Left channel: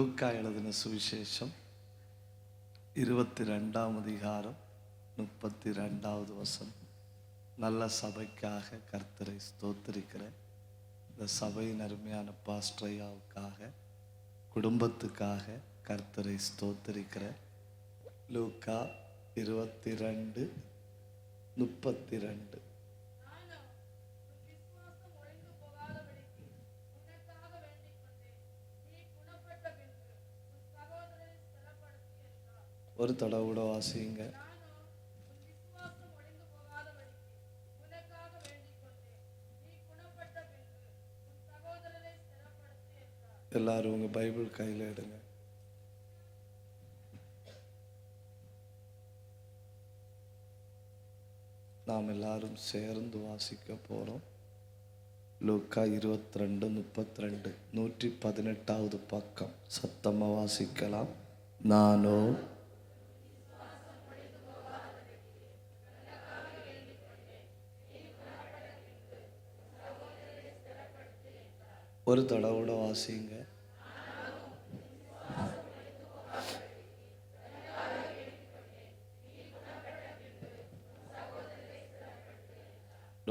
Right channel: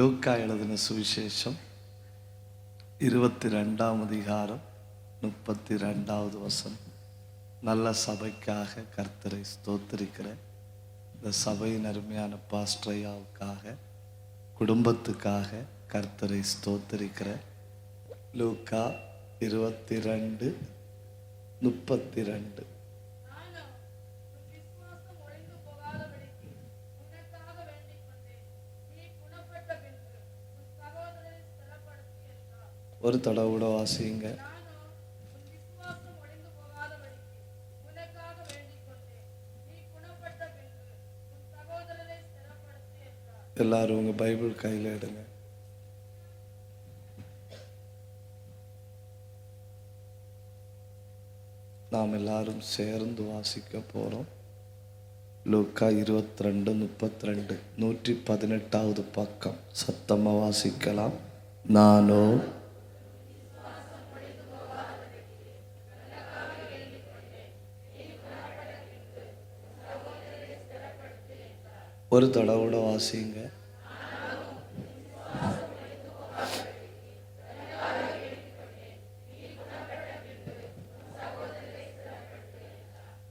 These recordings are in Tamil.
லூக்கா எழுதின சுவிசேஷம் 22ஆம் அதிகாரம் 32வது வசனம். நல்ல சபைக்காக கர்த்தரை ஸ்தோத்திரிக்கிறேன். இந்த சபையின் அருமையான பாஸ்டரையாவுக்காக, குடும்பத்துக்காக கர்த்தரை ஸ்தோத்திரிக்கிறேன். லூக்கா 22:32. ஒரு தடவை வாசிங்க. எல்லாரும் உங்க பைபிள் கையில் எடுங்க. நாம் எல்லாரும் சேர்ந்து வாசிக்க போறோம். லூக்கா 22:32, 118வது பக்கம். சத்தமா வாசிக்கலாம். நானோ ஒரு தடவை வாசிங்க.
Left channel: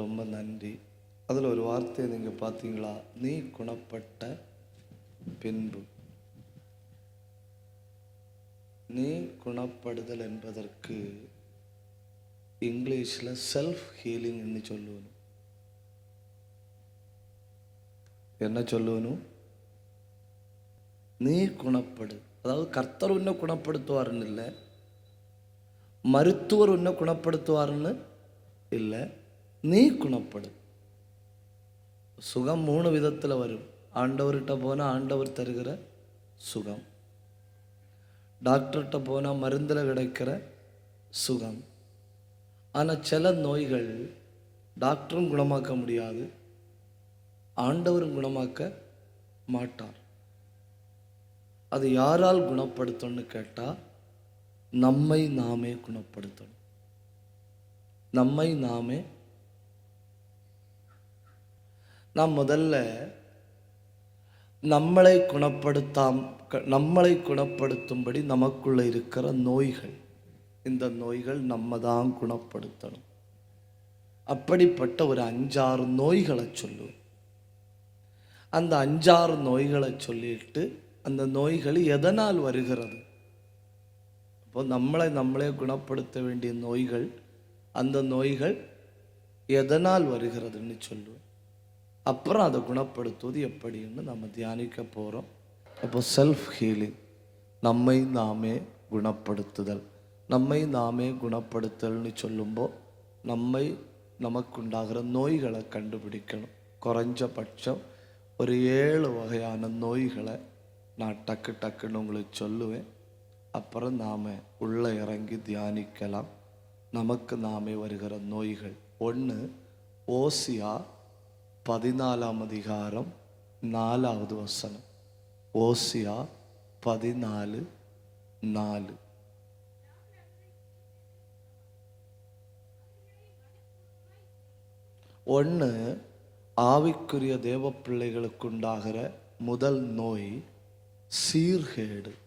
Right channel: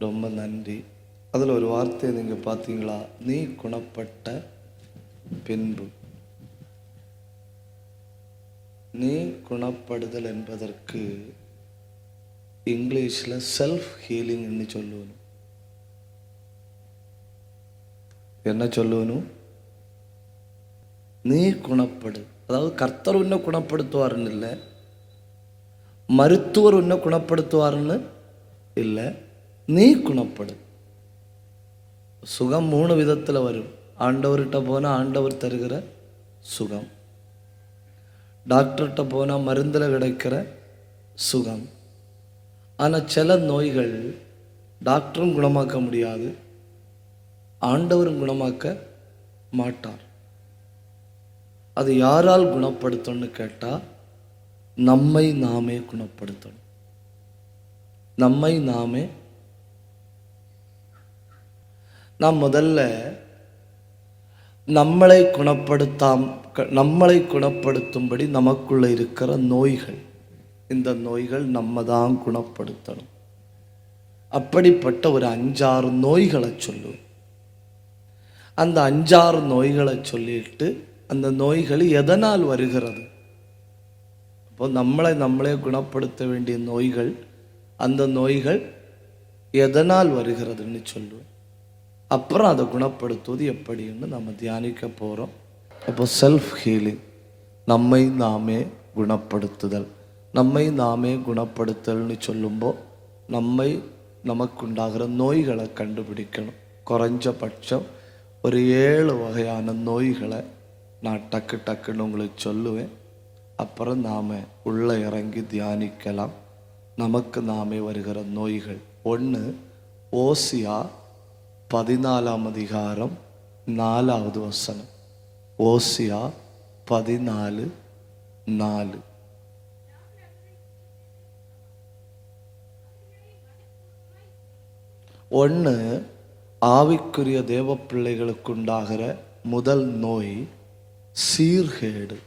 ரொம்ப நன்றி. அதில் ஒரு வார்த்தையை நீங்க பார்த்தீங்களா? நீ குணப்பட்ட பின்பு. நீ குணப்படுதல் என்பதற்கு இங்கிலீஷ்ல செல்ஃப் ஹீலிங்னு சொல்லுவோம். என்ன சொல்லணும்? நீ குணப்படு. அதாவது கர்த்தர் உன்னை குணப்படுத்துவாருன்னு இல்லை, மருத்துவர் உன்னை குணப்படுத்துவாருன்னு இல்லை, நீ குணப்படு. சுகம் 3 விதத்தில் வரும். ஆண்டவர்கிட்ட போனால் ஆண்டவர் தருகிற சுகம், டாக்டர்கிட்ட போனால் மருந்தில் கிடைக்கிற சுகம். ஆனால் சில நோய்கள் டாக்டரும் குணமாக்க முடியாது, ஆண்டவரும் குணமாக்க மாட்டார். அது யாரால் குணப்படுத்தணும்னு கேட்டா, நம்மை நாமே குணப்படுத்தணும். நம்மை நாமே. நாம் முதல்ல நம்மளை குணப்படுத்தும்படி நமக்குள்ள இருக்கிற நோய்கள், இந்த நோய்கள் நம்ம தான் குணப்படுத்தணும். அப்படிப்பட்ட ஒரு 5-6 நோய்களை சொல்லுவோம். அந்த 5-6 நோய்களை சொல்லிட்டு, அந்த நோய்கள் எதனால் வருகிறது, இப்போ நம்மளே குணப்படுத்த வேண்டிய நோய்கள், அந்த நோய்கள் எதனால் வருகிறதுன்னு சொல்லுவோம். அப்புறம் அதை குணப்படுத்துவது எப்படின்னு நம்ம தியானிக்க போறோம். அப்போ செல்ஃப் ஹீலிங், நம்மை நாமே குணப்படுத்துதல். நம்மை நாமே குணப்படுத்துதல்னு சொல்லும்போது நமக்கு உண்டாகிற நோய்களை கண்டுபிடிக்கணும். குறைஞ்சபட்சம் ஒரு 7 வகையான நோய்களை நான் டக்குன்னு உங்களுக்கு சொல்லுவேன். அப்புறம் நாம உள்ள இறங்கி தியானிக்கலாம். நமக்கு நாமே வருகிற நோய்கள். 1, ஓசியா 14ஆம் அதிகாரம் 4வது வசனம். ஓசியா 14:4. ஒன்று, ஆவிக்குரிய தேவ பிள்ளைகளுக்கு உண்டாகிற முதல் நோய் சீர்கேடு.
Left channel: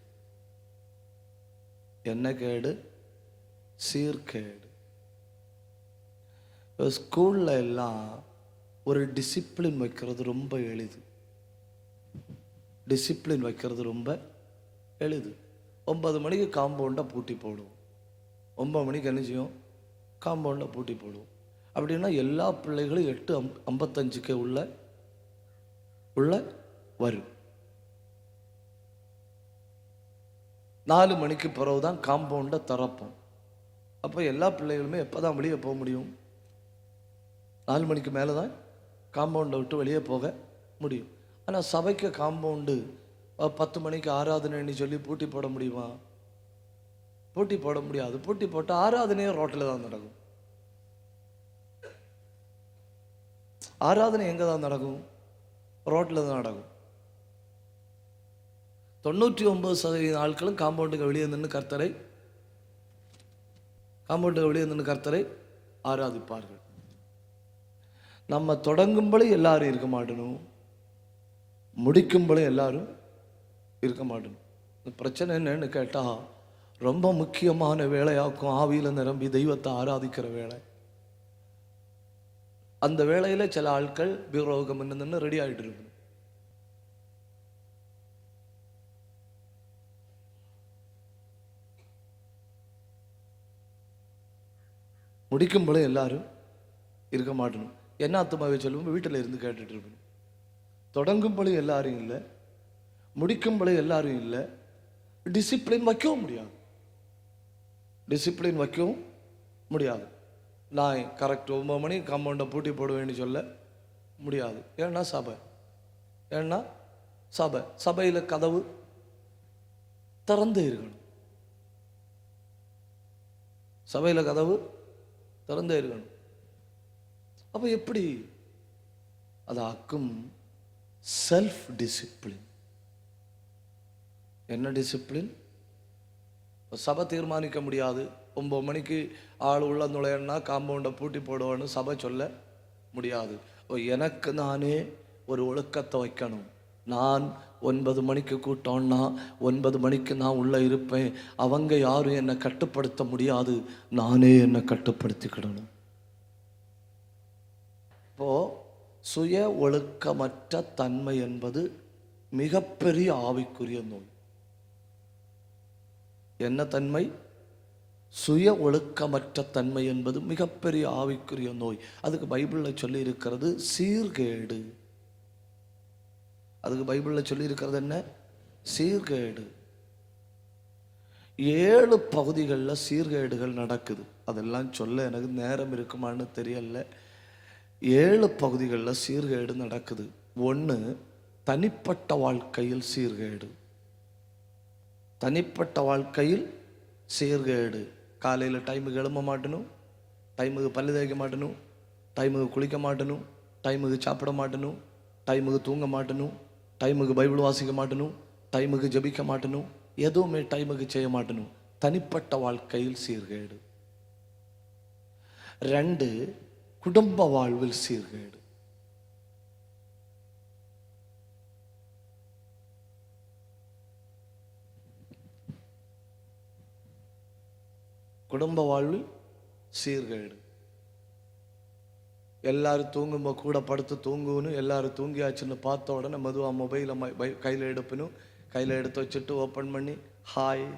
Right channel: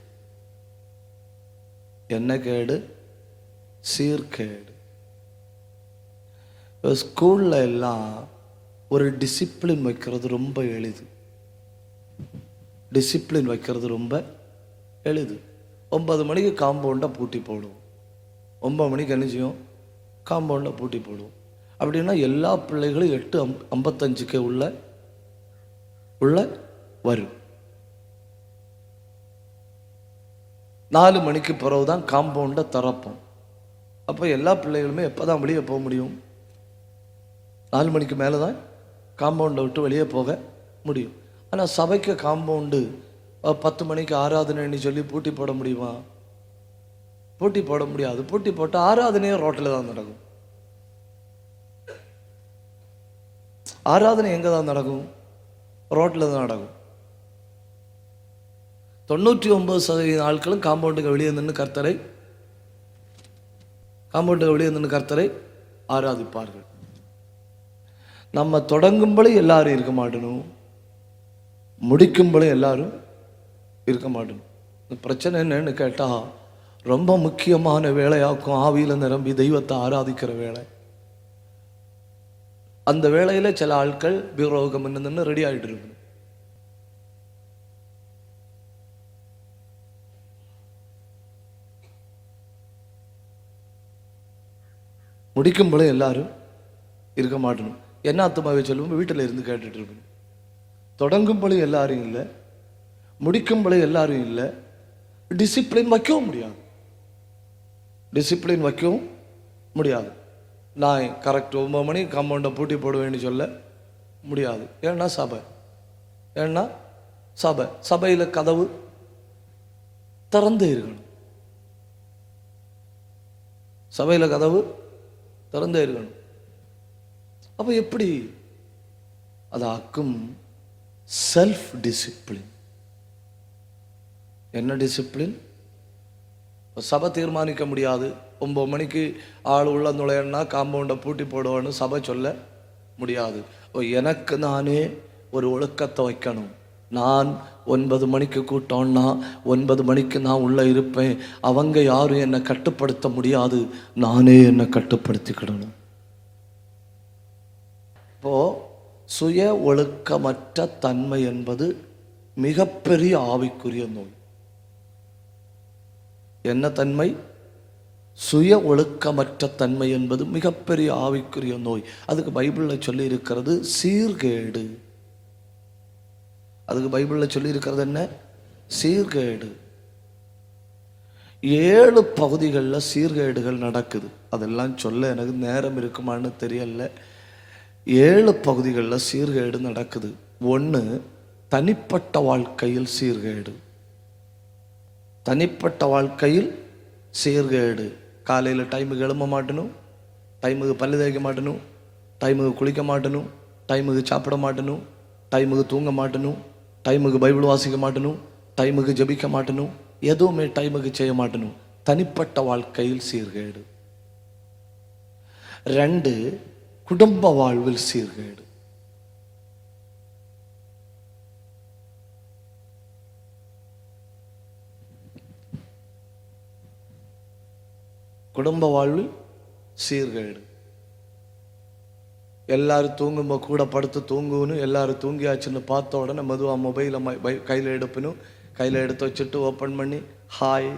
என்ன கேடு? சீர்கேடு. ஸ்கூல்ல எல்லாம் ஒரு டிசிப்ளின் வைக்கிறது ரொம்ப எளிது. 9 மணிக்கு காம்பவுண்டை பூட்டி போடுவோம். 9 மணிக்கு என்ன செய்யும்? காம்பவுண்டை பூட்டி போடுவோம். அப்படின்னா எல்லா பிள்ளைகளும் 8:55 உள்ள வரும். 4 மணிக்கு பிறகுதான் காம்பவுண்டை திறப்போம். அப்ப எல்லா பிள்ளைகளுமே எப்பதான் வெளியே போக முடியும்? 4 மணிக்கு மேலதான் காம்பவுண்ட்ல விட்டு வெளியே போக முடியும். ஆனா சபைக்கு காம்பவுண்டு 10 மணிக்கு ஆராதனைன்னு சொல்லி பூட்டி போட முடியுமா? பூட்டி போட முடியாது. பூட்டி போட்டு ஆராதனையே ரோட்டில் தான் நடக்கும். ஆராதனை எங்க தான் நடக்கும்? ரோட்ல தான் நடக்கும். 99% ஆட்களும் காம்பவுண்டுக்கு வெளியே நின்று கர்த்தரை ஆராதிப்பார்கள். நம்ம தொடங்கும்போது எல்லாரும் இருக்க மாட்டணும், முடிக்கும்போது எல்லாரும் இருக்க மாட்டோம். இந்த பிரச்சனை என்னன்னு கேட்டா, ரொம்ப முக்கியமான வேலையாக்கும் ஆவியில நிரம்பி தெய்வத்தை ஆராதிக்கிற வேலை. அந்த வேலையில சில ஆட்கள் பீரோகம் என்னன்னு ரெடி ஆகிட்டு இருக்கு. முடிக்கும்போது எல்லாரும் இருக்க மாட்டணும். என்ன அர்த்தமாவே சொல்லும், வீட்டில் இருந்து கேட்டுட்டு இருக்கணும். தொடங்கும்போது எல்லாரும் இல்லை, முடிக்கும்போது எல்லாரும் இல்லை. டிசிப்ளின் வைக்கவும் முடியாது, டிசிப்ளின் வைக்கவும் முடியாது. நான் கரெக்ட் 9 மணி காம்பவுண்டை பூட்டி போடுவேன்னு சொல்ல முடியாது. ஏன்னா சபை, ஏன்னா சபை, சபையில கதவு திறந்து இருக்கணும், சபையில கதவு திறந்தே இருக்கணும். அப்ப எப்படி அதாக்கும்? Self discipline. என்ன டிசிப்ளின்? சபை தீர்மானிக்க முடியாது. 9 மணிக்கு ஆள் உள்ள நுழையன்னா காம்பவுண்டை பூட்டி போடுவேன்னு சபை சொல்ல முடியாது. எனக்கு நானே ஒரு ஒழுக்கத்தை வைக்கணும். நான் 9 மணிக்கு கூட்டம்னா 9 மணிக்கு நான் உள்ள இருப்பேன். அவங்க யாரும் என்னை கட்டுப்படுத்த முடியாது, நானே என்னை கட்டுப்படுத்திக்கிடணும். இப்போ சுய ஒழுக்கமற்ற தன்மை என்பது மிகப்பெரிய ஆவிக்குரிய நோய். என்ன தன்மை? சுய ஒழுக்கமற்ற தன்மை என்பது மிகப்பெரிய ஆவிக்குரிய நோய். அதுக்கு பைபிள்ல சொல்லி இருக்கிறது சீர்கேடு. அதுக்கு பைபிள்ல சொல்லி இருக்கிறது என்ன? சீர்கேடு. 7 பகுதிகளில் சீர்கேடுகள் நடக்குது. அதெல்லாம் சொல்ல எனக்கு நேரம் இருக்குமான்னு தெரியல. 7 பகுதிகளில் சீர்கேடு நடக்குது. 1, தனிப்பட்ட வாழ்க்கையில் சீர்கேடு. தனிப்பட்ட வாழ்க்கையில் சீர்கேடு. காலையில் டைமுக்கு எழும்ப மாட்டணும், டைமுக்கு பல்லு தேய்க்க மாட்டணும், டைமுக்கு குளிக்க மாட்டணும், டைமுக்கு சாப்பிட மாட்டணும், டைமுக்கு தூங்க மாட்டணும், டைமுக்கு பைபிள் வாசிக்க மாட்டணும், டைமுக்கு ஜெபிக்க மாட்டணும், எதுவுமே டைமுக்கு செய்ய மாட்டணும். தனிப்பட்ட வாழ்க்கையில் சீர்கேடு. 2, குடும்ப வாழ்வில் சீர்கேடு. குடும்ப வாழ்வில் சீர்கேடு. எல்லாரும் தூங்கும்போ கூட படுத்து தூங்குவனும், எல்லாரும் தூங்கியாச்சுன்னு பார்த்த உடனே மெதுவா மொபைல கையில் எடுப்பணும். கையில் எடுத்து வச்சுட்டு ஓப்பன் பண்ணி ஹாய்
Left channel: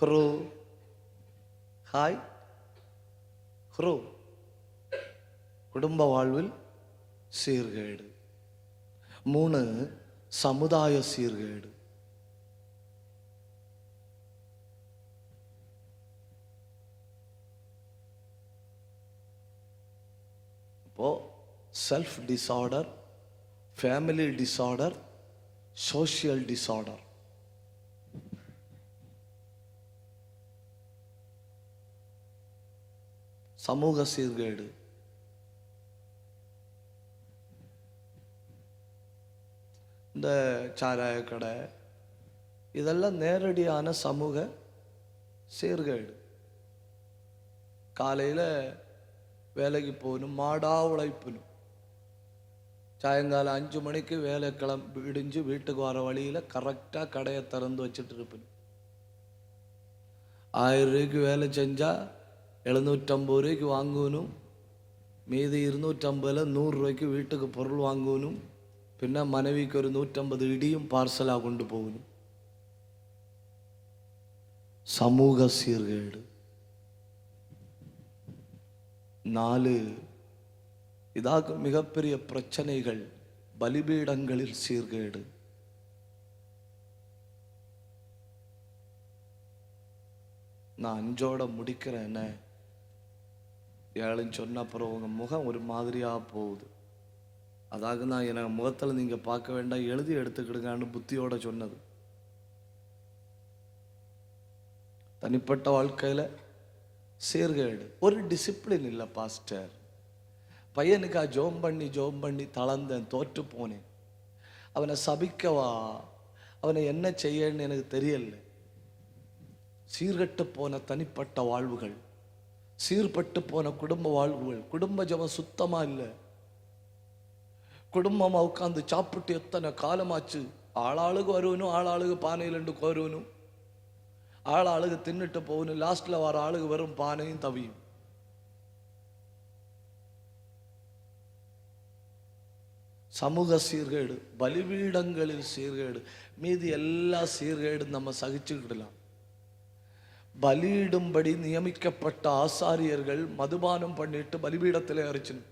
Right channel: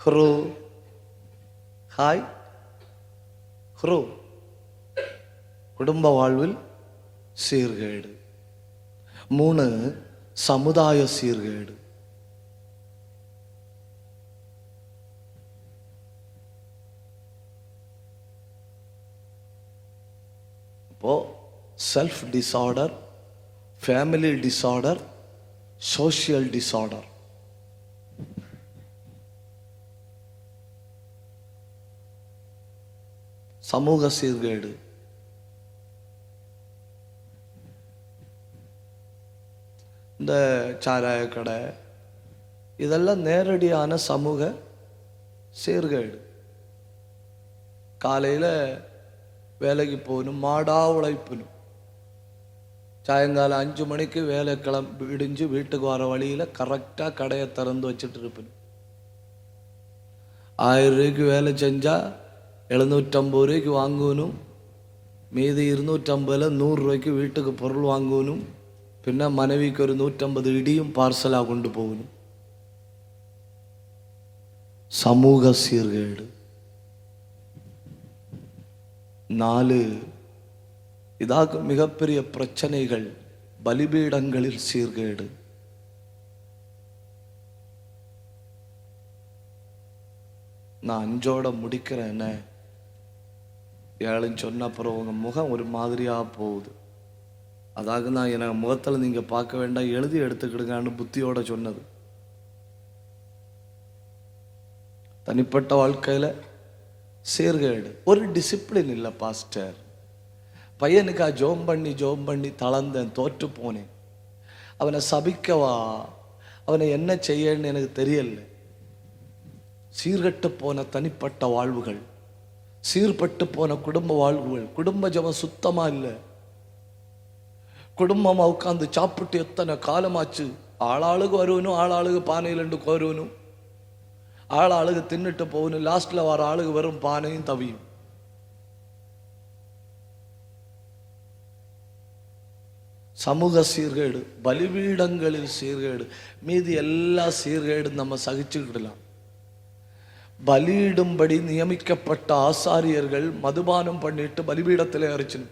ஹ்ரோ ஹாய் ஹ்ரோ. குடும்ப வாழ்வில் சீர்கேடு. 3, சமுதாய சீர்கேடு. Self disorder, family disorder, social disorder. சமூக சீர்கேடு. இந்த சாராய கடை இதெல்லாம் நேரடியான சமூக சீர்கேடு. காலையில வேலைக்கு போகணும், மாடா உழைப்பணும். சாயங்காலம் 5 மணிக்கு வேலை கிளம்பி விடிஞ்சு வீட்டுக்கு வர வழியில கரெக்டா கடையை திறந்து வச்சுட்டு இருப்பேன். 1000 ரூபாய்க்கு வேலை செஞ்சா 750 ரூபாய்க்கு வாங்கணும். மீதி 250 100 ரூபாய்க்கு வீட்டுக்கு பொருள் வாங்கணும். பின்ன மனைவிக்கு ஒரு 150 இடியும் பார்சலா கொண்டு போகணும். சமூக சீர்கேடு. 4, இதாக மிகப்பெரிய பிரச்சனைகள், பலிபீடங்களில் சீர்கேடு. நான் 5ஓட முடிக்கிறேன். 7 சொன்ன அப்புறம் உங்க முகம் ஒரு மாதிரியா போகுது. அதாவது நான் என் முகத்தில் நீங்க பார்க்க வேண்டாம், எழுதி எடுத்துக்கிடுங்கன்னு புத்தியோட சொன்னது. தனிப்பட்ட வாழ்க்கையில சீர்கேடு. ஒரு டிசிப்ளின் இல்லை பாஸ்டர். பையனுக்கா ஜோம் பண்ணி தளர்ந்தேன், தோற்று போனேன். அவனை சபிக்கவா, அவனை என்ன செய்யன்னு எனக்கு தெரியல. சீர்கட்டு போன தனிப்பட்ட வாழ்வுகள், சீர்பட்டு போன குடும்ப வாழ்வுகள். குடும்ப ஜபம் சுத்தமா இல்லை. குடும்பமா உட்காந்து சாப்பிட்டு எத்தனை காலமாச்சு. ஆளாளுக்கு வருவனும், ஆளாளுக்கு பானையிலிருந்து கோருவனும், ஆளாளுக்கு தின்னுட்டு போகணும். லாஸ்ட்ல வர ஆளுக்கு வரும் பானையும் தவியும். சமூக சீர்கேடு, பலிபீடங்களில் சீர்கேடு, மீதி எல்லா சீர்கேடு நம்ம சகிச்சுக்கிடலாம். பலியிடும்படி நியமிக்கப்பட்ட ஆசாரியர்கள் மதுபானம் பண்ணிட்டு பலிபீடத்திலே ஏறிச்சுன்னு,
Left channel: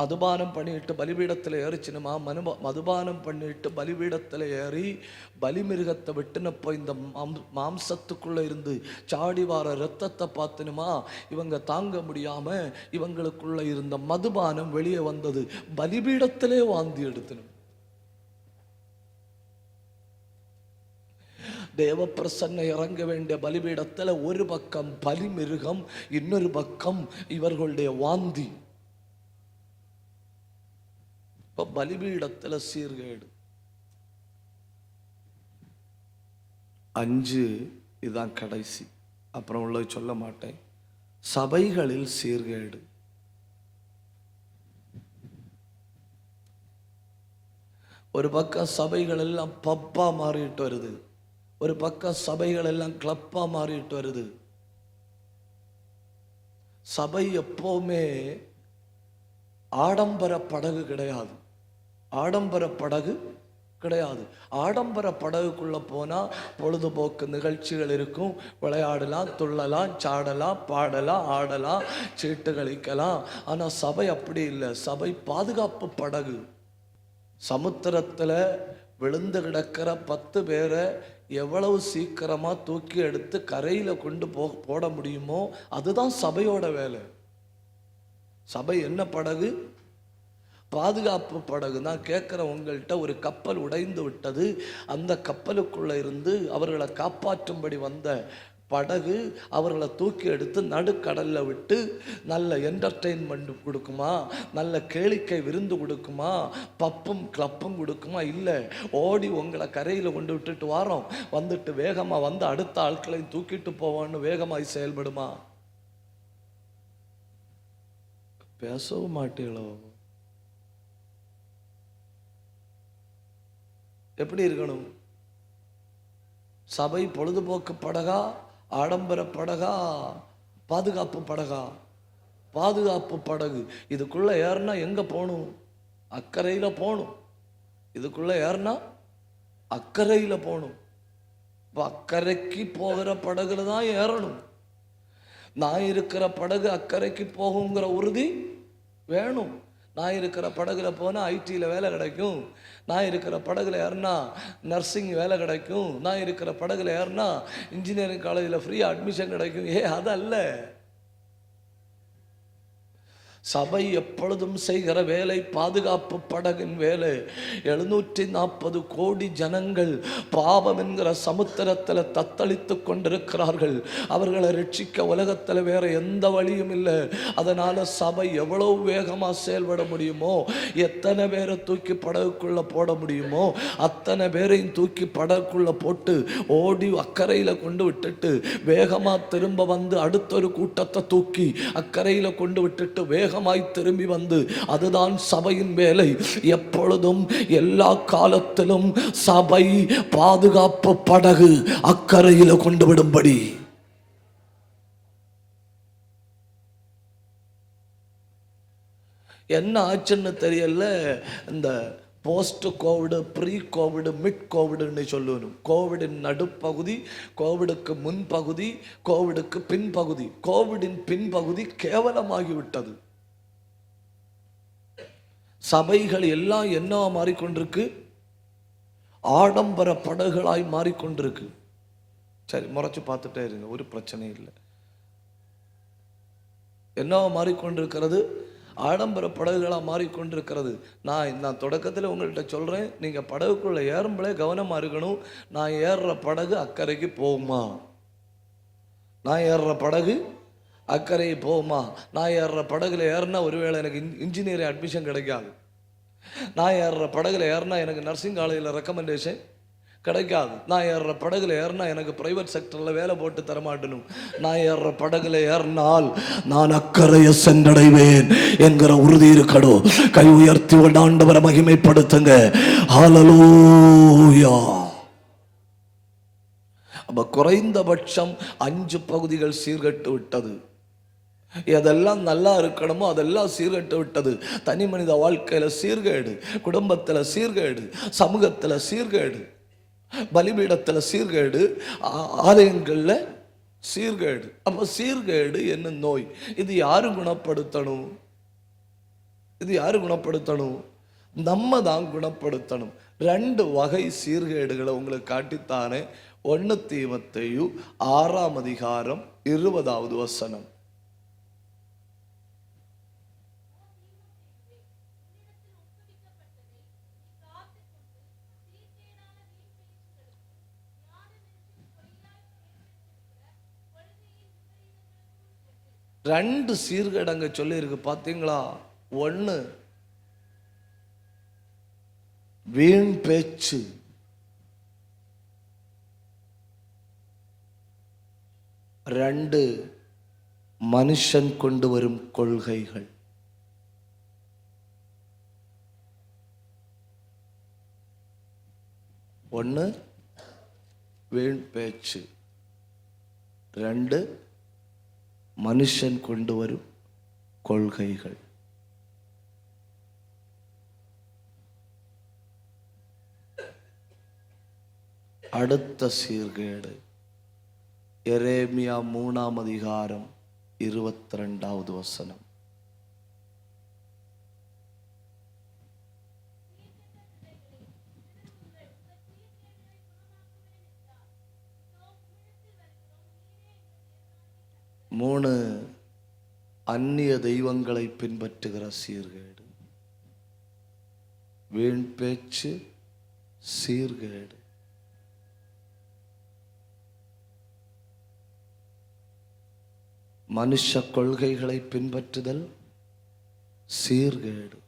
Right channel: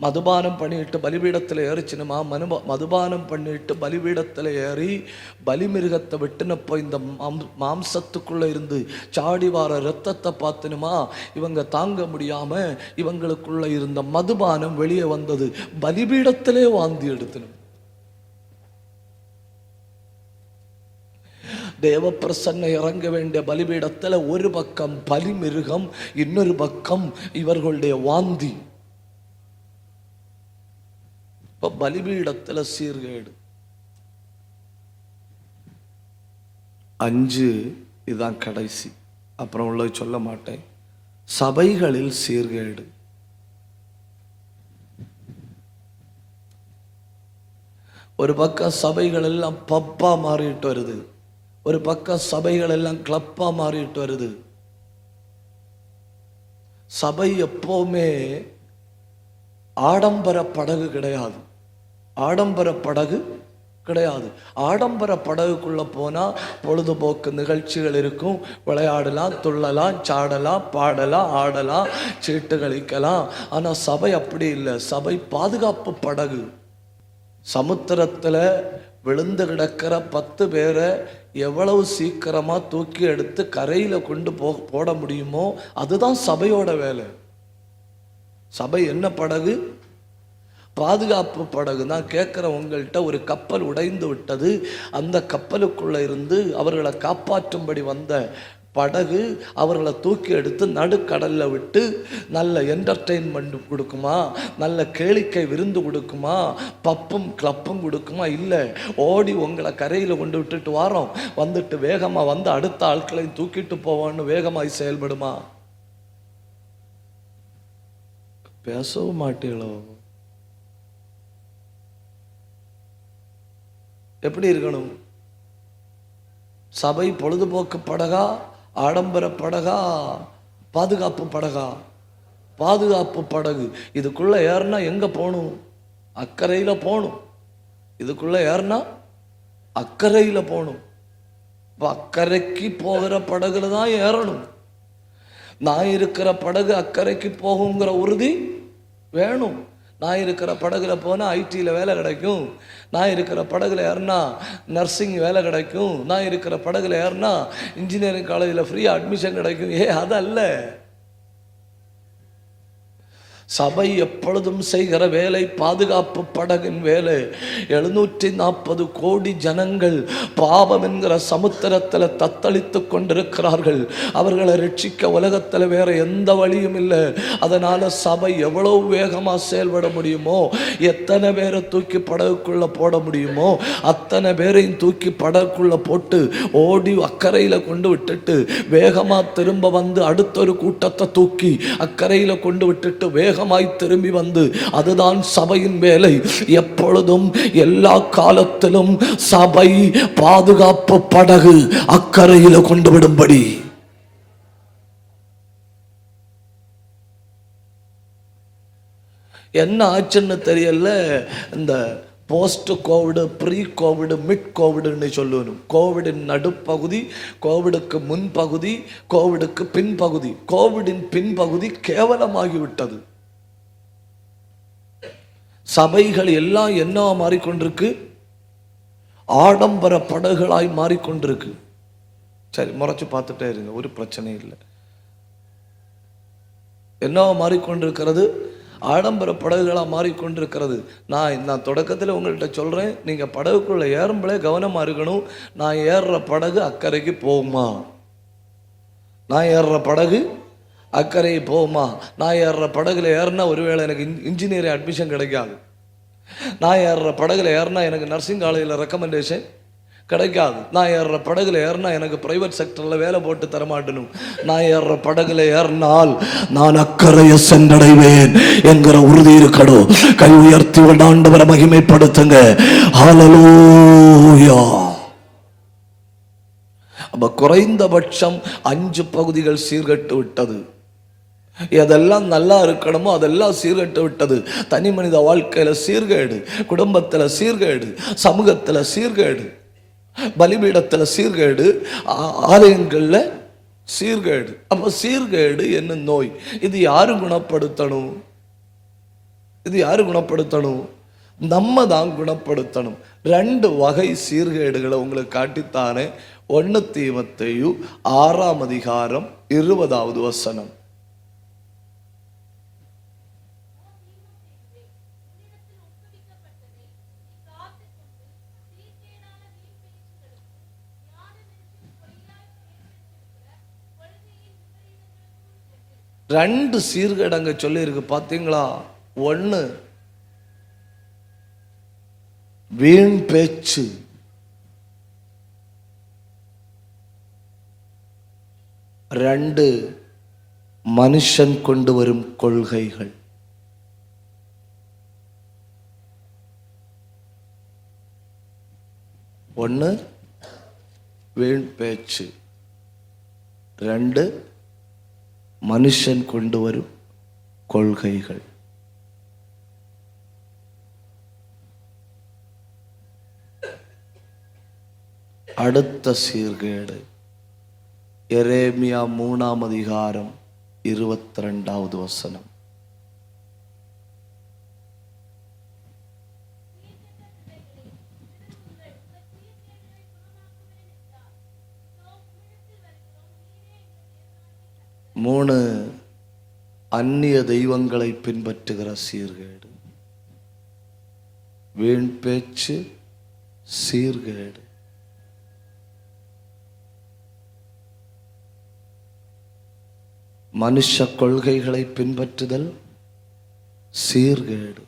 மதுபானம் பண்ணிட்டு பலிபீடத்துல ஏறிச்சுனுமா, மதுபானம் பண்ணிட்டு பலிபீடத்துல ஏறி பலிமிருகத்தை விட்டுனப்போ இந்த மாம்சத்துக்குள்ள இருந்து சாடி வார ரத்தத்தை பார்த்துனுமா, இவங்க தாங்க முடியாம இவங்களுக்குள்ள இருந்த மதுபானம் வெளியே வந்தது. பலிபீடத்திலே வாந்தி எடுத்தனும். தேவ பிரசன்ன இறங்க வேண்டிய பலிபீடத்துல ஒரு பக்கம் பலிமிருகம், இன்னொரு பக்கம் இவர்களுடைய வாந்தி. பலிபீடத்துல சீர்கேடு. 5 இதுதான் கடைசி, அப்புறம் உள்ள சொல்ல மாட்டேன். சபைகளில் சீர்கேடு. ஒரு பக்கம் சபைகள் எல்லாம் பப்பா மாறிட்டு வருது, ஒரு பக்கம் சபைகள் எல்லாம் கிளப்பா மாறிட்டு வருது. சபை எப்பவுமே ஆடம்பர படகு கிடையாது, ஆடம்பர படகு கிடையாது. ஆடம்பர படகுக்குள்ள போனா பொழுதுபோக்கு நிகழ்ச்சிகள் இருக்கும், விளையாடலாம், துள்ளலாம், சாடலாம், பாடலாம், ஆடலாம், சீட்டு கழிக்கலாம். ஆனா சபை அப்படி இல்லை. சபை பாதுகாப்பு படகு. சமுத்திரத்துல விழுந்து கிடக்கிற 10 பேரை எவ்வளவு சீக்கிரமா தூக்கி எடுத்து கரையில கொண்டு போட முடியுமோ அதுதான் சபையோட வேலை. சபை என்ன படகு? பாதுகாப்பு படகு தான். கேட்கிற உங்கள்கிட்ட ஒரு கப்பல் உடைந்து விட்டது, அந்த கப்பலுக்குள்ள இருந்து அவர்களை காப்பாற்றும்படி வந்த படகு அவர்களை தூக்கி எடுத்து நடுக்கடல்ல விட்டு நல்ல என்டர்டெயின்மெண்ட் கொடுக்குமா, நல்ல கேளிக்கை விருந்து கொடுக்குமா, பப்பும் கிளப்பும் கொடுக்குமா? இல்லை, ஓடி உங்களை கரையில கொண்டு விட்டுட்டு வாரோம், வந்துட்டு வேகமா வந்து அடுத்த ஆட்களையும் தூக்கிட்டு போவான்னு வேகமாய் செயல்படுமா? பேசவும் மாட்டீங்களோ? எப்படி இருக்கணும்? சபை பொழுதுபோக்கு படகா, ஆடம்பர படகா, பாதுகாப்பு படகா? பாதுகாப்பு படகு. இதுக்குள்ள ஏறினா எங்க போகணும்? அக்கறையில போகணும். இதுக்குள்ள ஏறினா அக்கறையில போகணும். அக்கறைக்கு போகிற படகுல தான் ஏறணும். நான் இருக்கிற படகு அக்கறைக்கு போகுங்கிற உறுதி வேணும். நான் இருக்கிற படகுல போனா ஐடியில் வேலை கிடைக்கும், நான் இருக்கிற படகுல ஏறினா நர்சிங் வேலை கிடைக்கும், நான் இருக்கிற படகுல ஏறினா இன்ஜினியரிங் காலேஜில் ஃப்ரீ அட்மிஷன் கிடைக்கும். அதல்ல சபை எப்பொழுதும் செய்கிற வேலை பாதுகாப்பு படகின் வேலை. 740 கோடி ஜனங்கள் பாவம் என்கிற சமுத்திரத்தில் தத்தளித்துக் கொண்டிருக்கிறார்கள். அவர்களை ரட்சிக்க உலகத்தில் வேற எந்த வழியும் இல்லை. அதனால சபை எவ்வளவு வேகமா செயல்பட முடியுமோ, எத்தனை பேரை தூக்கி படகுக்குள்ள போட முடியுமோ அத்தனை பேரையும் தூக்கி படகுக்குள்ள போட்டு ஓடி அக்கறையில கொண்டு விட்டுட்டு வேகமா திரும்ப வந்து அடுத்த ஒரு கூட்டத்தை தூக்கி அக்கறையில கொண்டு விட்டுட்டு வேகமாய் திரும்பி வந்து, அதுதான் சபையின் வேலை. எப்பொழுதும் எல்லா காலத்திலும் சபை பாதுகாப்பு படகு அக்கறையில கொண்டு விடும்படி. என்ன ஆச்சுன்னு தெரியல, இந்த post covid, pre covid, mid கோவிடுன்னு சொல்லணும். கோவிடின் நடுப்பகுதி, கோவிடுக்கு முன்பகுதி, கோவிடுக்கு பின்பகுதி. கோவிடின் பின்பகுதி கேவலமாகிவிட்டது. சபைகள் எல்லாம் என்ன மாறிக்கொண்டிருக்கு? ஆடம்பர படகுகளாய் மாறிக்கொண்டிருக்கு. சரி, முறைச்சு பார்த்துட்டே இருங்க, ஒரு பிரச்சனை இல்லை. என்ன மாறிக்கொண்டிருக்கிறது? ஆடம்பர படகுகளா மாறிக்கொண்டிருக்கிறது. நான் தொடக்கத்தில் உங்கள்கிட்ட சொல்றேன், நீங்க படகுக்குள்ள ஏறும்போதே கவனமா இருக்கணும். நான் ஏறுற படகு அக்கறைக்கு போகுமா? நான் ஏறுற படகு அக்கறை போகுமா? நான் ஏறுற படகுல ஏறினா ஒருவேளை எனக்கு இன்ஜினியரிங் அட்மிஷன் கிடைக்காது. நான் ஏறுற படகுல ஏறினா எனக்கு நர்சிங் காலேஜில் ரெக்கமெண்டேஷன் கிடைக்காது. நான் ஏறுற படகுல ஏறினா எனக்கு பிரைவேட் செக்டர்ல வேலை போட்டு தரமாட்டணும். நான் ஏறுற படகுல ஏறினால் நான் அக்கறையை சென்றடைவேன் என்கிற உறுதி இருக்கணும். கை உயர்த்தி ஆண்டவரை மகிமைப்படுத்துங்க. ஹல்லேலூயா. குறைந்தபட்சம் 5 பகுதிகள் சீர்கட்டு விட்டது. எதெல்லாம் நல்லா இருக்கணுமோ அதெல்லாம் சீர்கட்டு விட்டது. தனி மனித வாழ்க்கையில சீர்கேடு, குடும்பத்துல சீர்கேடு, சமூகத்துல சீர்கேடு, பலிபீடத்துல சீர்கேடு, ஆலயங்கள்ல சீர்கேடு. அப்ப சீர்கேடு என்ன நோய்? இது யாரு குணப்படுத்தணும்? இது யாரு குணப்படுத்தணும்? நம்ம தான் குணப்படுத்தணும். 2 வகை சீர்கேடுகளை உங்களுக்கு காட்டித்தாரேன். 1 தீமோத்தேயு 6ஆம் அதிகாரம் 20வது வசனம். ரெண்டு சீர்கேடு அங்க சொல்லி இருக்கு, பாத்தீங்களா? 1 வீண் பேச்சு, 2 மனுஷன் கொண்டு வரும் கொள்கைகள். ஒன்று வீண் பேச்சு, 2 மனுஷன் கொண்டு வரும் கொள்கைகள். அடுத்த சீர்கேடு எரேமியா 3ஆம் அதிகாரம் 22வது வசனம். மூணு அந்நிய தெய்வங்களை பின்பற்றுகிற சீர்கேடு. வீண் பேச்சு, சீர்கேடு. மனுஷ கொள்கைகளை பின்பற்றுதல் சீர்கேடு,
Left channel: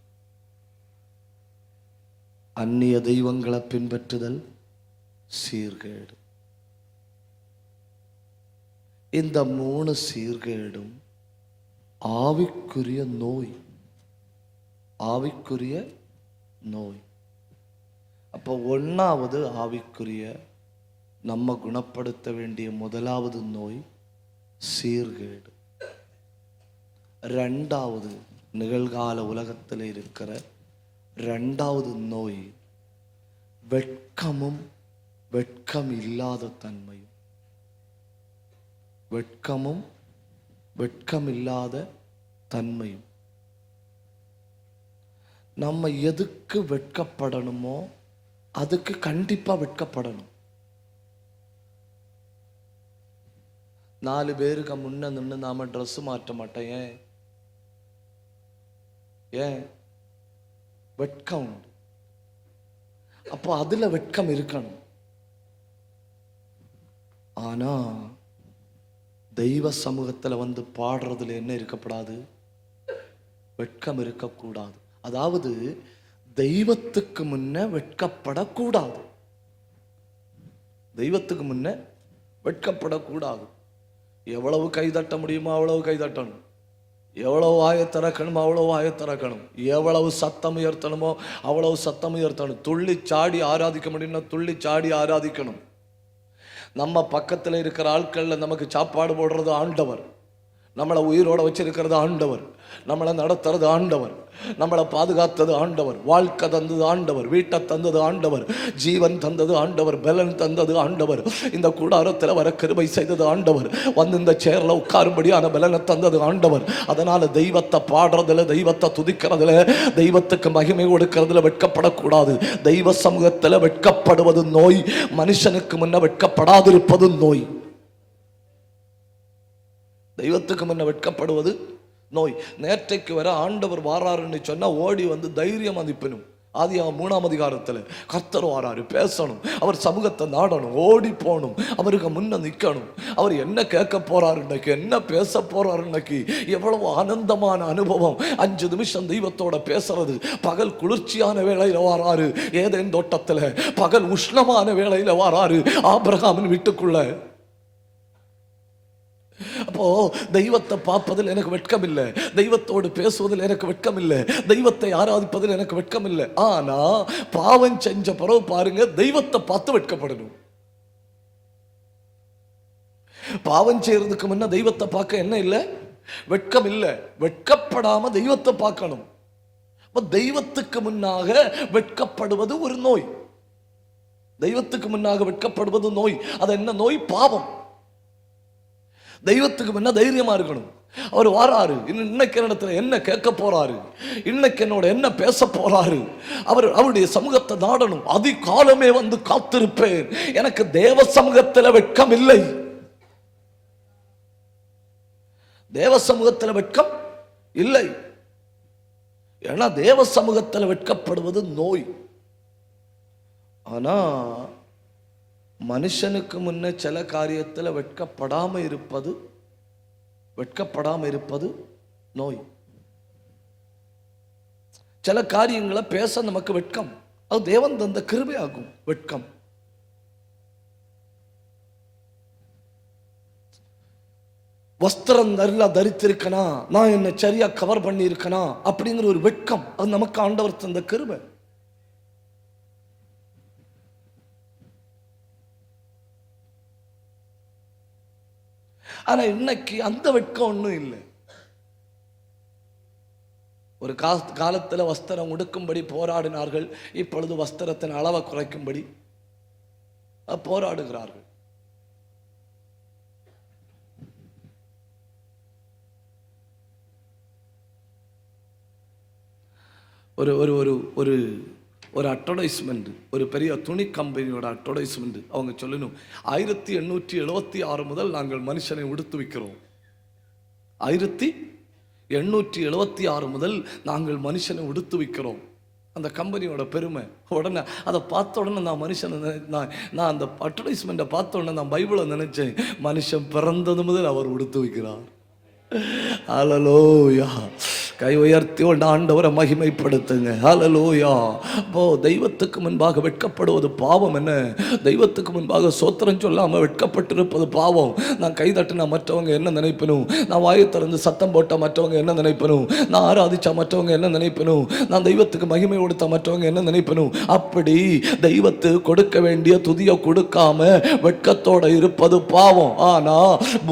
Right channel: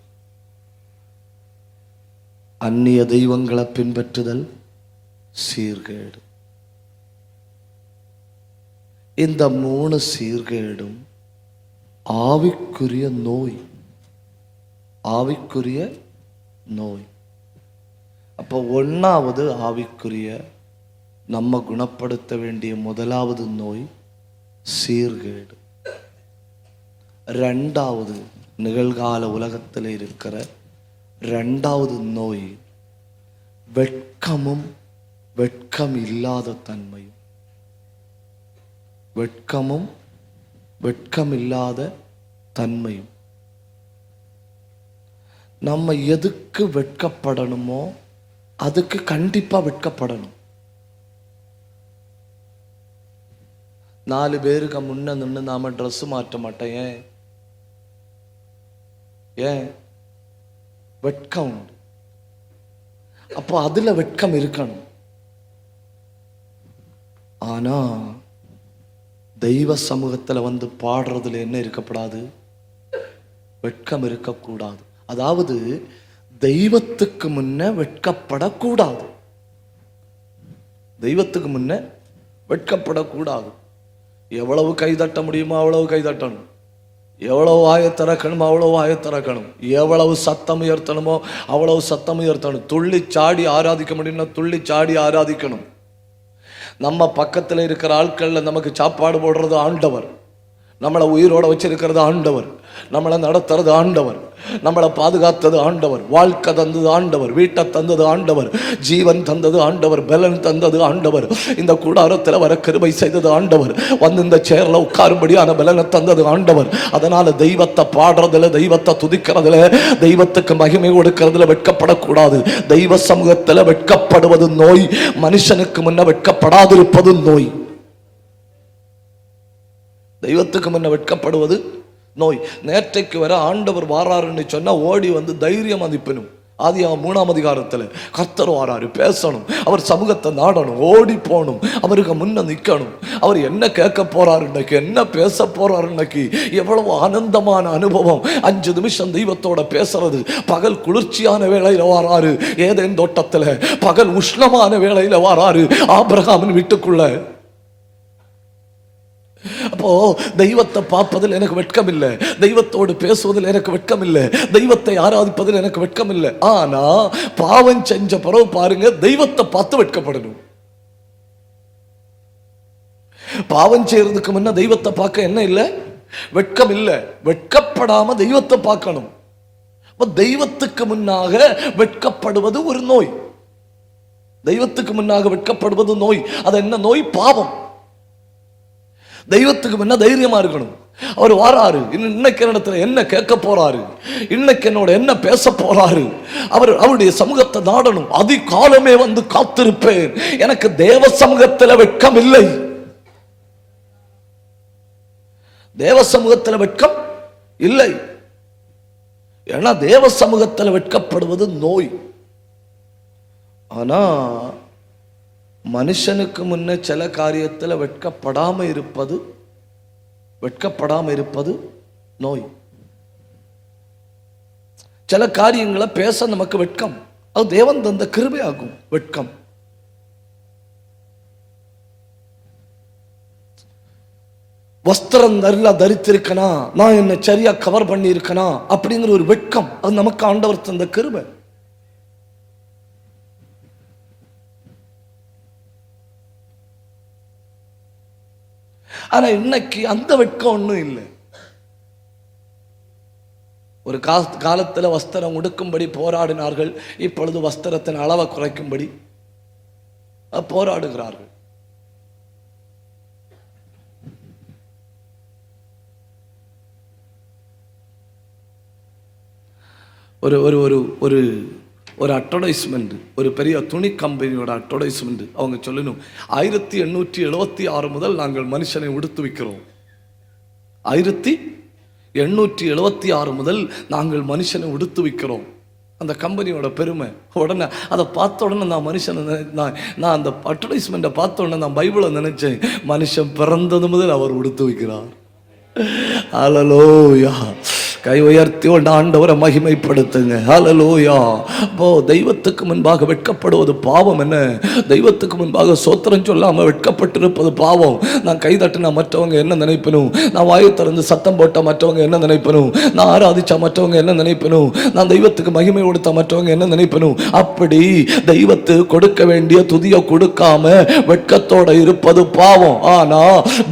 அந்நிய தெய்வங்களை பின்பற்றுதல் சீர்கேடு. இந்த 3 சீர்கேடும் ஆவிக்குரிய நோய். ஆவிக்குரிய நோய். அப்போ 1வது ஆவிக்குரிய நம்ம குணப்படுத்த வேண்டிய முதலாவது நோய் சீர்கேடு. 2வது நிகழ்கால உலகத்தில் இருக்கிற 2வது நோய் வெட்கமும் வெட்கம் இல்லாத தன்மையும். வெட்கமும் வெட்கம் இல்லாத தன்மையும். நம்ம எதுக்கு வெட்கப்படணுமோ அதுக்கு கண்டிப்பா வெட்கப்படணும். 4 பேருக்கு முன்ன நின்று நாம ட்ரெஸ் மாற்ற மாட்டோம். ஏன்? வெட்கம். அப்போ அதுல வெட்கம் இருக்கணும். ஆனா தெய்வ சமூகத்துல வந்து பாடுறதுல என்ன இருக்கப்படாது? வெட்கம் இருக்கக்கூடாது. அதாவது தெய்வத்துக்கு முன்ன வெட்கப்படக்கூடாது. தெய்வத்துக்கு முன்ன வெட்கப்படக்கூடாது. எவ்வளவு கை தட்ட முடியுமோ அவ்வளவு கை தட்டணும். எவ்வளவு வாயை திறக்கணுமோ அவ்வளவு வாயை திறக்கணும். எவ்வளவு சத்தம் உயர்த்தணுமோ அவ்வளவு சத்தம் உயர்த்தணும். துள்ளி சாடி ஆராதிக்க முடியும்னா துள்ளி சாடி ஆராதிக்கணும். நம்ம பக்கத்துல இருக்கிற ஆட்கள்ல நமக்கு சாப்பாடு போடுறது ஆண்டவர். நம்மளை உயிரோட வச்சிருக்கிறது ஆண்டவர். நம்மளை நடத்துறது ஆண்டவர். நம்மளை பாதுகாத்துறது ஆண்டவர். வாழ்க்கை தந்தது ஆண்டவர். வீட்டை தந்தது ஆண்டவர். ஜீவன் தந்தது ஆண்டவர். பலன் தந்தது ஆண்டவர். இந்த கூடாரத்துல வர கிருபை செய்தது ஆண்டவர். வந்து இந்த சேர்ல உட்காரும்படியான பலனை தந்தது ஆண்டவர். அதனால தெய்வத்தை பாடுறதுல, தெய்வத்தை துதிக்கிறதுல, தெய்வத்துக்கு மகிமை கொடுக்கிறதுல வெட்கப்படக்கூடாது. தெய்வ சமூகத்துல வெட்கப்படுவது நோய். மனுஷனுக்கு முன்ன வெட்கப்படாது இருப்பது நோய். தெய்வத்துக்கு முன்ன வெட்கப்படுவது நோய். நேற்றைக்கு வர ஆண்டவர் வாராருன்னு சொன்னா ஓடி வந்து தைரியம் மதிப்பணும். ஆதியாகமம் 3ஆம் அதிகாரத்துல கர்த்தர் வராரு, பேசணும், அவர் சமூகத்தை நாடணும், ஓடி போகணும், அவருக்கு முன்ன நிக்கணும். அவர் என்ன கேட்க போறாரு இன்னைக்கு, என்ன பேச போறாரு இன்னைக்கு. எவ்வளவு ஆனந்தமான அனுபவம். 5 நிமிஷம் தெய்வத்தோட பேசுறது. பகல் குளிர்ச்சியான வேளையில வராரு ஏதேன் தோட்டத்துல, பகல் உஷ்ணமான வேளையில வராரு ஆபிரகாமின் வீட்டுக்குள்ள. அப்போ தெய்வத்தை பார்ப்பதில் எனக்கு வெட்கம் இல்லை, தெய்வத்தோடு பேசுவதில் எனக்கு வெட்கம் இல்லை, தெய்வத்தை ஆராதிப்பதில் எனக்கு வெட்கம் இல்லை. ஆனா பாவம் செஞ்ச பிறகு பாருங்க, தெய்வத்தை பார்த்து வெட்கப்படணும். பாவம் செய்யறதுக்கு முன்ன தெய்வத்தை பார்க்க என்ன இல்லை, வெட்கம் இல்லை. வெட்கப்படாம தெய்வத்தை பார்க்கணும். தெய்வத்துக்கு முன்னாக வெட்கப்படுவது ஒரு நோய். தெய்வத்துக்கு முன்னாக வெட்கப்படுவது நோய். அது என்ன நோய்? பாவம். தெய்வத்துக்கு முன்ன தைரியமா இருக்கணும். அவர் வாராரு, இன்னைக்கு இடத்துல என்ன கேட்க போறாரு, இன்னைக்கு என்னோட என்ன பேச போறாரு, அவருடைய சமூகத்தை நாடணும். அதிகாலமே வந்து காத்திருப்பேன். எனக்கு தேவ சமூகத்தில் வெட்கம் இல்லை. தேவ சமூகத்தில் வெட்கம் இல்லை. ஏன்னா தேவ சமூகத்தில் வெட்கப்படுவது நோய். ஆனா மனுஷனுக்கு முன்ன சில காரியத்தில் வெட்கப்படாம இருப்பது நோய். சில காரியங்களை பேச நமக்கு வெட்கம். அது தேவன் தந்த கிருபை ஆகும். வெட்கம். வஸ்திரம் நல்லா தரித்திருக்கணும், நான் என்ன சரியா கவர் பண்ணி இருக்கணும் அப்படிங்கிற ஒரு வெட்கம். அது நமக்கு ஆண்டவர் தந்த கிருபை. ஆனா இன்னைக்கு அந்த வெட்கம் ஒண்ணும் இல்லை. ஒரு காலத்துல வஸ்திரம் உடுக்கும்படி போராடினார்கள். இப்பொழுது வஸ்திரத்தின் அளவை குறைக்கும்படி போராடுகிறார்கள். ஒரு ஒரு ஒரு ஒரு ஒரு அட்வர்டைஸ்மெண்ட், ஒரு பெரிய துணி கம்பெனியோட அட்வர்டைஸ்மெண்ட். அவங்க சொல்லணும், 1876 முதல் நாங்கள் மனுஷனை உடுத்து வைக்கிறோம். 1876 முதல் நாங்கள் மனுஷனை உடுத்து வைக்கிறோம். அந்த கம்பெனியோட பெருமை. உடனே அதை பார்த்த உடனே நான் நான் அந்த அட்வர்டைஸ்மெண்ட்டை பார்த்த உடனே நான் பைபிளை நினைச்சேன், மனுஷன் பிறந்தது முதல் அவர் உடுத்து வைக்கிறார். ஹல்லேலூயா. கை உயர்த்தி ஆண்டவரை மகிமைப்படுத்துங்க. ஹல்லேலூயா. ஓ, தெய்வத்துக்கு முன்பாக வெட்கப்படுவது பாவம் என்ன? தெய்வத்துக்கு முன்பாக சோத்திரம் சொல்லாம வெட்கப்பட்டிருப்பது பாவம். நான் கை தட்டினா மற்றவங்க என்ன நினைப்பனும், நான் வாயை திறந்து சத்தம் போட்டா மற்றவங்க என்ன நினைப்பனும், நான் ஆராதிச்சா மற்றவங்க என்ன நினைப்பனும், நான் தெய்வத்துக்கு மகிமை கொடுத்தா மற்றவங்க என்ன நினைப்பனும். அப்படி தெய்வத்துக்கு கொடுக்க வேண்டிய துதியை கொடுக்காம வெட்கத்தோட இருப்பது பாவம். ஆனா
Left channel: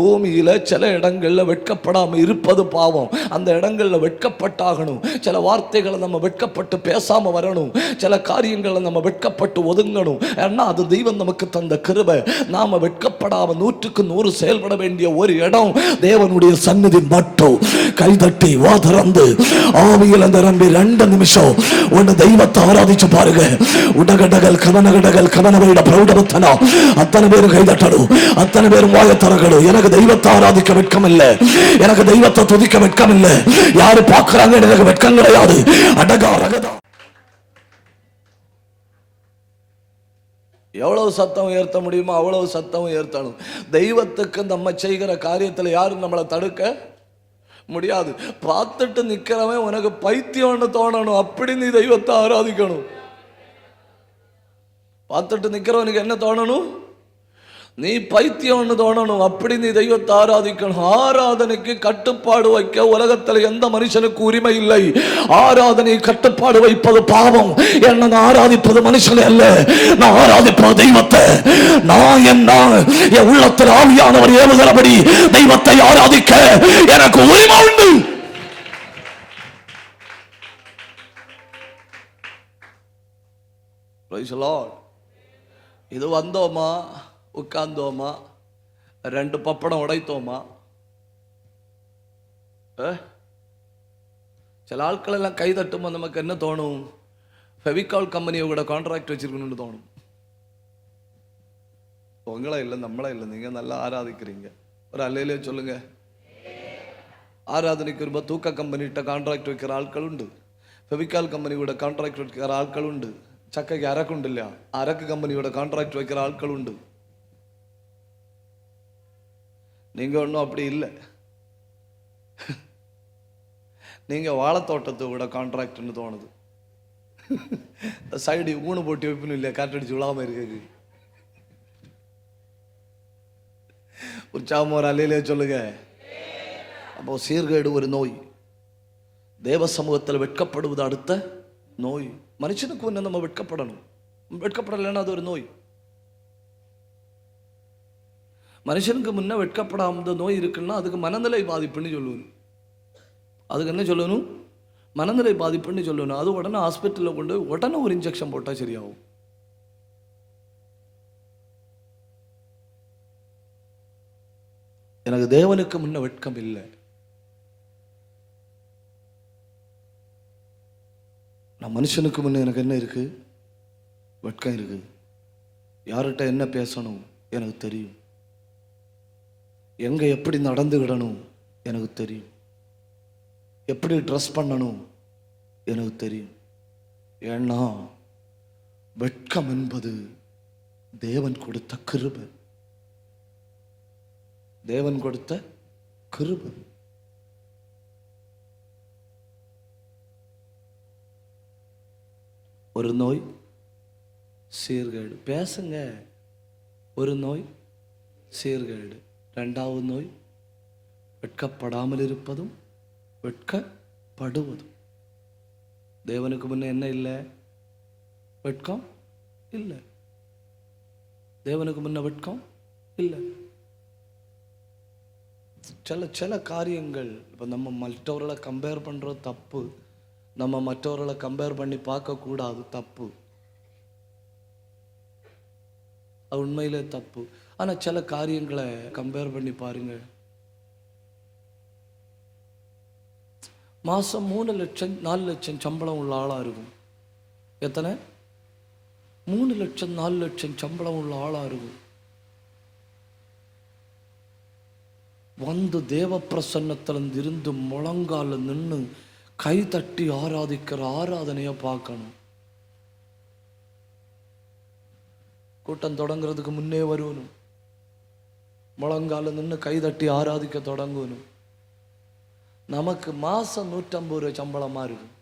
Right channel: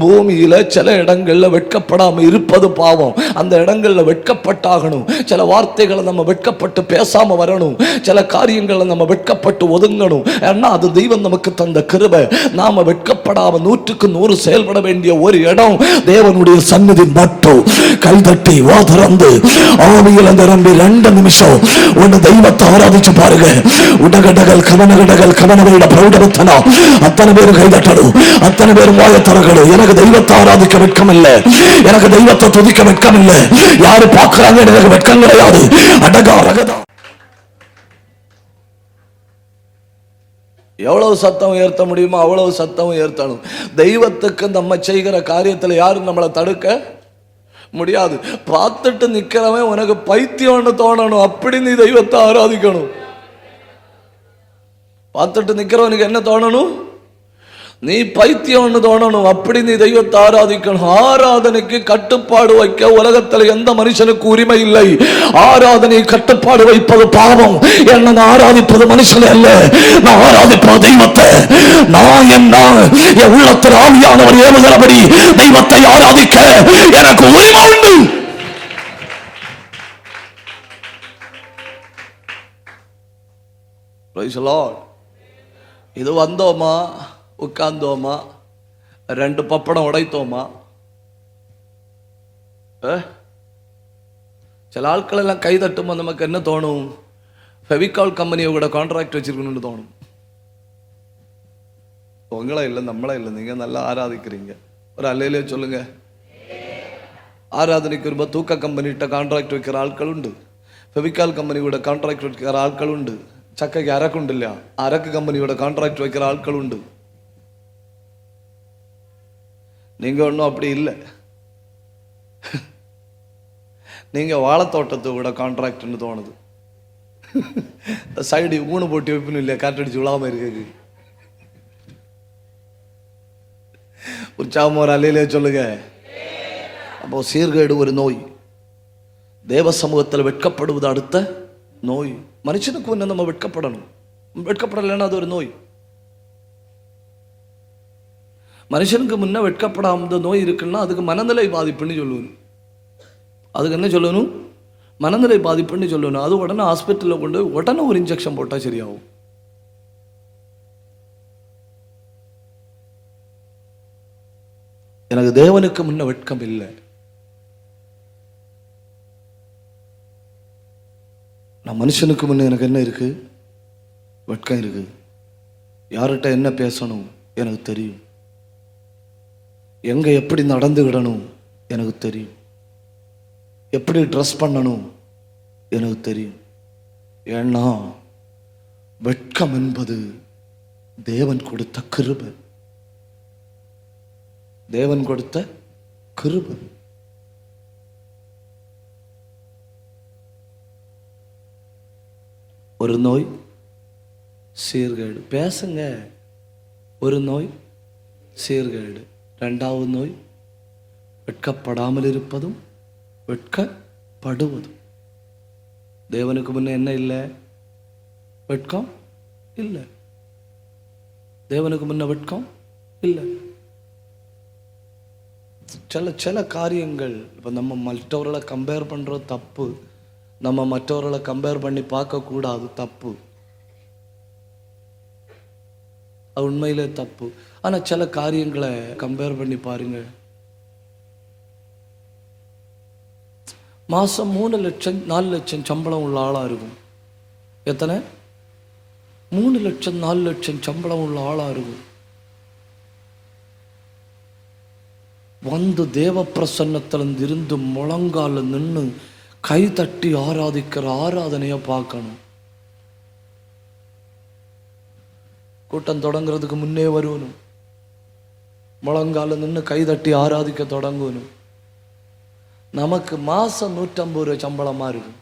பூமியில சில இடங்கள்ல வெட்கப்படாம இருப்பது பாவம். அந்த இடங்கள்ல வெட்கப்பட்டாகணும். சில வார்த்தைகளை நம்ம வெட்கப்பட்டு பேசாம வரணும். சில காரியங்களை நம்ம வெட்கப்பட்டு ஒதுங்கணும். ஏன்னா அது தெய்வம் நமக்கு தந்த கிருபை. நாம வெட்கப்படாம 100க்கு 100 செயல்பட வேண்டிய ஒரு இடம் தேவனுடைய சந்நிதி மட்டும். கை தட்டி வாதிறந்து ஆவியில நிரம்பி 2 நிமிஷம் ஒரு தெய்வத்தை ஆராதிச்சு பாருங்க. உலகடகள் கவனகடகள் கவனங்களை பிரௌடத்தலாம். அத்தனை பேர் கை தட்டணும், அத்தனை பேர் வாயத்தரங்களும். எனக்கு தெய்வத்தை ஆராதிக்க வெட்கம் இல்லை, எனக்கு தெய்வத்தை துதிக்க வெட்கம் இல்லை. யாரு பார்க்கறாங்க, எனக்கு வெட்கம் கிடையாது. எவ்வளவு சத்தம் உயர்த்த முடியுமோ அவ்வளவு சத்தம் உயர்த்தணும். தெய்வத்துக்கு நம்ம செய்கிற காரியத்துல யாரும் நம்மளை தடுக்க முடியாது. பார்த்துட்டு நிக்கிறவன் உனக்கு பைத்தியம்னு தோணணும். அப்படி நீ தெய்வத்தை ஆராதிக்கணும். பார்த்துட்டு நிக்கிறவனுக்கு என்ன தோணணும்? நீ பைத்தியம்னு தோணணும். அப்படி நீ தெய்வத்தை ஆராதிக்கணும். ஆராதனைக்கு கட்டுப்பாடு வைக்க உலகத்துல எந்த மனுஷனுக்கு உரிமை இல்லை. ஆராதனை கட்டுப்பாடு வைப்பது பாவம். என்ன ஆராதிப்பது மனுஷன் அல்ல, நான் ஆராதிப்பது தெய்வத்தை. நான் என் உள்ளத்தில் ஆவியானவர் ஏறுகிறபடி தெய்வத்தை ஆராதிக்க எனக்கு உரிமை உண்டு. இது வந்தோமா, உட்கார்ந்தோமா, 2 பப்படம் உடைத்தோமா? சில ஆட்கள் எல்லாம் கை தட்டுமா நமக்கு என்ன தோணும்? ஃபெவிகால் கம்பெனியோட கான்ட்ராக்ட் வச்சிருக்கணும்னு தோணும். உங்களா இல்லை, நம்மளா இல்லை. நீங்க நல்லா ஆராதிக்கிறீங்க. ஒரு அல்லையிலே சொல்லுங்க. ஆராதனைக்கு ஒரு தூக்க கம்பெனிட்ட கான்ட்ராக்ட் வைக்கிற ஆட்கள் உண்டு. ഫെവിക്കാൽ കമ്പനിയുടെ കോൺട്രാക്ട് വെക്കുന്ന ആൾക്കളുണ്ട്. ചക്കയ്ക്ക് അരക്കുണ്ടില്ല, അരക്ക് കമ്പനിയുടെ കോൺട്രാക്ട് വെക്കുന്ന ആൾക്കളുണ്ട്. நீங்க ஒன்றும் அப்படி இல்லை. நீங்க வாழைத்தோட்டத்தோட கான்ட்ராக்ட்னு தோணுது. சைடு ஊனு போட்டு வைப்பணும் இல்லையா, காற்றடிச்சு விழாம இருக்கு. உற்சாகம் ஒரு அலையிலே சொல்லுங்க. அப்போ சீர்கேடு ஒரு நோய். தேவ சமூகத்தில் வெட்கப்படுவது அடுத்த நோய். மனுஷனுக்கு முன்ன நம்ம வெட்கப்படணும். வெட்கப்படலைன்னா அது ஒரு நோய். மனுஷனுக்கு முன்ன வெட்கப்படாம நோய் இருக்குன்னா அதுக்கு மனநிலை பாதிப்புன்னு சொல்லணும். அதுக்கு என்ன சொல்லணும்? மனநிலை பாதிப்புன்னு சொல்லணும். அது உடனே ஹாஸ்பிட்டலில் கொண்டு உடனே ஒரு இன்ஜெக்ஷன் போட்டா சரியாகும். எனக்கு தேவனுக்கு முன்ன வெட்கம் இல்லை. நான் மனுஷனுக்கு முன்ன எனக்கு என்ன இருக்கு? வெட்கம் இருக்கு. யார்கிட்ட என்ன பேசணும் எனக்கு தெரியும். எங்க எப்படி நடந்துக்கிடணும் எனக்கு தெரியும். எப்படி ட்ரெஸ் பண்ணணும் எனக்கு தெரியும். ஏன்னா வெட்கம் என்பது தேவன் கொடுத்த கிருபை. தேவன் கொடுத்த கிருபை. ஒரு நோய் சீர்கேடு. பேசுங்க. ஒரு நோய் சீர்கேடு. இரண்டாவது நோய் வெட்கப்படாமல் இருப்பதும் வெட்கப்படுவதும். தேவனுக்கு முன்ன என்ன இல்லை? வெட்கம் இல்லை. தேவனுக்கு முன்ன வெட்கம் இல்லை. சில காரியங்கள் நம்ம மற்றவர்களை கம்பேர் பண்றது தப்பு. நம்ம மற்றவர்களை கம்பேர் பண்ணி பார்க்க கூடாது, தப்பு. அது உண்மையிலே தப்பு. ஆனா சில காரியங்களை கம்பேர் பண்ணி பாருங்க. மாசம் 3 லட்சம் 4 லட்சம் சம்பளம் உள்ள ஆளா இருக்கும். எத்தனை? 3 லட்சம் 4 லட்சம் சம்பளம் உள்ள ஆளா இருக்கும். வந்து தேவ பிரசன்னத்திலிருந்து இருந்து முழங்கால நின்று கை தட்டி ஆராதிக்கிற ஆராதனைய பார்க்கணும். கூட்டம் தொடங்குறதுக்கு முன்னே வருவனும் முழங்கால நின்று கை தட்டி ஆராதிக்க தொடங்கணும். நமக்கு மாசம் 150 ரூபாய் சம்பளமா இருக்கு.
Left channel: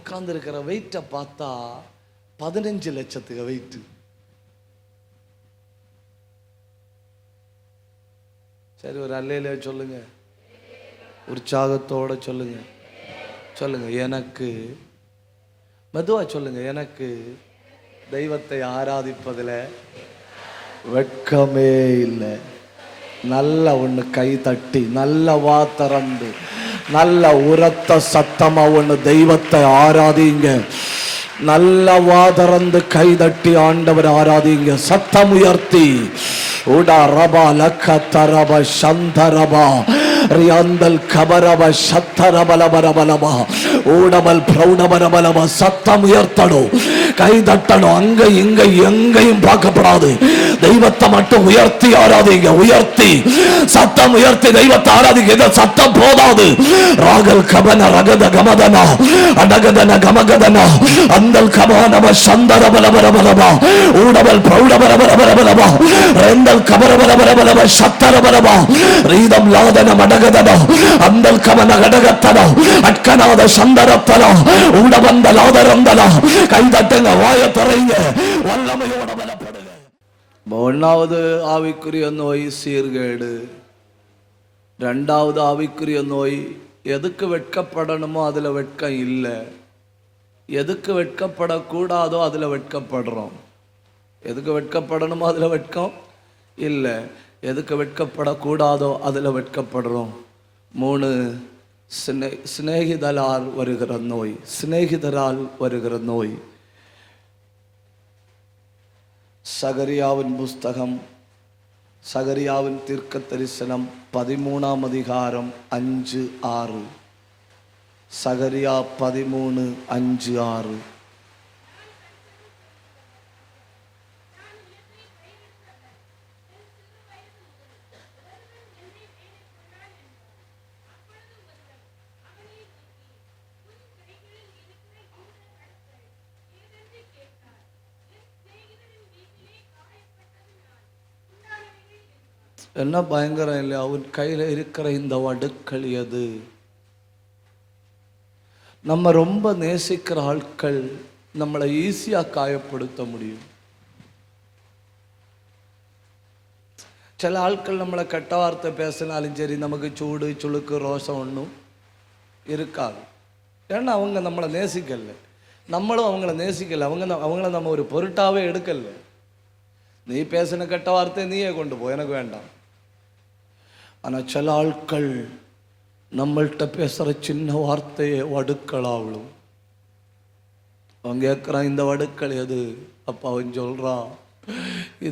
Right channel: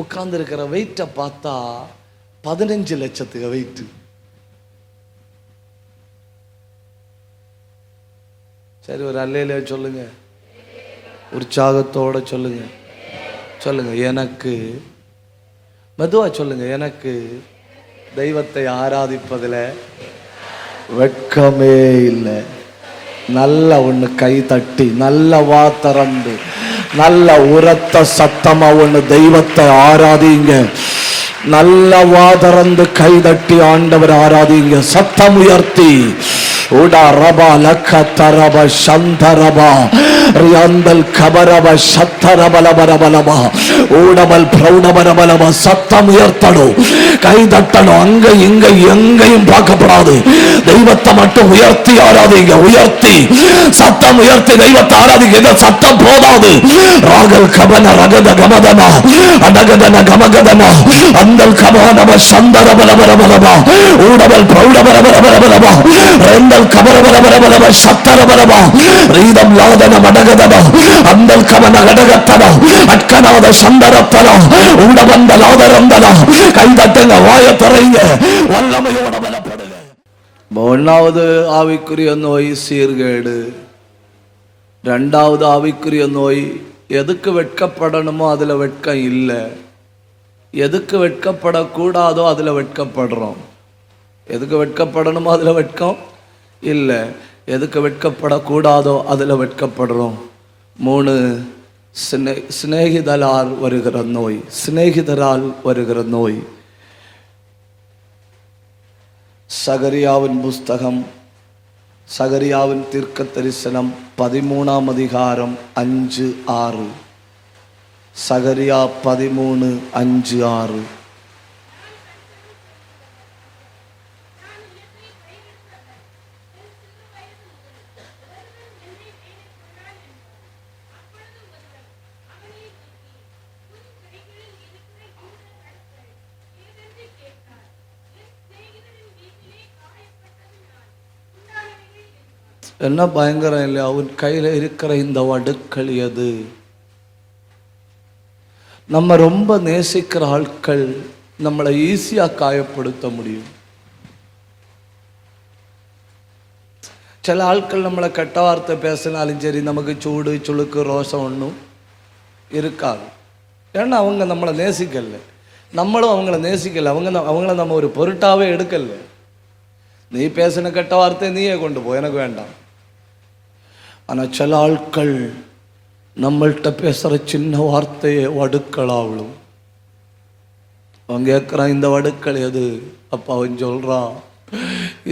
உட்கார்ந்து இருக்கிற வெயிட்ட பார்த்தா 15 லட்சத்துக்கு வெயிட். சரி, ஒரு அலையில சொல்லுங்க, உற்சாகத்தோட சொல்லுங்க. சொல்லுங்க, எனக்கு மெதுவா சொல்லுங்க, எனக்கு தெய்வத்தை ஆராதிப்பதில் வெட்கமே இல்லை. நல்ல ஒண்ணு கை தட்டி, நல்ல வாத்தரண்டு, நல்ல உரத்த சத்தமா ஒண்ணு தெய்வத்தை ஆராதிங்க. நல்ல வாதரந்து கை தட்டி ஆண்டவர் ஆராதிங்க. சத்தம் உயர்த்தி உடா ரபா லக்கதரப சந்தரபா ரியந்தல் கபரப சத்தரபலபலபலமா ஊழமல் பிரௌணமரபலமா. சத்தம் உயர்த்தணும், கை தட்டணும். அங்க இங்க எங்கேயும் பார்க்கப்படாது. தெய்வத்தை மட்டும் உயர்த்தி ஆராதிங்க. உயர்த்தி சத்தம் உயர்த்தி தெய்வத்தை ஆராதிங்க. சத்தம் போதாது. ராகல் கமல ரகத கமதமா அனகதன கமகதமா அந்தல் கமனம சந்தரபலபலபலமா ஊழமல் பிரௌணமரபலபலமா ரெண்டல் கமரபலபலபலமா சத்தரபலமா ரீதம் லாகதன மனகதமா அந்தல் கமன லடகத்தமா அக்கனவட சந்தரத்தமா உள்ளவந்த லாகரந்தமா கைதட்டுங்க, வாயை திறங்க, வல்லமையோட பலப்படுங்க. ஒன்றாவது ஆவிக்குரிய நோய் சீர்கேடு. இரண்டாவது ஆவிக்குரிய நோய் எதுக்கு வெட்கப்படணுமோ அதுல வெட்கம் இல்லை. எதுக்கு வெட்கப்படக்கூடாதோ அதுல வெட்கப்படுறோம். எதுக்கு வெட்கப்படணுமோ அதுல வெட்கம் இல்லை. எதுக்கு வெட்கப்படக்கூடாதோ அதுல வெட்கப்படுறோம். 3 சிநேகிதரால் வருகிற நோய். சிநேகிதரால் வருகிற நோய். சகரியாவின் புஸ்தகம், சகரியாவின் தீர்க்க தரிசனம் 13ஆம் அதிகாரம் 5-6. சகரியா 13:5-6. என்ன பயங்கரம் இல்லை, அவர் கையில இருக்கிற இந்த வடுக்கள் எது? நம்ம ரொம்ப நேசிக்கிற ஆட்கள் நம்மளை ஈஸியா காயப்படுத்த முடியும். சில ஆட்கள் நம்மளை கெட்ட வார்த்தை பேசினாலும் சரி, நமக்கு சூடு சுளுக்கு ரோஷம் ஒன்றும் இருக்காது. ஏன்னா அவங்க நம்மளை நேசிக்கல, நம்மளும் அவங்கள நேசிக்கல. அவங்கள நம்ம ஒரு பொருட்டாவே எடுக்கல. நீ பேசின கெட்ட வார்த்தையை நீயே கொண்டு போ, எனக்கு வேண்டாம். ஆனா சில ஆட்கள் நம்மள்கிட்ட பேசுற சின்ன வார்த்தையை வடுக்களாவளும். அவன் கேட்கிறான், இந்த வடுக்கள் எது? அப்ப அவன் சொல்றான்,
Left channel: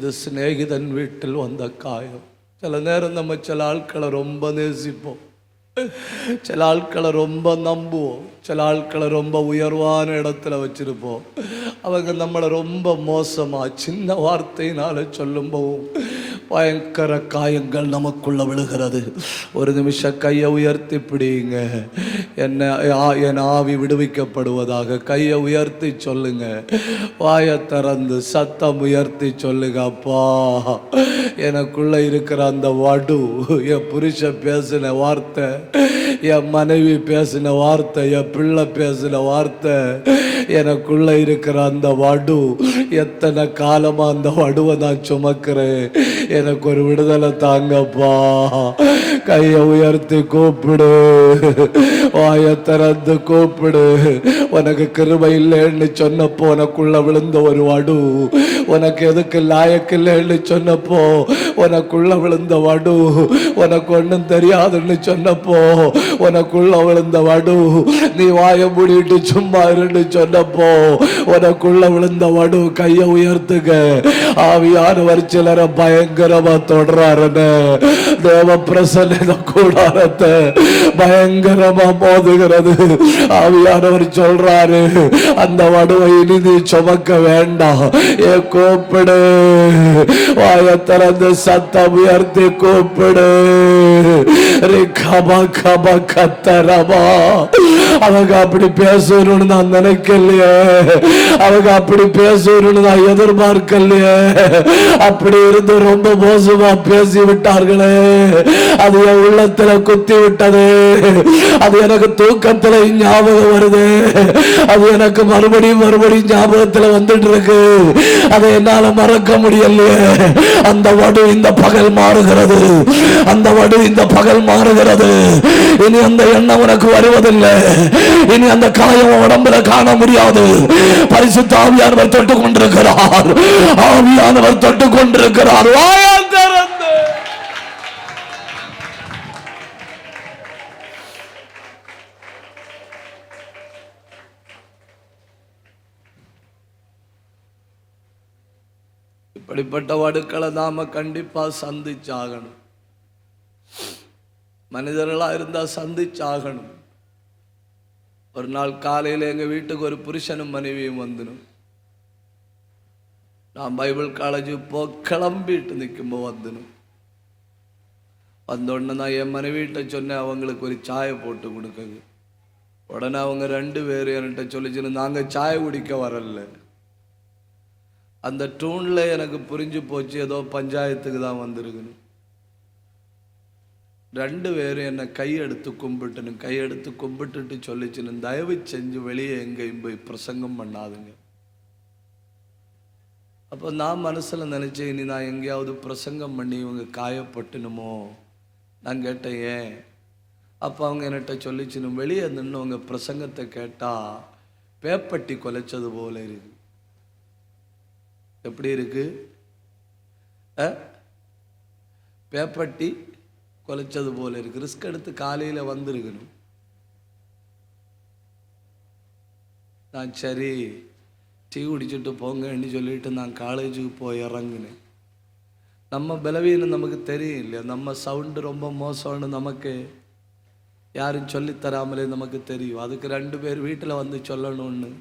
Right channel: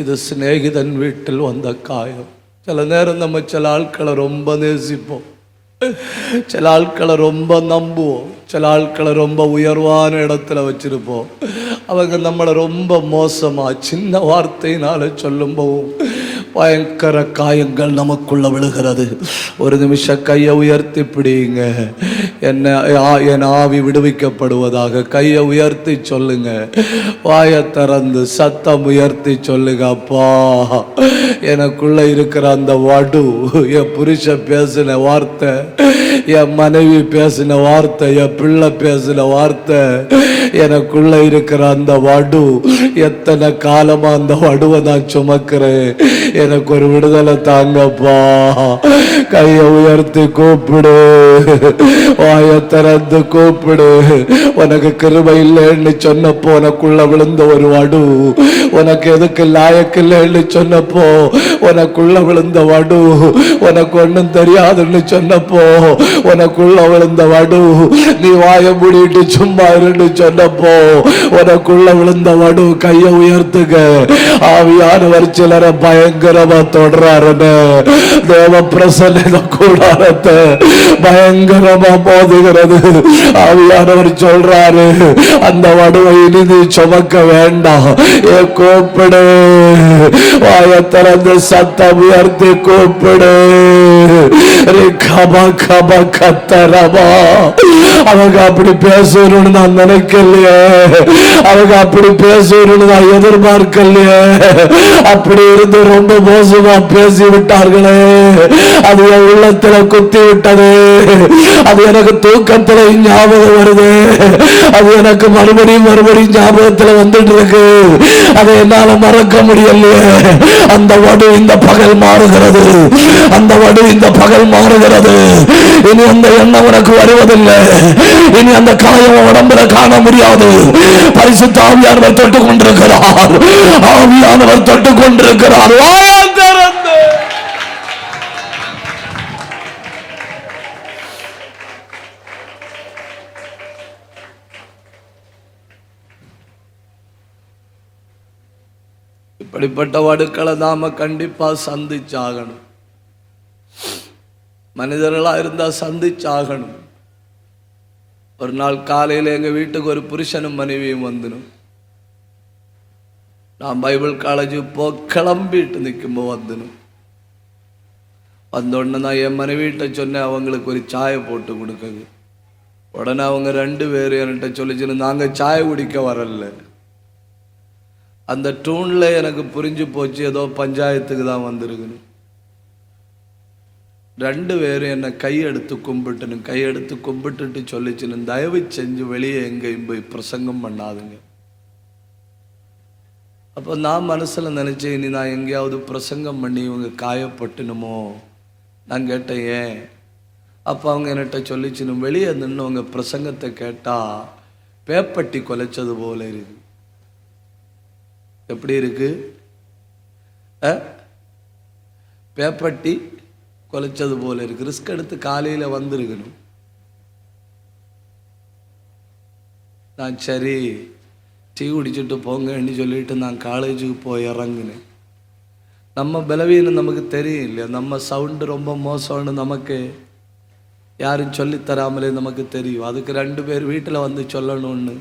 இது சிநேகிதன் வீட்டில் வந்த காயம். சில நேரம் நம்ம சில ஆட்களை ரொம்ப நேசிப்போம், சில ஆட்களை ரொம்ப நம்புவோம், சில ஆட்களை ரொம்ப உயர்வான இடத்துல வச்சிருப்போம். அவங்க நம்மளை ரொம்ப மோசமா சின்ன வார்த்தையினால சொல்லும் போதும் பயங்கர காயங்கள் நமக்குள்ள விழுகிறது. ஒரு நிமிஷம் கையை உயர்த்தி பிடிங்க, என் ஆவி விடுவிக்கப்படுவதாக. கையை உயர்த்தி சொல்லுங்க, வாயை திறந்து சத்தம் உயர்த்தி சொல்லுங்க, அப்பா எனக்குள்ள இருக்கிற அந்த வடு, என் புருஷ பேசின வார்த்தை, என் மனைவி பேசின வார்த்தை, என் பிள்ளை பேசின வார்த்தை, எனக்குள்ள இருக்கிற அந்த வடு, எத்தனை காலமா அந்த வடுவை நான் சுமக்கிறேன், எனக்கு ஒரு விடுதலை தாங்கப்பா. கையை உயர்த்தி கூப்பிடு, வாயை திறந்து கூப்பிடு. உனக்கு கிருபை இல்லைன்னு சொன்னப்போ உனக்குள்ள விழுந்த ஒரு வடு, உனக்கு எதுக்கு லாயக்கு இல்லைன்னு சொன்னப்போ உனக்குள்ள விழுந்த வடு, உனக்கு ஒண்ணும் தெரியாதுன்னு சொன்னப்போ உனக்குள்ள விழுந்த வடு, நீ வாயை மூடிட்டு சும்மா இருந்து சொன்னப்போ உனக்குள்ள விழுந்த வடு. கையை உயர்த்துக. ஆவியானவர் சிலரை பயங்கரமா தொடர்றாரு. தேவ பிரசன்ன கூடாரத்தை பயங்கரமா போதுகிறது. ஆவியானவர் சொல்றாரு, அந்த வடுவை இறுதி சுமக்க வேண்டாம். கூப்பிடு, வாயை திறந்து சத்தம் உயர்த்தி கூப்பிடு. அவங்க அப்படி பேசணும்னு நான் நினைக்கலையே, அவங்க அப்படி பேசணும்னு நான் எதிர்பார்க்கலையே. அப்படி இருந்து ரொம்ப மோசமா பேசி விட்டார்களே, அது உள்ளத்துல குத்தி விட்டது. அது எனக்கு தூக்கத்தில் ஞாபகம் வருது, அது எனக்கு மறுபடியும் ஞாபகத்துல வந்துட்டு இருக்கு. அதை என்னால மறக்க முடியலையே. அந்த வலி இந்த பகல் மாறுகிறது, அந்த வலி இந்த பகல் மாறுகிறது. இனி அந்த எண்ணம் உனக்கு வருவதில்லை, இனி அந்த காலம் உடம்புல காண முடியாது. பரிசுத்த ஆவியானவர் தொட்டுக் கொண்டிருக்கிறார், ஆவியானவர் தொட்டுக் கொண்டிருக்கிறார். இப்படிப்பட்ட வடுக்களை நாம கண்டிப்பா சந்திச்சாகணும். மனிதர்களா இருந்தா சந்திச்சாகணும். ஒரு நாள் காலையில எங்க வீட்டுக்கு ஒரு புருஷனும் மனைவியும் வந்துடும். நான் பைபிள் காலேஜ் கிளம்பிட்டு நிற்கும்போ வந்துடும். வந்தோடனே நான் என் மனைவிட்ட சொன்னேன், அவங்களுக்கு ஒரு சாயை போட்டு கொடுக்குது. உடனே அவங்க 2 பேரும் என்கிட்ட சொல்லிச்சு, நாங்க சாய் குடிக்க வரல. அந்த டூன்ல எனக்கு புரிஞ்சு போச்சு, ஏதோ பஞ்சாயத்துக்கு தான் வந்திருக்குன்னு. 2 பேரும் என்ன கையெடுத்து கும்பிட்டுட்டு சொல்லிச்சு, தயவு செஞ்சு வெளியே எங்கேயும் போய் பிரசங்கம் பண்ணாதுங்க. அப்ப நான் மனசுல நினைச்சேன், இனி நான் எங்கேயாவது பிரசங்கம் பண்ணி இவங்க காயப்பட்டுனுமோ. நான் கேட்டேன் ஏன்? அப்ப அவங்க என்கிட்ட சொல்லிச்சு, வெளியே நின்று உங்க பிரசங்கத்தை கேட்டா பேப்பட்டி கொலைச்சது போல இருக்கு. எப்படி இருக்கு? பேப்பட்டி கொலைச்சது போல இருக்கு. ரிஸ்க் எடுத்து காலையில வந்திருக்கணும். நான் சரி டீ குடிச்சுட்டு போங்கன்னு சொல்லிட்டு நான் காலேஜுக்கு போய் இறங்குனேன். நம்ம பலவீனம் நமக்கு தெரியல, நம்ம சவுண்டு ரொம்ப மோசம்னு நமக்கு யாரும் சொல்லி தராமலே நமக்கு தெரியும். அதுக்கு 2 பேர் வீட்டில் வந்து சொல்லணும்னு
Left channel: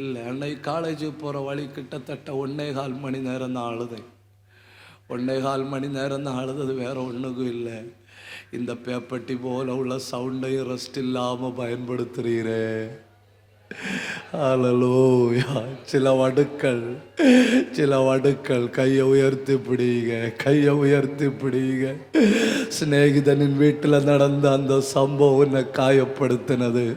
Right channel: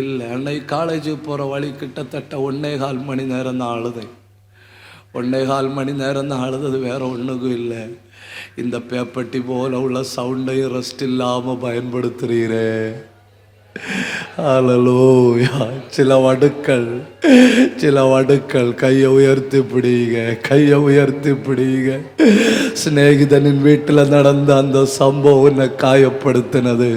இல்லை. அன்னைக்கு காலேஜுக்கு போகிற வழி கிட்டத்தட்ட 1.25 மணி நேரம் தான் அழுது. 1.25 மணி நேரம் தான் அழுது, வேற ஒன்றுக்கும் இல்லை. இந்த பேப்பட்டி போல உள்ள சவுண்டை ரெஸ்ட் இல்லாமல் பயன்படுத்துறீரே, அல்லேலூயா. சில வடுக்கள் கையை உயர்த்தி பிடிங்க, கையை உயர்த்தி பிடிங்க. சிநேகிதனின் வீட்டுல நடந்த அந்த சம்பவம் உன்னை காயப்படுத்தினது.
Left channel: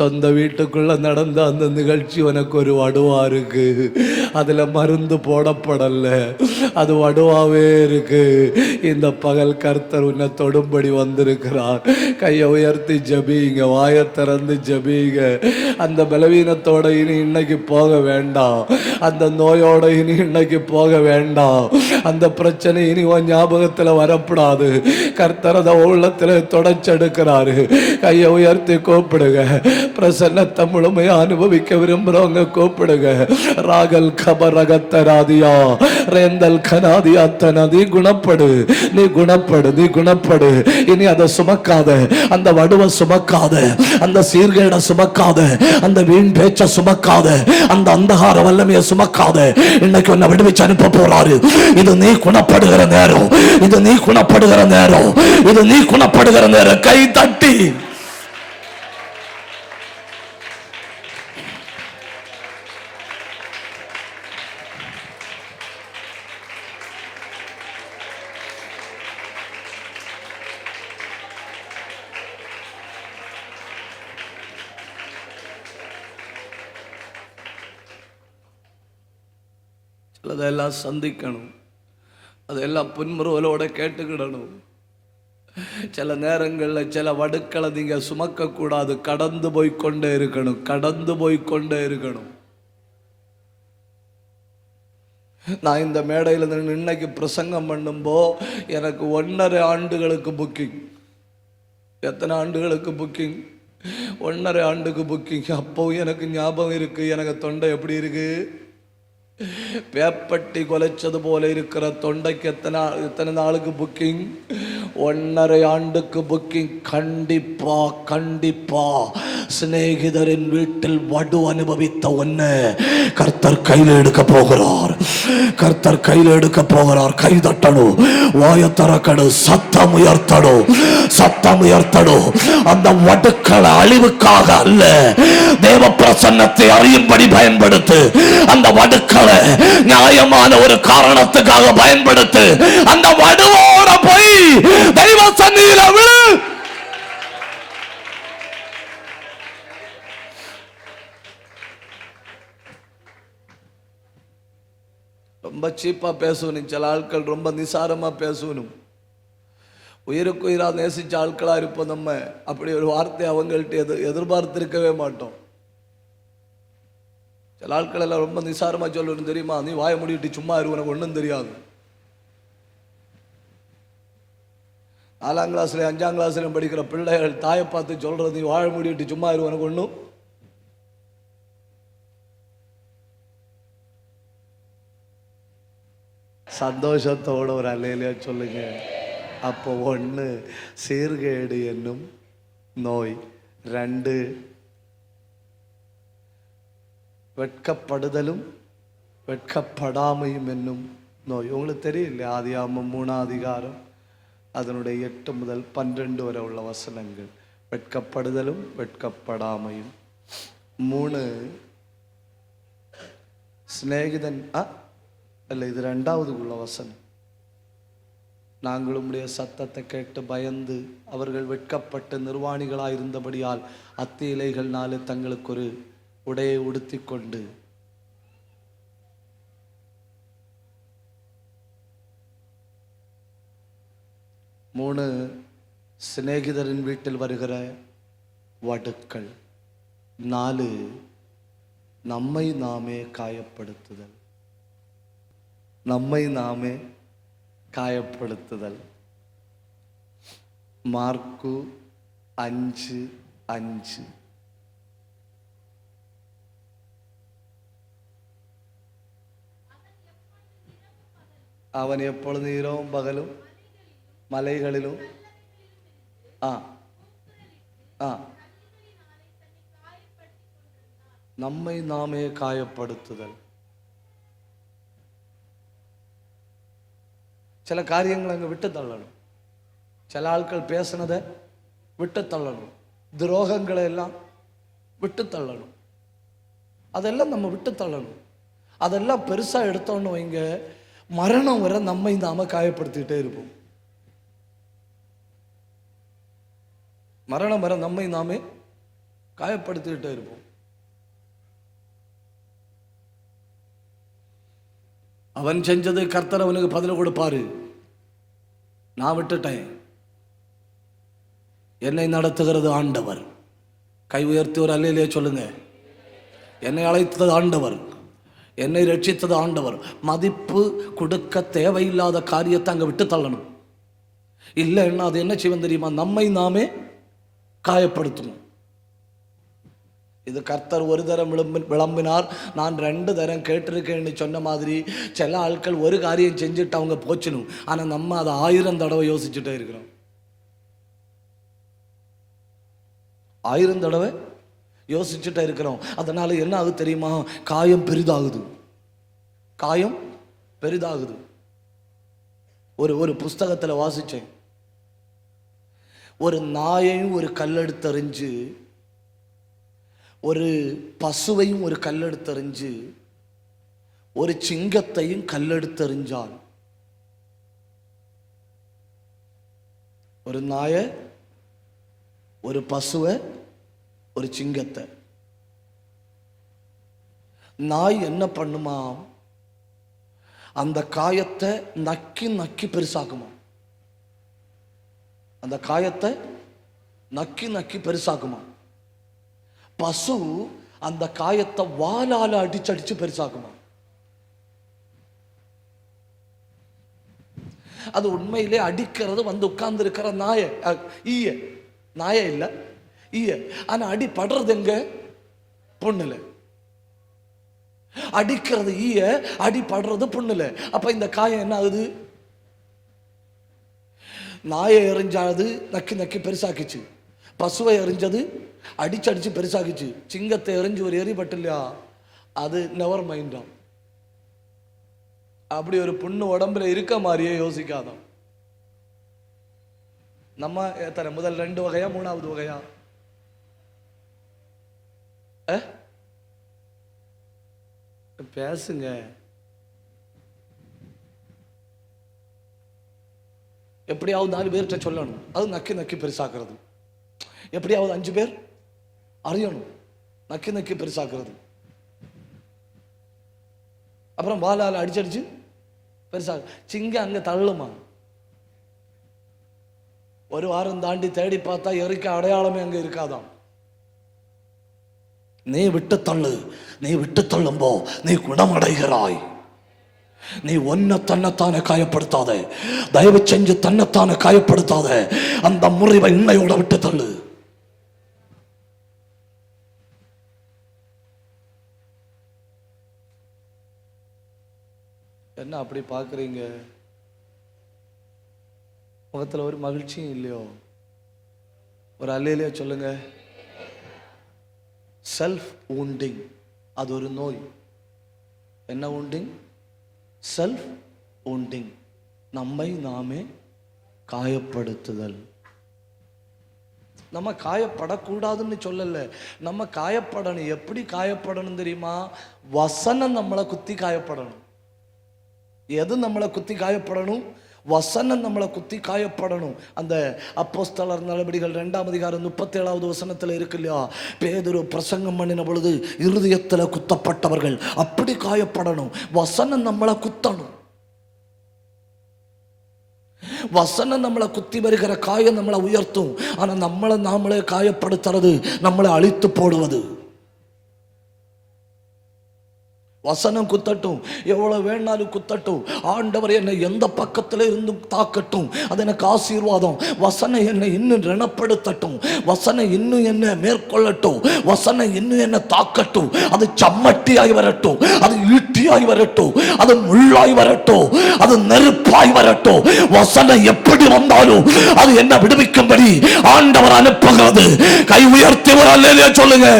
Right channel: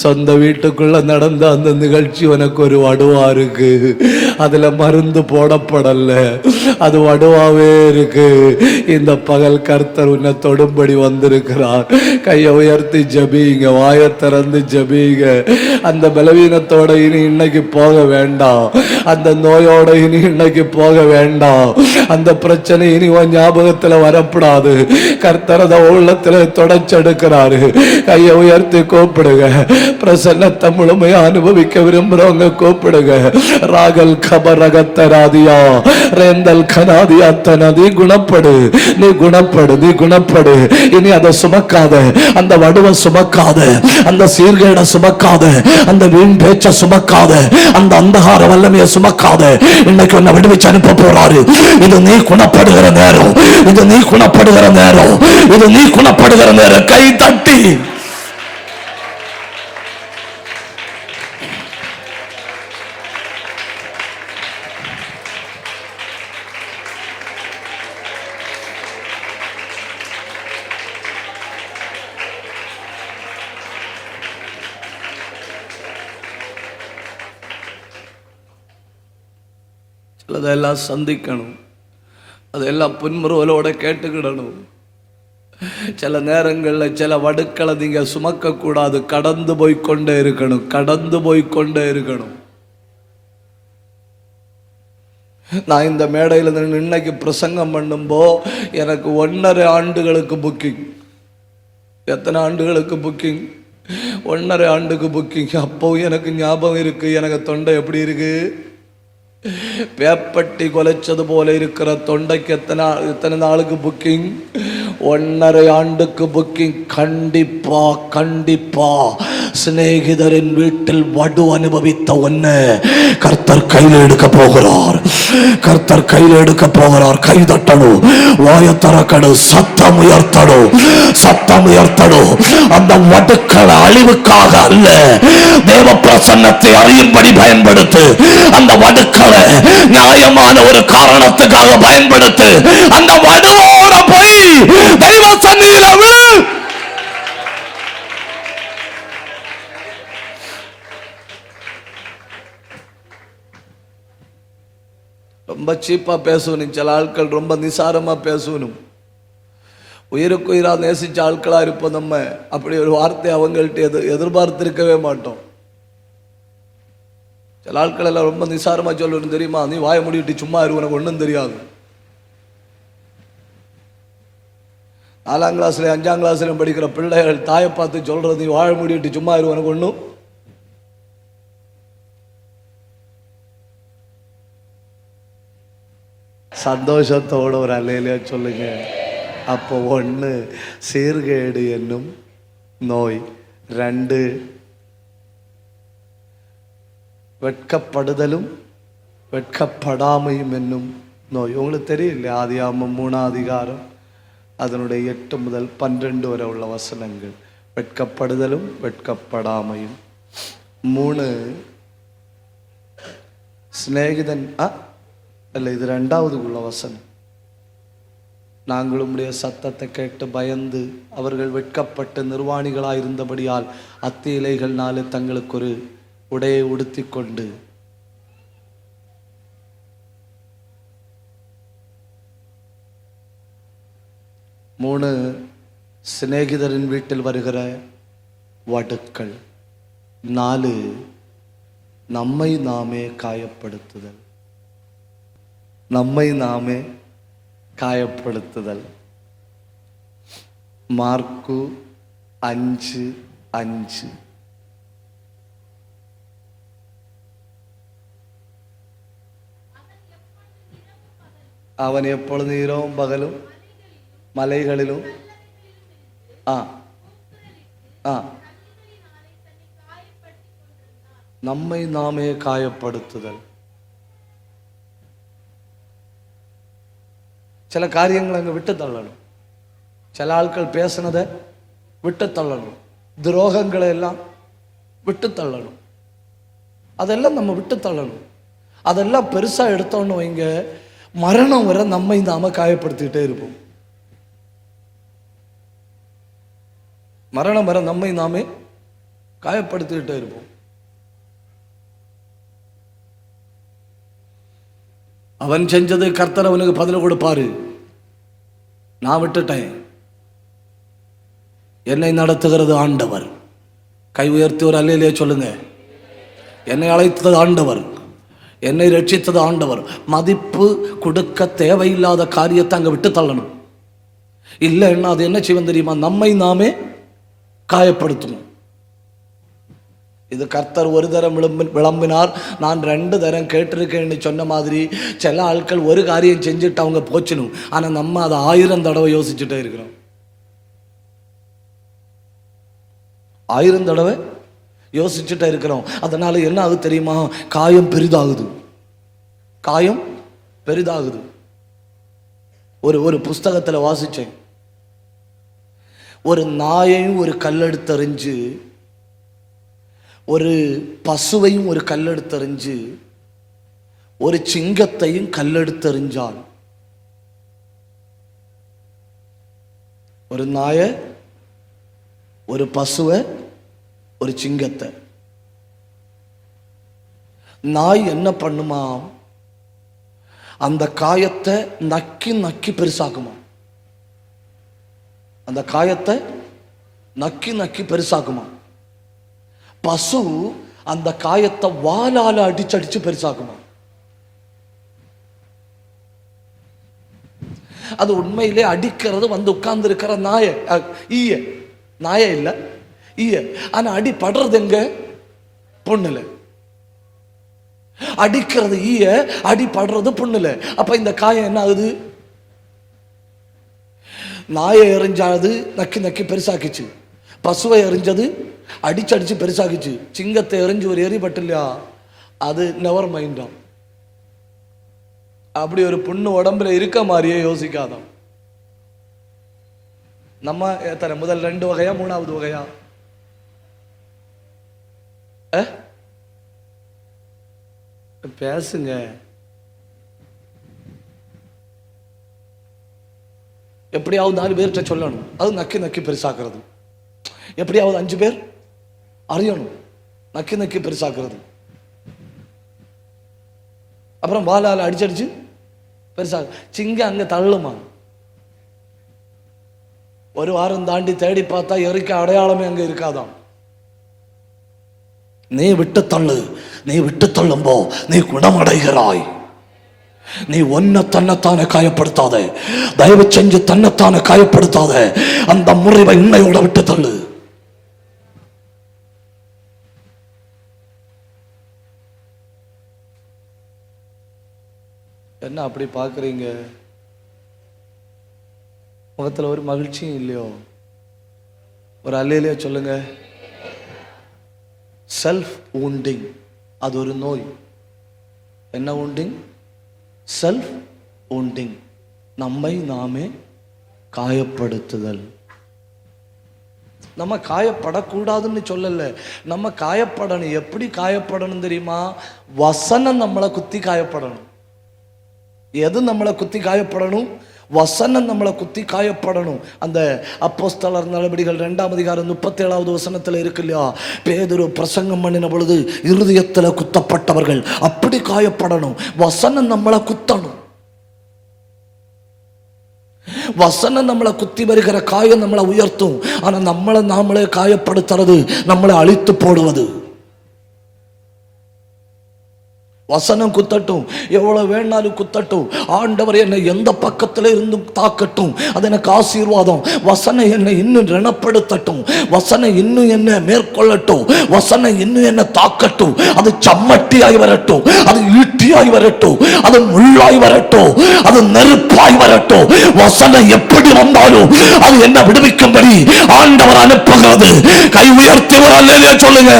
சொந்த வீட்டுக்குள்ள நடந்த அந்த நிகழ்ச்சி உனக்கு ஒரு வடுவா இருக்கு. அதுல மருந்து போடப்படல, அது வடுவாவே இருக்கு. இந்த பகல் கர்த்தர் உன்னை தொடும்படி வந்திருக்கிறார். கையை உயர்த்தி ஜெபிங்க, வாயை திறந்து ஜெபிங்க. அந்த பலவீனத்தோட இனி இன்னைக்கு போக வேண்டாம், அந்த நோயோட இனி இன்னைக்கு போக வேண்டாம், அந்த பிரச்சனை இனி ஞாபகத்துல வரப்படாது. கர்த்தர் உள்ளத்துல தொடச்செடுக்கிறாரு. கையை உயர்த்தி கூப்பிடுங்க. பிரசன்னத்தை முழுமையா அனுபவிக்க விரும்புறவங்க கூப்பிடுங்க. ராகல் கபரகத்தராதியா ரேந்தல் கனாதியாத்தன, நீ குணப்படு, நீ குணப்படு, நீ குணப்படு. இனி அதை சுமக்காத, அந்த வடுவை சுமக்காத, அந்த சீர்கேட சுமக்காத, அந்த வீண் பேச்ச சுமக்காத, அந்த அந்தகார வல்லமையை சுமக்காத. இன்னைக்கு உன்னை விடுவிச்சு அனுப்ப போறாரு. இது நீ குணப்படுகிற நேரம், இது நீ குணப்படுகிற நேரம், இது நீ குணப்படுகிற நேரம். கை தட்டி அதெல்லாம் சந்திக்கணும், அதெல்லாம் புன்முறுவலோட கேட்டுக்கிடணும். சில நேரங்களில் சில வடுக்களை நீங்க சுமக்க கூடாது, கடந்து போய்கொண்டே இருக்கணும், கடந்து போய்கொண்டே இருக்கணும். நான் இந்த மேடையில் இன்னைக்கு பிரசங்கம் பண்ணும்போ எனக்கு 1.5 ஆண்டுகளுக்கு புக்கிங். எத்தனை ஆண்டுகளுக்கு புக்கிங்? 1.5 ஆண்டுக்கு புக்கிங். அப்போ எனக்கு ஞாபகம் இருக்கு, எனக்கு தொண்டை எப்படி இருக்கு? வேப்பட்டி கொலைச்சது போல இருக்கிற தொண்டைக்கு எத்தனை நாளுக்கு புக்கிங்? 1.5 ஆண்டுக்கு புக்கிங். கண்டிப்பா கண்டிப்பா சிநேகிதரின் வீட்டில் வடு அனுபவித்த ஒன்னு கர்த்தர் கையில் எடுக்க போகிறார். கர்த்தர் கையில் எடுக்க போகிறார். கை தட்டணும், வாய திறக்கணும், சத்தம் உயர்த்தணும், சத்தம் உயர்த்தணும். அந்த வடுக்கள் அழிவுக்காக அல்ல, தேவ பிரசன்னத்தை அழியும்படி பயன்படுத்து. அந்த வடுக்களை நியாயமான ஒரு காரணத்துக்காக பயன்படுத்து. அந்த வடுவோட போய் தெய்வ சன்னிதியில் ரொம்ப சீப்பா பேசணும். சில ஆட்கள் ரொம்ப நிசாரமா பேசணும். உயிருக்கு உயிரா நேசிச்ச ஆட்களா இருப்போம் நம்ம. அப்படி ஒரு வார்த்தையை அவங்கள்ட்ட எதிர்பார்த்திருக்கவே மாட்டோம். சில ஆட்கள் எல்லாம் ரொம்ப நிசாரமா சொல்லணும். தெரியுமா, நீ வாய முடிவிட்டு சும்மா இருக்க ஒண்ணும் தெரியாது. 4ஆம் கிளாஸ்ல 5ஆம் கிளாஸ்ல படிக்கிற பிள்ளைகள் தாயை பார்த்து சொல்றது, நீ வாய முடிவிட்டு சும்மா இருக்க ஒண்ணும். சந்தோஷத்தோட ஒரு அலையில சொல்லுங்க. அப்போ 1 சீர்கேடு என்னும் நோய், 2 வெட்கப்படுதலும் வெட்கப்படாமையும் என்னும் நோய். உங்களுக்கு தெரியுங்க, ஆதியாகமம் 3ஆம் அதிகாரம் அதனுடைய 8 முதல் 12 வரை உள்ள வசனங்கள். வெட்கப்படுதலும் வெட்கப்படாமையும். 3 சிநேகிதன் அல்ல, இது 2வது உள்ள வசனம். நாங்கள் உங்களுடைய சத்தத்தை கேட்டு பயந்து அவர்கள் வெட்கப்பட்டு நிர்வாணிகளாய் இருந்தபடியால் அத்திய இலைகள்னாலே தங்களுக்கு ஒரு உடையை உடுத்தி கொண்டு மூணு சிநேகிதரின் வீட்டில் வருகிற வடுக்கள். 4 நம்மை நாமே காயப்படுத்துதல். நம்மை நாமே காயப்படுத்துதல். மார்க்கு 5:5. அவன் எப்பொழுது இரவும் பகலும் மலைகளிலும் நம்மை நாமே காயப்படுத்துதல். சில காரியங்கள் அங்க விட்டு தள்ளணும். சில ஆட்கள் பேசினதை விட்டு தள்ளணும். துரோகங்களை எல்லாம் விட்டு தள்ளணும். அதெல்லாம் நம்ம விட்டு தள்ளணும். அதெல்லாம் பெருசா எடுத்தோன்னு வைங்க, மரணம் வரை நம்மை நாம காயப்படுத்திட்டே இருப்போம். மரணம் வரை நம்மை நாமே காயப்படுத்திட்டே இருப்போம். அவன் செஞ்சது கர்த்தர் அவனுக்கு பதில் கொடுப்பாரு. நான் விட்டுட்டேன். என்னை நடத்துகிறது ஆண்டவர். கை உயர்த்தி ஒரு அல்லேலூயா சொல்லுங்க. என்னை அழைத்தது ஆண்டவர், என்னை ரட்சித்தது ஆண்டவர். மதிப்பு கொடுக்க தேவையில்லாத காரியத்தை அங்க விட்டு தள்ளணும். இல்லைன்னா அது என்ன செய்வோம் தெரியுமா? நம்மை நாமே காயப்படுத்தணும். இது கர்த்தர் ஒரு தரம் விளம்பினார், நான் 2 தரம் கேட்டிருக்கேன்னு சொன்ன மாதிரி சில ஆட்கள் ஒரு காரியம் செஞ்சுட்டு அவங்க போச்சணும். ஆனா நம்ம அதை 1000 தடவை யோசிச்சுட்டே இருக்கிறோம். 1000 தடவை யோசிச்சுட்டே இருக்கிறோம். அதனால என்ன ஆகுது தெரியுமா? காயம் பெரிதாகுது. காயம் பெரிதாகுது. ஒரு புஸ்தகத்துல வாசிச்சேன். ஒரு நாயையும் ஒரு கல்லெடுத்து எறிஞ்சு, ஒரு பசுவையும் ஒரு கல்லெடுத்து எறிஞ்சு, ஒரு சிங்கத்தையும் கல்லெடுத்து எறிஞ்சான். ஒரு நாய, ஒரு பசுவை, ஒரு சிங்கத்தை. நாய் என்ன பண்ணுமா? அந்த காயத்தை நக்கி நக்கி பெருசாக்குமா. அந்த காயத்தை நக்கி நக்கி பெருசாக்குமா. பசு அந்த காயத்தை வாளால அடிச்சு அடிச்சு பெருசாக்குமா. அது உண்மையிலே அடிக்கிறது வந்து உட்கார்ந்து இருக்கிற நாய, ஈய நாய இல்ல, ஈய. ஆனா அடி படுறது எங்க? பொண்ணுல. அடிக்கிறது ஈய, அடி படுறது பொண்ணுல. அப்ப இந்த காயம் என்ன ஆகுது? நாயை எறிஞ்சாது நக்கி நக்கி பெருசாக்கிச்சு, பசுவை எறிஞ்சது அடிச்சு அடிச்சு பெருசாகிச்சு, சிங்கத்தை எறிஞ்சு ஒரு எரிபட்டு இல்லையா, அது நெவர் மைண்டாம். அப்படி ஒரு பொண்ணு உடம்புல இருக்க மாதிரியே யோசிக்காதான். நம்ம எத்தனை முதல் 2 வகையா 3வது வகையா? பேசுங்க. எப்படியாவது 4 பேர்கிட்ட சொல்லணும். அது நக்கி நக்கி பெருசாக்குறது. எப்படியாவது 5 பேர் அறியணும். நக்கி நக்கி பெருசாக்குறது. அப்புறம் வாளால அடிச்சு அடிச்சு பெருசா. சிங்கம் அங்க தள்ளுமா. ஒரு வாரம் தாண்டி தேடி பார்த்தா எரிக்க அடையாளமே அங்க இருக்காதான். நீ விட்டு தள்ளு, நீ விட்டு தள்ளுமோ நீ குணமடைகிறாய். நீ ஒன்ன தன்னைத்தானே காயப்படுத்தாத, தயவு செஞ்சு தன்னைத்தானே காயப்படுத்தாத. அந்த முறிவை உன்னையோட விட்டு தள்ளு. என்ன அப்படி பாக்குறீங்க? முகத்துல ஒரு மகிழ்ச்சியும் இல்லையோ? ஒரு அல்லேலூயா சொல்லுங்க. செல்ஃப் வூண்டிங், அது ஒரு நோய். என்ன வூண்டிங்? செல்ஃப் வூண்டிங், நம்மை நாமே காயப்படுத்துதல். நம்ம காயப்படக்கூடாதுன்னு சொல்லல, நம்ம காயப்படணும். எப்படி காயப்படணும் தெரியுமா? வசனம் நம்மளை குத்தி காயப்படணும். எது நம்மளை குத்தி காயப்படணும்? வசனம் நம்மளை குத்தி காயப்படணும். அந்த அப்போஸ்தலர் நடவடிக்கைகள் 2ஆம் அதிகாரம் 37வது வசனத்துல இருக்கு இல்லையா, பேதுரு பிரசங்கம் பண்ணின பொழுது இருதயத்துல குத்தப்பட்டவர்கள் அப்படி காயப்படணும். வசனம் நம்மளை குத்தணும். வசனம் நம்மளை குத்தி வருகிற காயம் நம்மளை உயர்த்தும். ஆனா நம்மளை நாமளே காயப்படுத்துறது, நம்மளை அழித்து போடுவது. வசனம் குத்தட்டும், எவ்வளவு வேணாலும் குத்தட்டும். ஆண்டவர் என்னை எந்த பக்கத்துல இருந்து தாக்கட்டும், அது எனக்கு ஆசீர்வாதம். வசனம் என்னை இன்னும் ரணப்படுத்தட்டும், வசனம் இன்னும் என்ன மேற்கொள்ளட்டும், வசனம் இன்னும் என்ன தாக்கட்டும். அது சம்மட்டியாய் வரட்டும், அது ஈட்டியாய் வரட்டும், அது முள்ளாய் வரட்டும், அது நெருப்பாய் வரட்டும். வசனம் எப்படி வந்தாலும் அது என்ன விடுவிக்கும்படி ஆண்டவர் அனுப்புகிறது. கை உயர்த்தி சொல்லுங்க.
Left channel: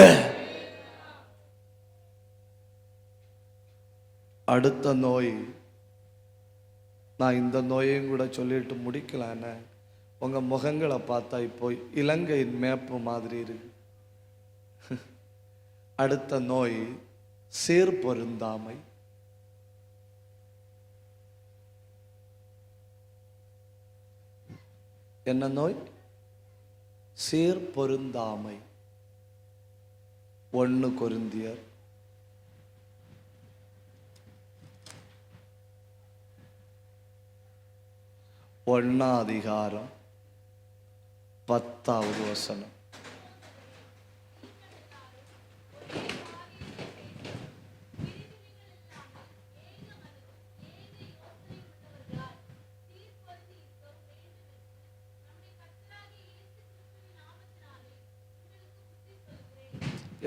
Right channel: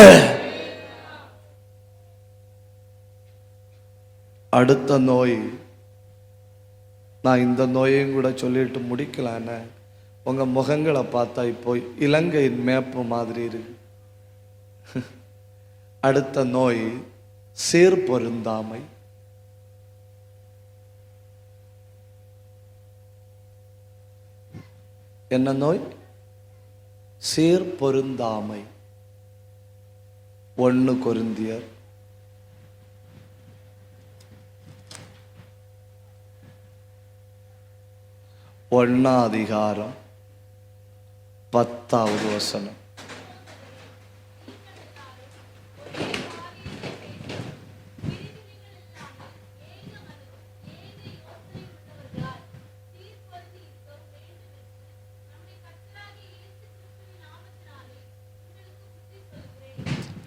அடுத்த நோய், நான் இந்த நோயையும் கூட சொல்லிட்டு முடிக்கலான்னு. உங்க முகங்களை பார்த்தா இப்போ இலங்கை மேப்பு மாதிரி இருக்கு. அடுத்த நோய் சேர் பொருந்தாமை. என்ன நோய்? சேர் பொருந்தாமை. 1 கொரிந்தியர் 1 அதிகாரம் 10வது வசனம்.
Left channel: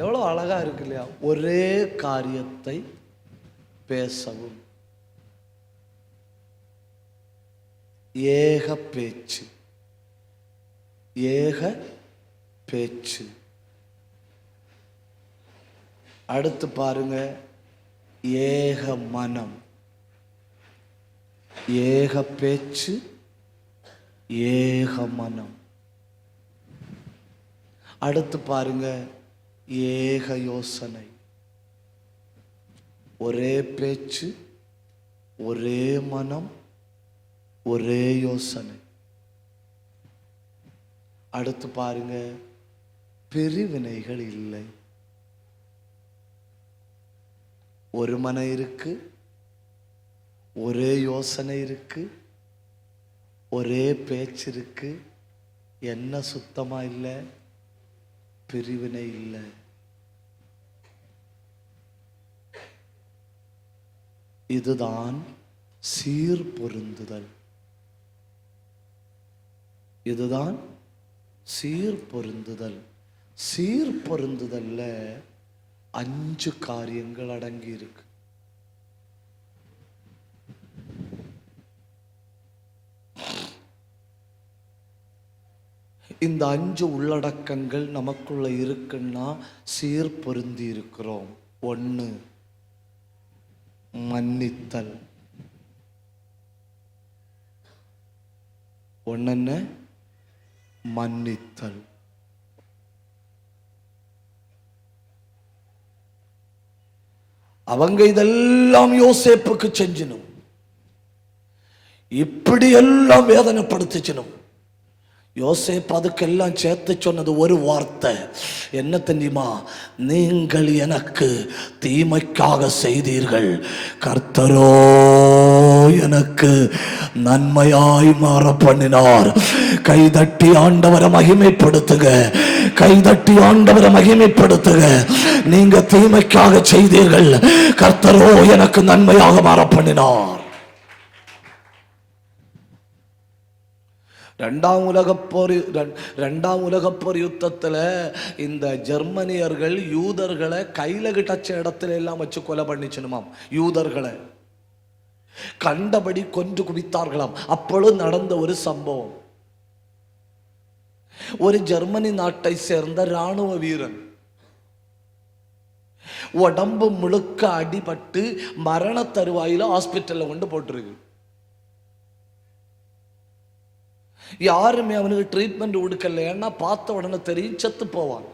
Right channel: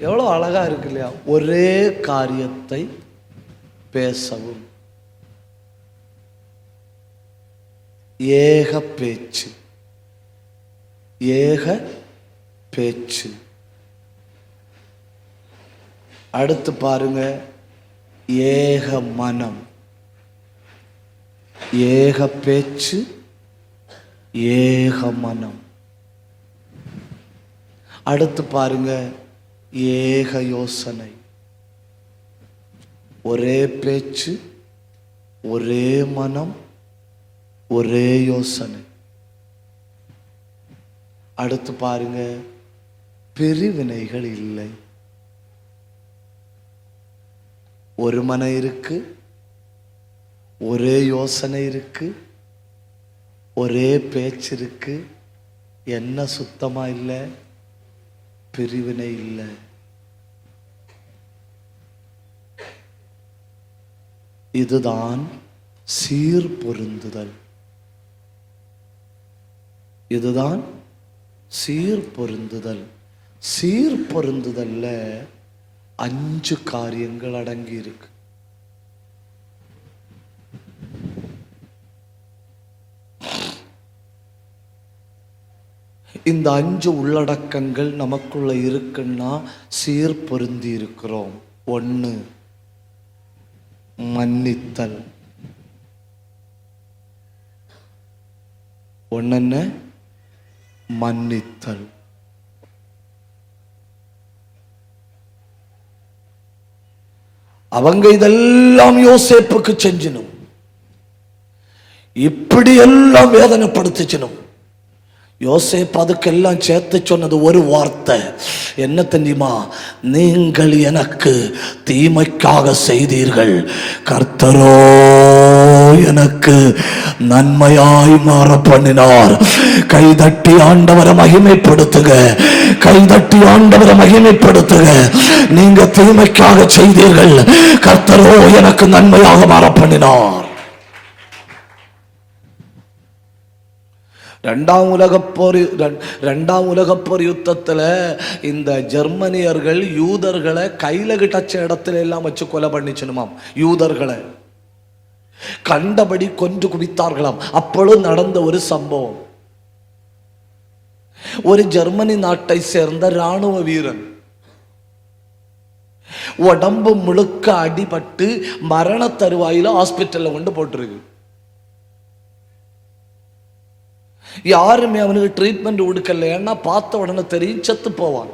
எவ்வளவு அழகா இருக்கு இல்லையா? ஒரே காரியத்தை பேசவும், ஏக பேச்சு, ஏக பேச்சு. அடுத்து பாருங்க, ஏக மனம். ஏக பேச்சு, ஏக மனம். அடுத்து பாருங்க, ஏக யோசனை. ஒரே பேச்சு, ஒரே மனம், ஒரே யோசனை. அடுத்து பாருங்க, பிரிவினைகள் இல்லை. ஒரு மனம் இருக்கு, ஒரே யோசனை இருக்கு, ஒரே பேச்சு இருக்கு. என்ன சுத்தமா இல்லை? பிரிவினை இல்லை. இதுதான் சீர் பொருந்துதல். இதுதான் சீர் பொருந்துதல். சீர் பொருந்துதல்ல 5 காரியங்கள் அடங்கி இருக்கு. இந்த 5 உள்ளடக்கங்கள் நமக்குள்ள இருக்குன்னா சீர் பொருந்தி இருக்கிறோம். 1, மன்னித்தல். 1 மன்னித்தல். அவங்க இதெல்லாம் யோசேப்புக்கு செஞ்சணும், இப்படி எல்லாம் வேதனைப்படுத்திச்சணும். யோசேப்பு அதுக்கெல்லாம் சேர்த்து சொன்னது ஒரு வார்த்தை. என்ன தெரியுமா? நீங்கள் எனக்கு தீமைக்காக செய்தீர்கள், கர்த்தரோ எனக்கு நன்மையாய் மாற பண்ணினார். கைதட்டி ஆண்டவரை மகிமைப்படுத்துக, கைதட்டி ஆண்டவரை மகிமைப்படுத்துக. நீங்க தீமைக்காக செய்தீர்கள், கர்த்தரோ எனக்கு நன்மையாக மாற பண்ணினார். 2ஆம் உலகப் போர் யுத்தத்துல இந்த ஜெர்மனியர்கள் யூதர்களை கையில கிட்டச்ச இடத்துல எல்லாம் வச்சு கொலை பண்ணிச்சனுமாம். யூதர்களை கண்டபடி கொன்று குவித்தார்களாம். அப்பொழுது நடந்த ஒரு சம்பவம். ஒரு ஜெர்மனி நாட்டை சேர்ந்த ராணுவ வீரன் உடம்பு முழுக்க அடிபட்டு மரண தருவாயில ஹாஸ்பிட்டல்ல கொண்டு போட்டிருக்கு. யாருமே அவனுக்கு ட்ரீட்மெண்ட் கொடுக்கல. ஏன்னா பார்த்த உடனே தெரியும் செத்து போவான்.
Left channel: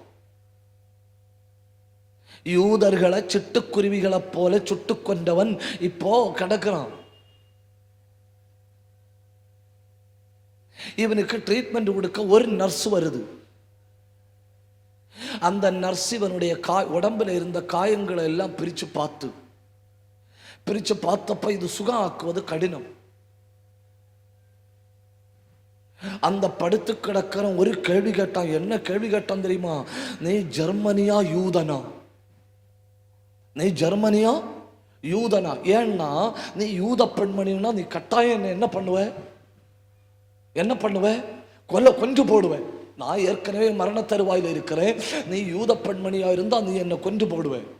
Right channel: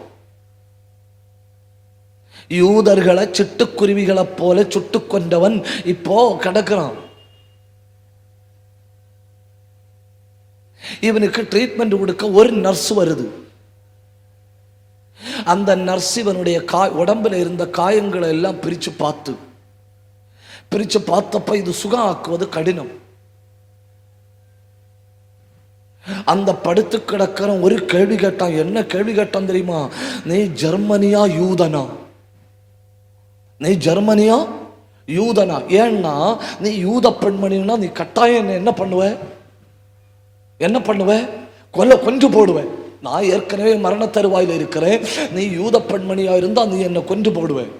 யூதர்களை சிட்டுக்குருவிகளை போல சுட்டு கொண்டவன் இப்போ கிடக்கிறான். இவனுக்கு ட்ரீட்மெண்ட் கொடுக்க ஒரு நர்ஸ் வருது. அந்த நர்ஸ் இவனுடைய உடம்புல இருந்த காயங்களை எல்லாம் பிரிச்சு பார்த்தப்ப இது சுகம் ஆக்குவது கடினம். அந்த படுத்து கிடக்கிற ஒரு கேள்வி கேட்டான். என்ன கேள்வி கேட்டான் தெரியுமா? நீ ஜெர்மனியா யூதனா? நீ ஜெர்மனியா யூதனா? ஏன்னா நீ யூத பெண்மணினா நீ கட்டாயம் என்ன பண்ணுவ? என்ன பண்ணுவ? கொன்று போடுவேன். நான் ஏற்கனவே மரண தருவாயில் இருக்கிறேன். நீ யூத பெண்மணியா இருந்தா நீ என்ன கொன்று போடுவேன்.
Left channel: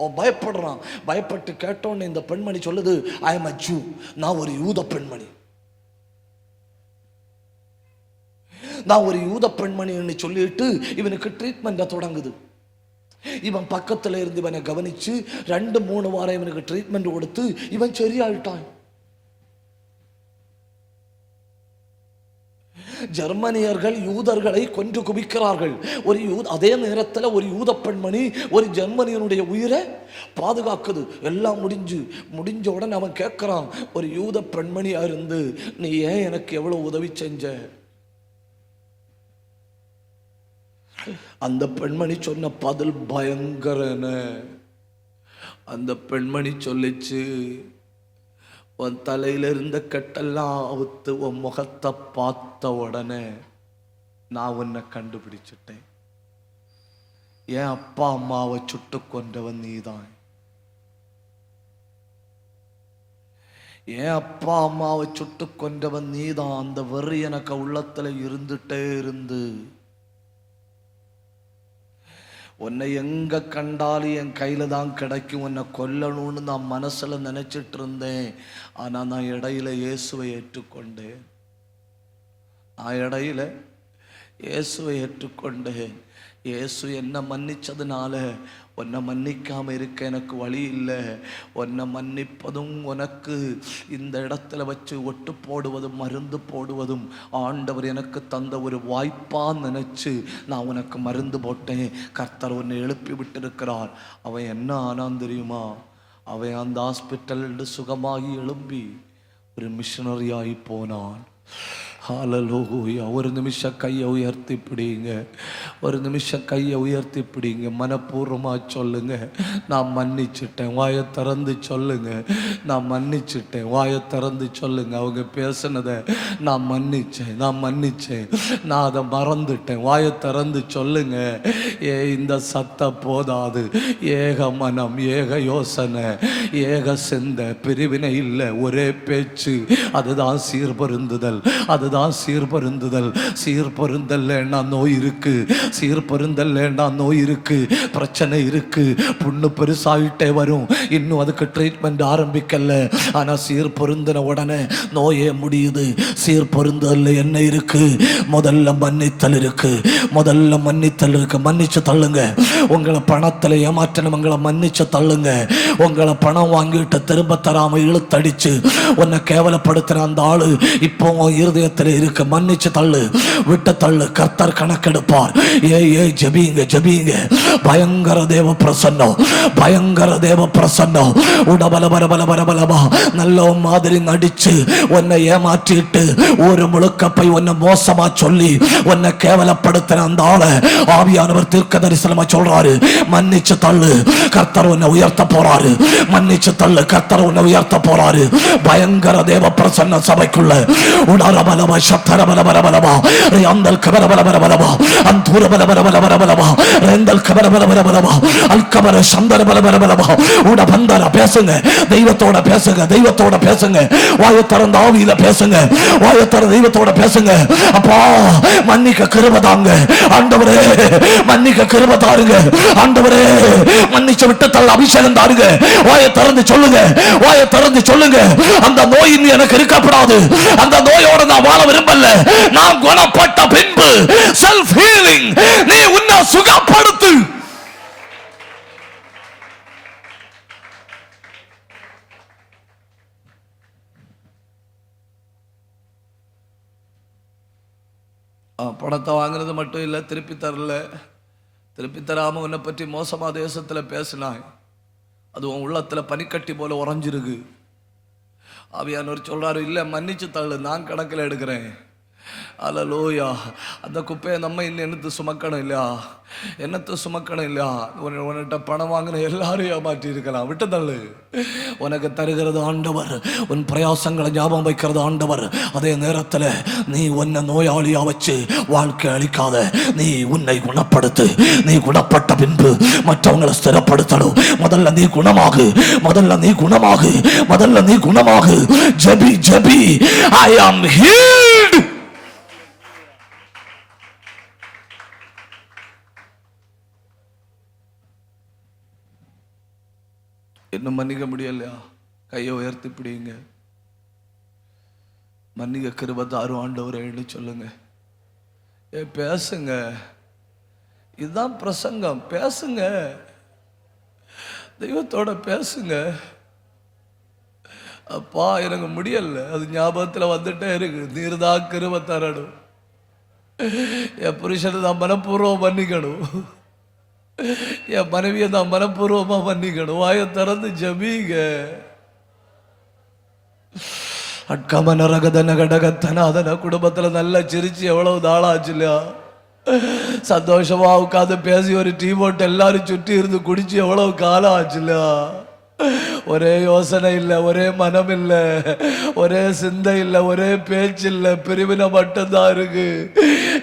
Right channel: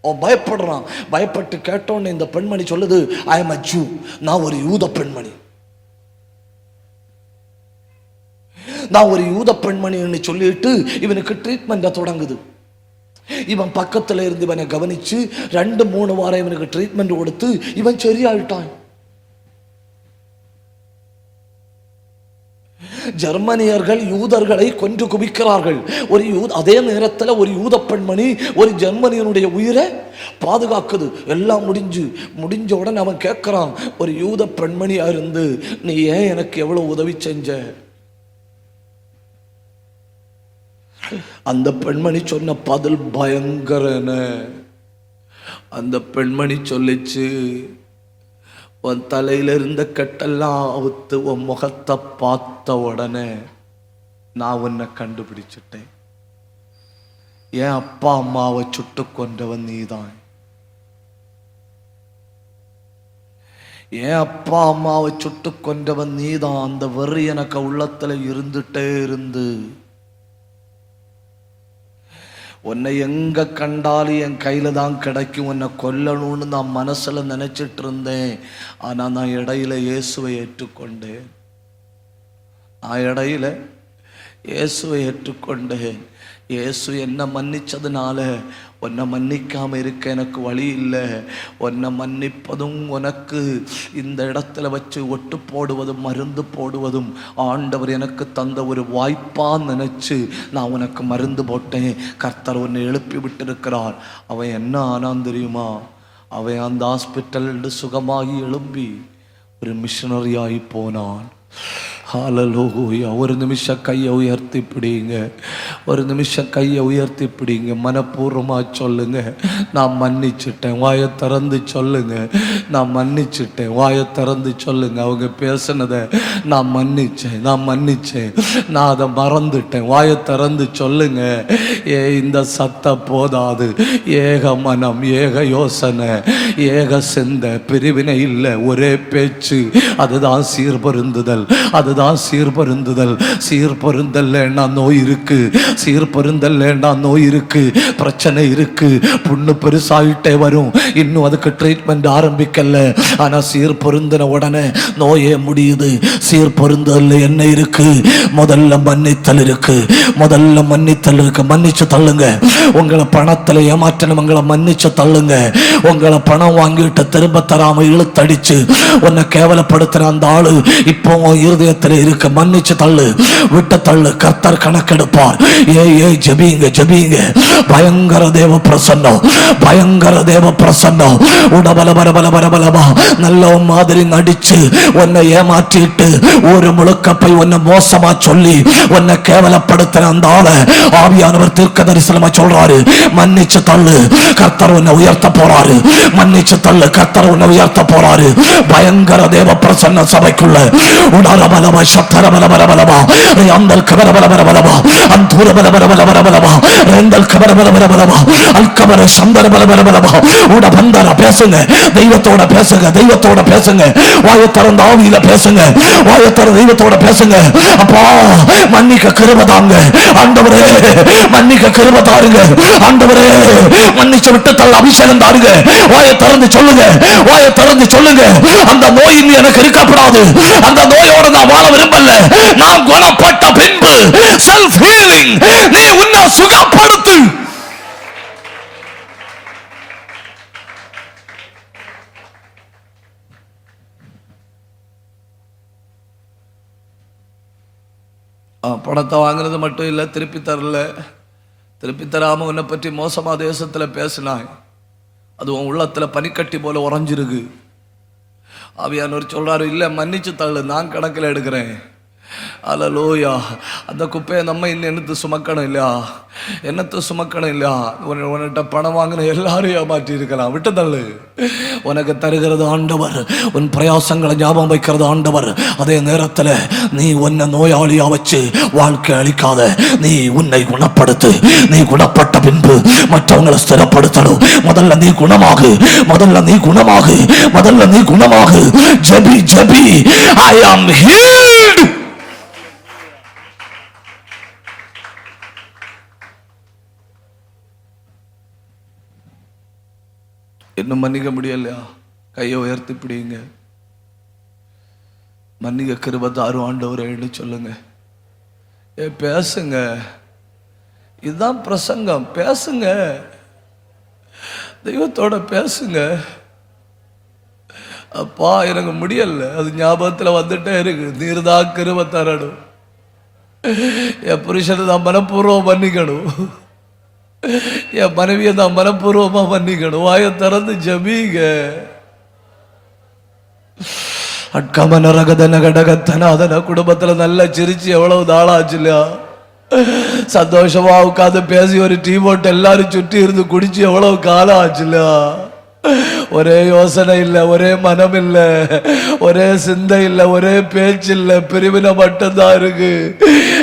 அவன் பயப்படுறான். பயப்பட்டு கேட்டோன்னு இந்த பெண்மணி சொல்லுது, ஐ அம் a Jew. நான் ஒரு யூத பெண்மணி. நான் ஒரு யூத பெண்மணி சொல்லிட்டு இவனுக்கு ட்ரீட்மெண்ட் தொடங்குது. இவன் பக்கத்துல இருந்து இவனை கவனிச்சு 2-3 வாரம் இவனுக்கு ட்ரீட்மெண்ட் கொடுத்து இவன் சரியாயிட்டான். ஜெர்மனியர்கள் யூதர்களை கொன்று குவிக்கிறார்கள். அதே நேரத்தில் ஒரு யூத பெண்மணி ஒரு ஜெர்மனியனுடைய உயிரை பாதுகாக்குது. எல்லாம் முடிஞ்ச உடனே அவன் கேட்கிறான், ஒரு யூத பெண்மணியா இருந்து நீ ஏன் எனக்கு எவ்வளவு உதவி செஞ்ச? அந்த பெண்மணி சொன்ன பதில் பயங்கரன. அந்த பெண்மணி சொல்லிச்சு, உன் தலையில இருந்த கட்டெல்லாம் அவுத்து உன் முகத்தை பார்த்த உடனே நான் உன்னை கண்டுபிடிச்சிட்டேன். என் அப்பா அம்மாவை சுட்டு கொண்டவன் நீதான். என் அப்பா அம்மாவை சுட்டு கொண்டவன் நீதான். அந்த வெறி எனக்கு உள்ளத்துல இருந்துட்டே இருந்து உன்னை எங்க கண்டாலும் என் கையில தான் கிடைக்கும், உன்னை கொல்லணும்னு நான் மனசுல நினைச்சிட்டு இருந்தேன். ஆனா நான் இடையில இயேசுவை ஏற்றுக்கொண்டேன். இயேசுவை ஏற்றுக்கொண்டேன். இயேசு என்ன மன்னிச்சதுனால உன்னை மன்னிக்காம இருக்க எனக்கு வழி இல்லை. உன்னை மன்னிப்பதும் உனக்கு இந்த இடத்துல வச்சு ஒட்டு போடுவதும் மருந்து போடுவதும் ஆண்டவர் எனக்கு தந்த ஒரு வாய்ப்பா நினைச்சு நான் உனக்கு மருந்து போட்டேன். கர்த்தர் உன்னை எழுப்பி விட்டு இருக்கிறார். அவன் என்ன ஆனான் தெரியுமா? அவன் அந்த ஹாஸ்பிட்டல் சுகமாகி எழும்பி ஒரு மிஷனரி ஆகி போனான். ஹல்லேலூயா. ஒரு நிமிஷம் கையை உயர்த்தி பிடிங்க. ஒரு நிமிஷம் கையை உயர்த்தி பிடிங்க. மனப்பூர்வமா சொல்லுங்க, நான் மன்னிச்சுட்டேன். வாயை திறந்து சொல்லுங்க, நான் மன்னிச்சுட்டேன். வாயை திறந்து சொல்லுங்க. அவங்க பேசுனதை நான் மன்னிச்சேன், நான் அதை மறந்துட்டேன். வாயை திறந்து சொல்லுங்க. இந்த சத்த போதாது. ஏக மனம், ஏக யோசனை, ஏக சிந்த, பிரிவினை இல்லை, ஒரே பேச்சு. அதுதான் சீர்பருந்துதல். அதுதான் சீர்பருந்துதல். சீர்பருந்தல் நோய் இருக்கு. சீர்பருந்தல் நோய் இருக்கு, பிரச்சனை இருக்கு, புண்ணு பெருசாயிட்டே வரும். இன்னும் அதுக்கு ட்ரீட்மெண்ட் ஆரம்பிக்கல. ஆனா சீர்பருந்தின உடனே நோயே முடியுது. சீர்பருந்தல் என்ன இருக்கு? முதல்ல மன்னித்தல் இருக்கு. மன்னிச்சு தள்ளுங்க. உங்களை பணத்துல ஏமாற்றவங்களை மன்னிச்சு தள்ளுங்க. உங்களை பணம் வாங்கிட்டு திரும்ப தராம இழுத்தடிச்சு உன்னை கேவலப்படுத்துற அந்த ஆளு இப்போ இருதயத்தில் இருக்க மன்னிச்சு தள்ளு, விட்ட தள்ளு. கர்த்தர் கணக்கெடுப்பார். ஜெபிங்க. பயங்கர தேவ பிரசன்னம். நல்ல மாதிரி நடிச்சு உன்னை ஏமாற்றிட்டு ஒரு முழுக்கப்பை உன்னை மோசமா சொல்லி உன்னை கேவலப்படுத்துற அந்த ஆளை ஆவியானவர் தீர்க்கதரிசனமா சொல்றாரு, மன்னிச்சு தள்ளு. கர்த்தர் உன்னை உயர்த்த போறாரு. மன்னிச்சு தள்ளு. கர்த்தர் உன்னை உயர்த்த போறாரு. பயங்கர தேவ பிரசன்ன சபைக்குள்ள உணரபலமா சத்தரபலபலபலமா அந்தல் கபரபலபலபலமா அந்தூர பலபலபலபலமா எந்தல் கபரபலபலபலமா அல்கபர சந்தரபலபலபலமா உணபந்தர பேசுங்க. தெய்வத்தோட பேசுங்க. வாயத்தோட ஆவியில பேசுங்க. தெய்வத்தோட பேசுங்க. அப்பா மன்னிக்க கிருபை தாங்க ஆண்டவரே. மன்னிக்க கிருபை தாருங்க ஆண்டவரே. மன்னிச்சு விட்டு தள்ள அபிஷேகம் தாருங்க. வாயை திறந்து சொல்லுங்க. அந்த நோய் எனக்கு இருக்கப்படாது. அந்த நோயோட நான் வாழ விரும்பல. நான் குணப்பட்ட பின்பு செல்ஃப் ஹீலிங் நீ உன்னை சுகப்படுத்து. பணத்தை வாங்குறது மட்டும் இல்ல, திருப்பி தராம உன்னை பற்றி மோசமா தேசத்துல பேசினாய். அது உன் உள்ளத்துல பனிக்கட்டி போல உறைஞ்சிருக்கு. ஆவியானவர் சொல்றாரு, இல்ல மன்னிச்சு தள்ளு, நான் கணக்கில் எடுக்கிறேன். அல்லேலூயா. அந்த குப்பையை நம்ம என்னத்தை சுமக்கணும் இல்ல. உன்கிட்ட பணம் வாங்குற எல்லாரும் ஏமாற்றி இருக்கலாம். விட்டு தள்ளு. உனக்கு தருகிறது ஆண்டவர். உன் பிரயாசங்களை ஞாபகம் வைக்கிறது ஆண்டவர். அதே நேரத்தில் நீ உன்னை நோயாளியா வச்சு வாழ்க்கை அளிக்காத. நீ உன்னை குணப்படுத்து. நீ குணப்பட்ட பின்பு மற்றவங்களை ஸ்திரப்படுத்தணும். முதல்ல நீ குணமாகு. ஜெபி. I am healed. என்ன மன்னிக்க முடியல? கையை உயர்த்தி பிடிங்க. மன்னிக்க கிருபை தாரும் ஆண்டவரேன்னு சொல்லுங்க. பேசுங்க. இதுதான் பிரசங்கம். பேசுங்க. தெய்வத்தோட பேசுங்க. அப்பா எனக்கு முடியல, அது ஞாபகத்துல வந்துட்டே இருக்கு. தீர்தா கிருபை தரணும். என் புருஷனை தான் மனப்பூர்வம் மன்னிக்கணும், என் மனைவியை தான் மனப்பூர்வமா மன்னிக்கணும். வாயை திறந்து ஜெபிங்க. குடும்பத்துல நல்லா சிரிச்சு எவ்வளவு நாளாச்சுடா, சந்தோஷமா உட்காந்து பேசி ஒரு டீ போட்டு எல்லாரும் சுற்றி இருந்து குடிச்சு எவ்வளவு காலம் ஆச்சுடா. ஒரே யோசனை இல்ல, ஒரே மனம் இல்ல, ஒரே சிந்தை இல்ல, ஒரே பேச்சு இல்ல, பிரிவினை மட்டும்தான் இருக்கு.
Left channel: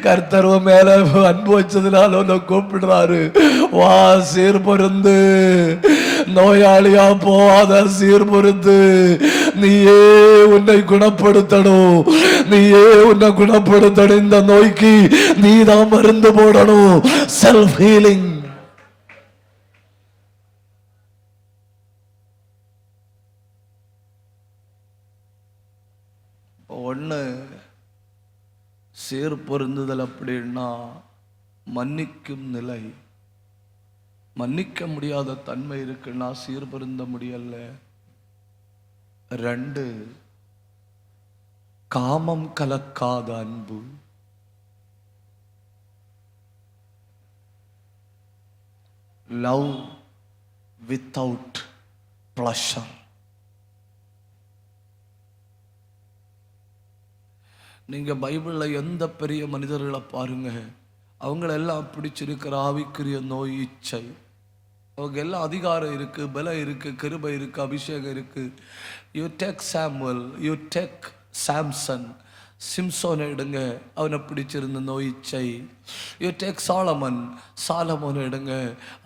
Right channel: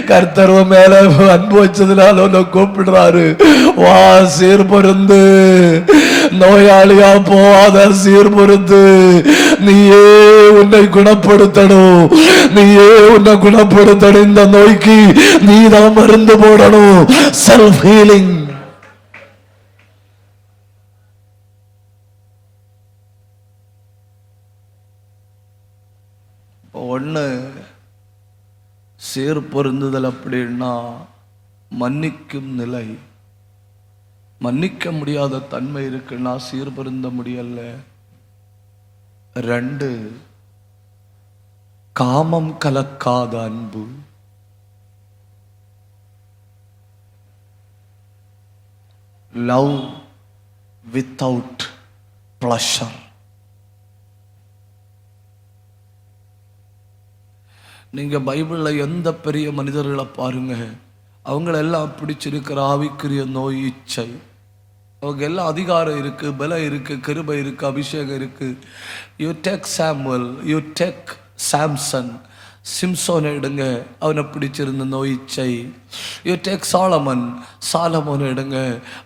கர்த்தரும் மேல அன்பு வச்சதுனால உன்னை கூப்பிடுறாரு, வா சீர்பொருந்து, நோயாளியா போவாத சீர்பொருந்து, நீயே உன்னை குணப்படுத்தணும், நீயே உன்னை குணப்படுத்தணும். இந்த நோய்க்கு நீ தான் மருந்து போடணும். Self healing. ஒண்ணு சீர்பொருந்துதல் அப்படின்னா மன்னிக்கும் நிலை. மன்னிக்க முடியாத தன்மை இருக்குன்னா சீர்பொருந்த முடியல. 2 காமம் கலக்காத அன்பு. Love without pleasure. நீங்க பைபிள்ல எந்த பெரிய மனிதர்களை பாருங்க, அவங்களெல்லாம் பிடிச்சிருக்கிற ஆவிக்குரிய நோய் இச்சை. அவங்க எல்லாம் அதிகாரம் இருக்கு, பலம் இருக்கு, கிருபை இருக்கு, அபிஷேகம் இருக்கு. You take Samuel, you take Samson, Samson எடுங்க, அவனை பிடிச்சிருந்த நோய் இச்சை. யூ டேக் சாலமன், சாலமோன் எடுங்க,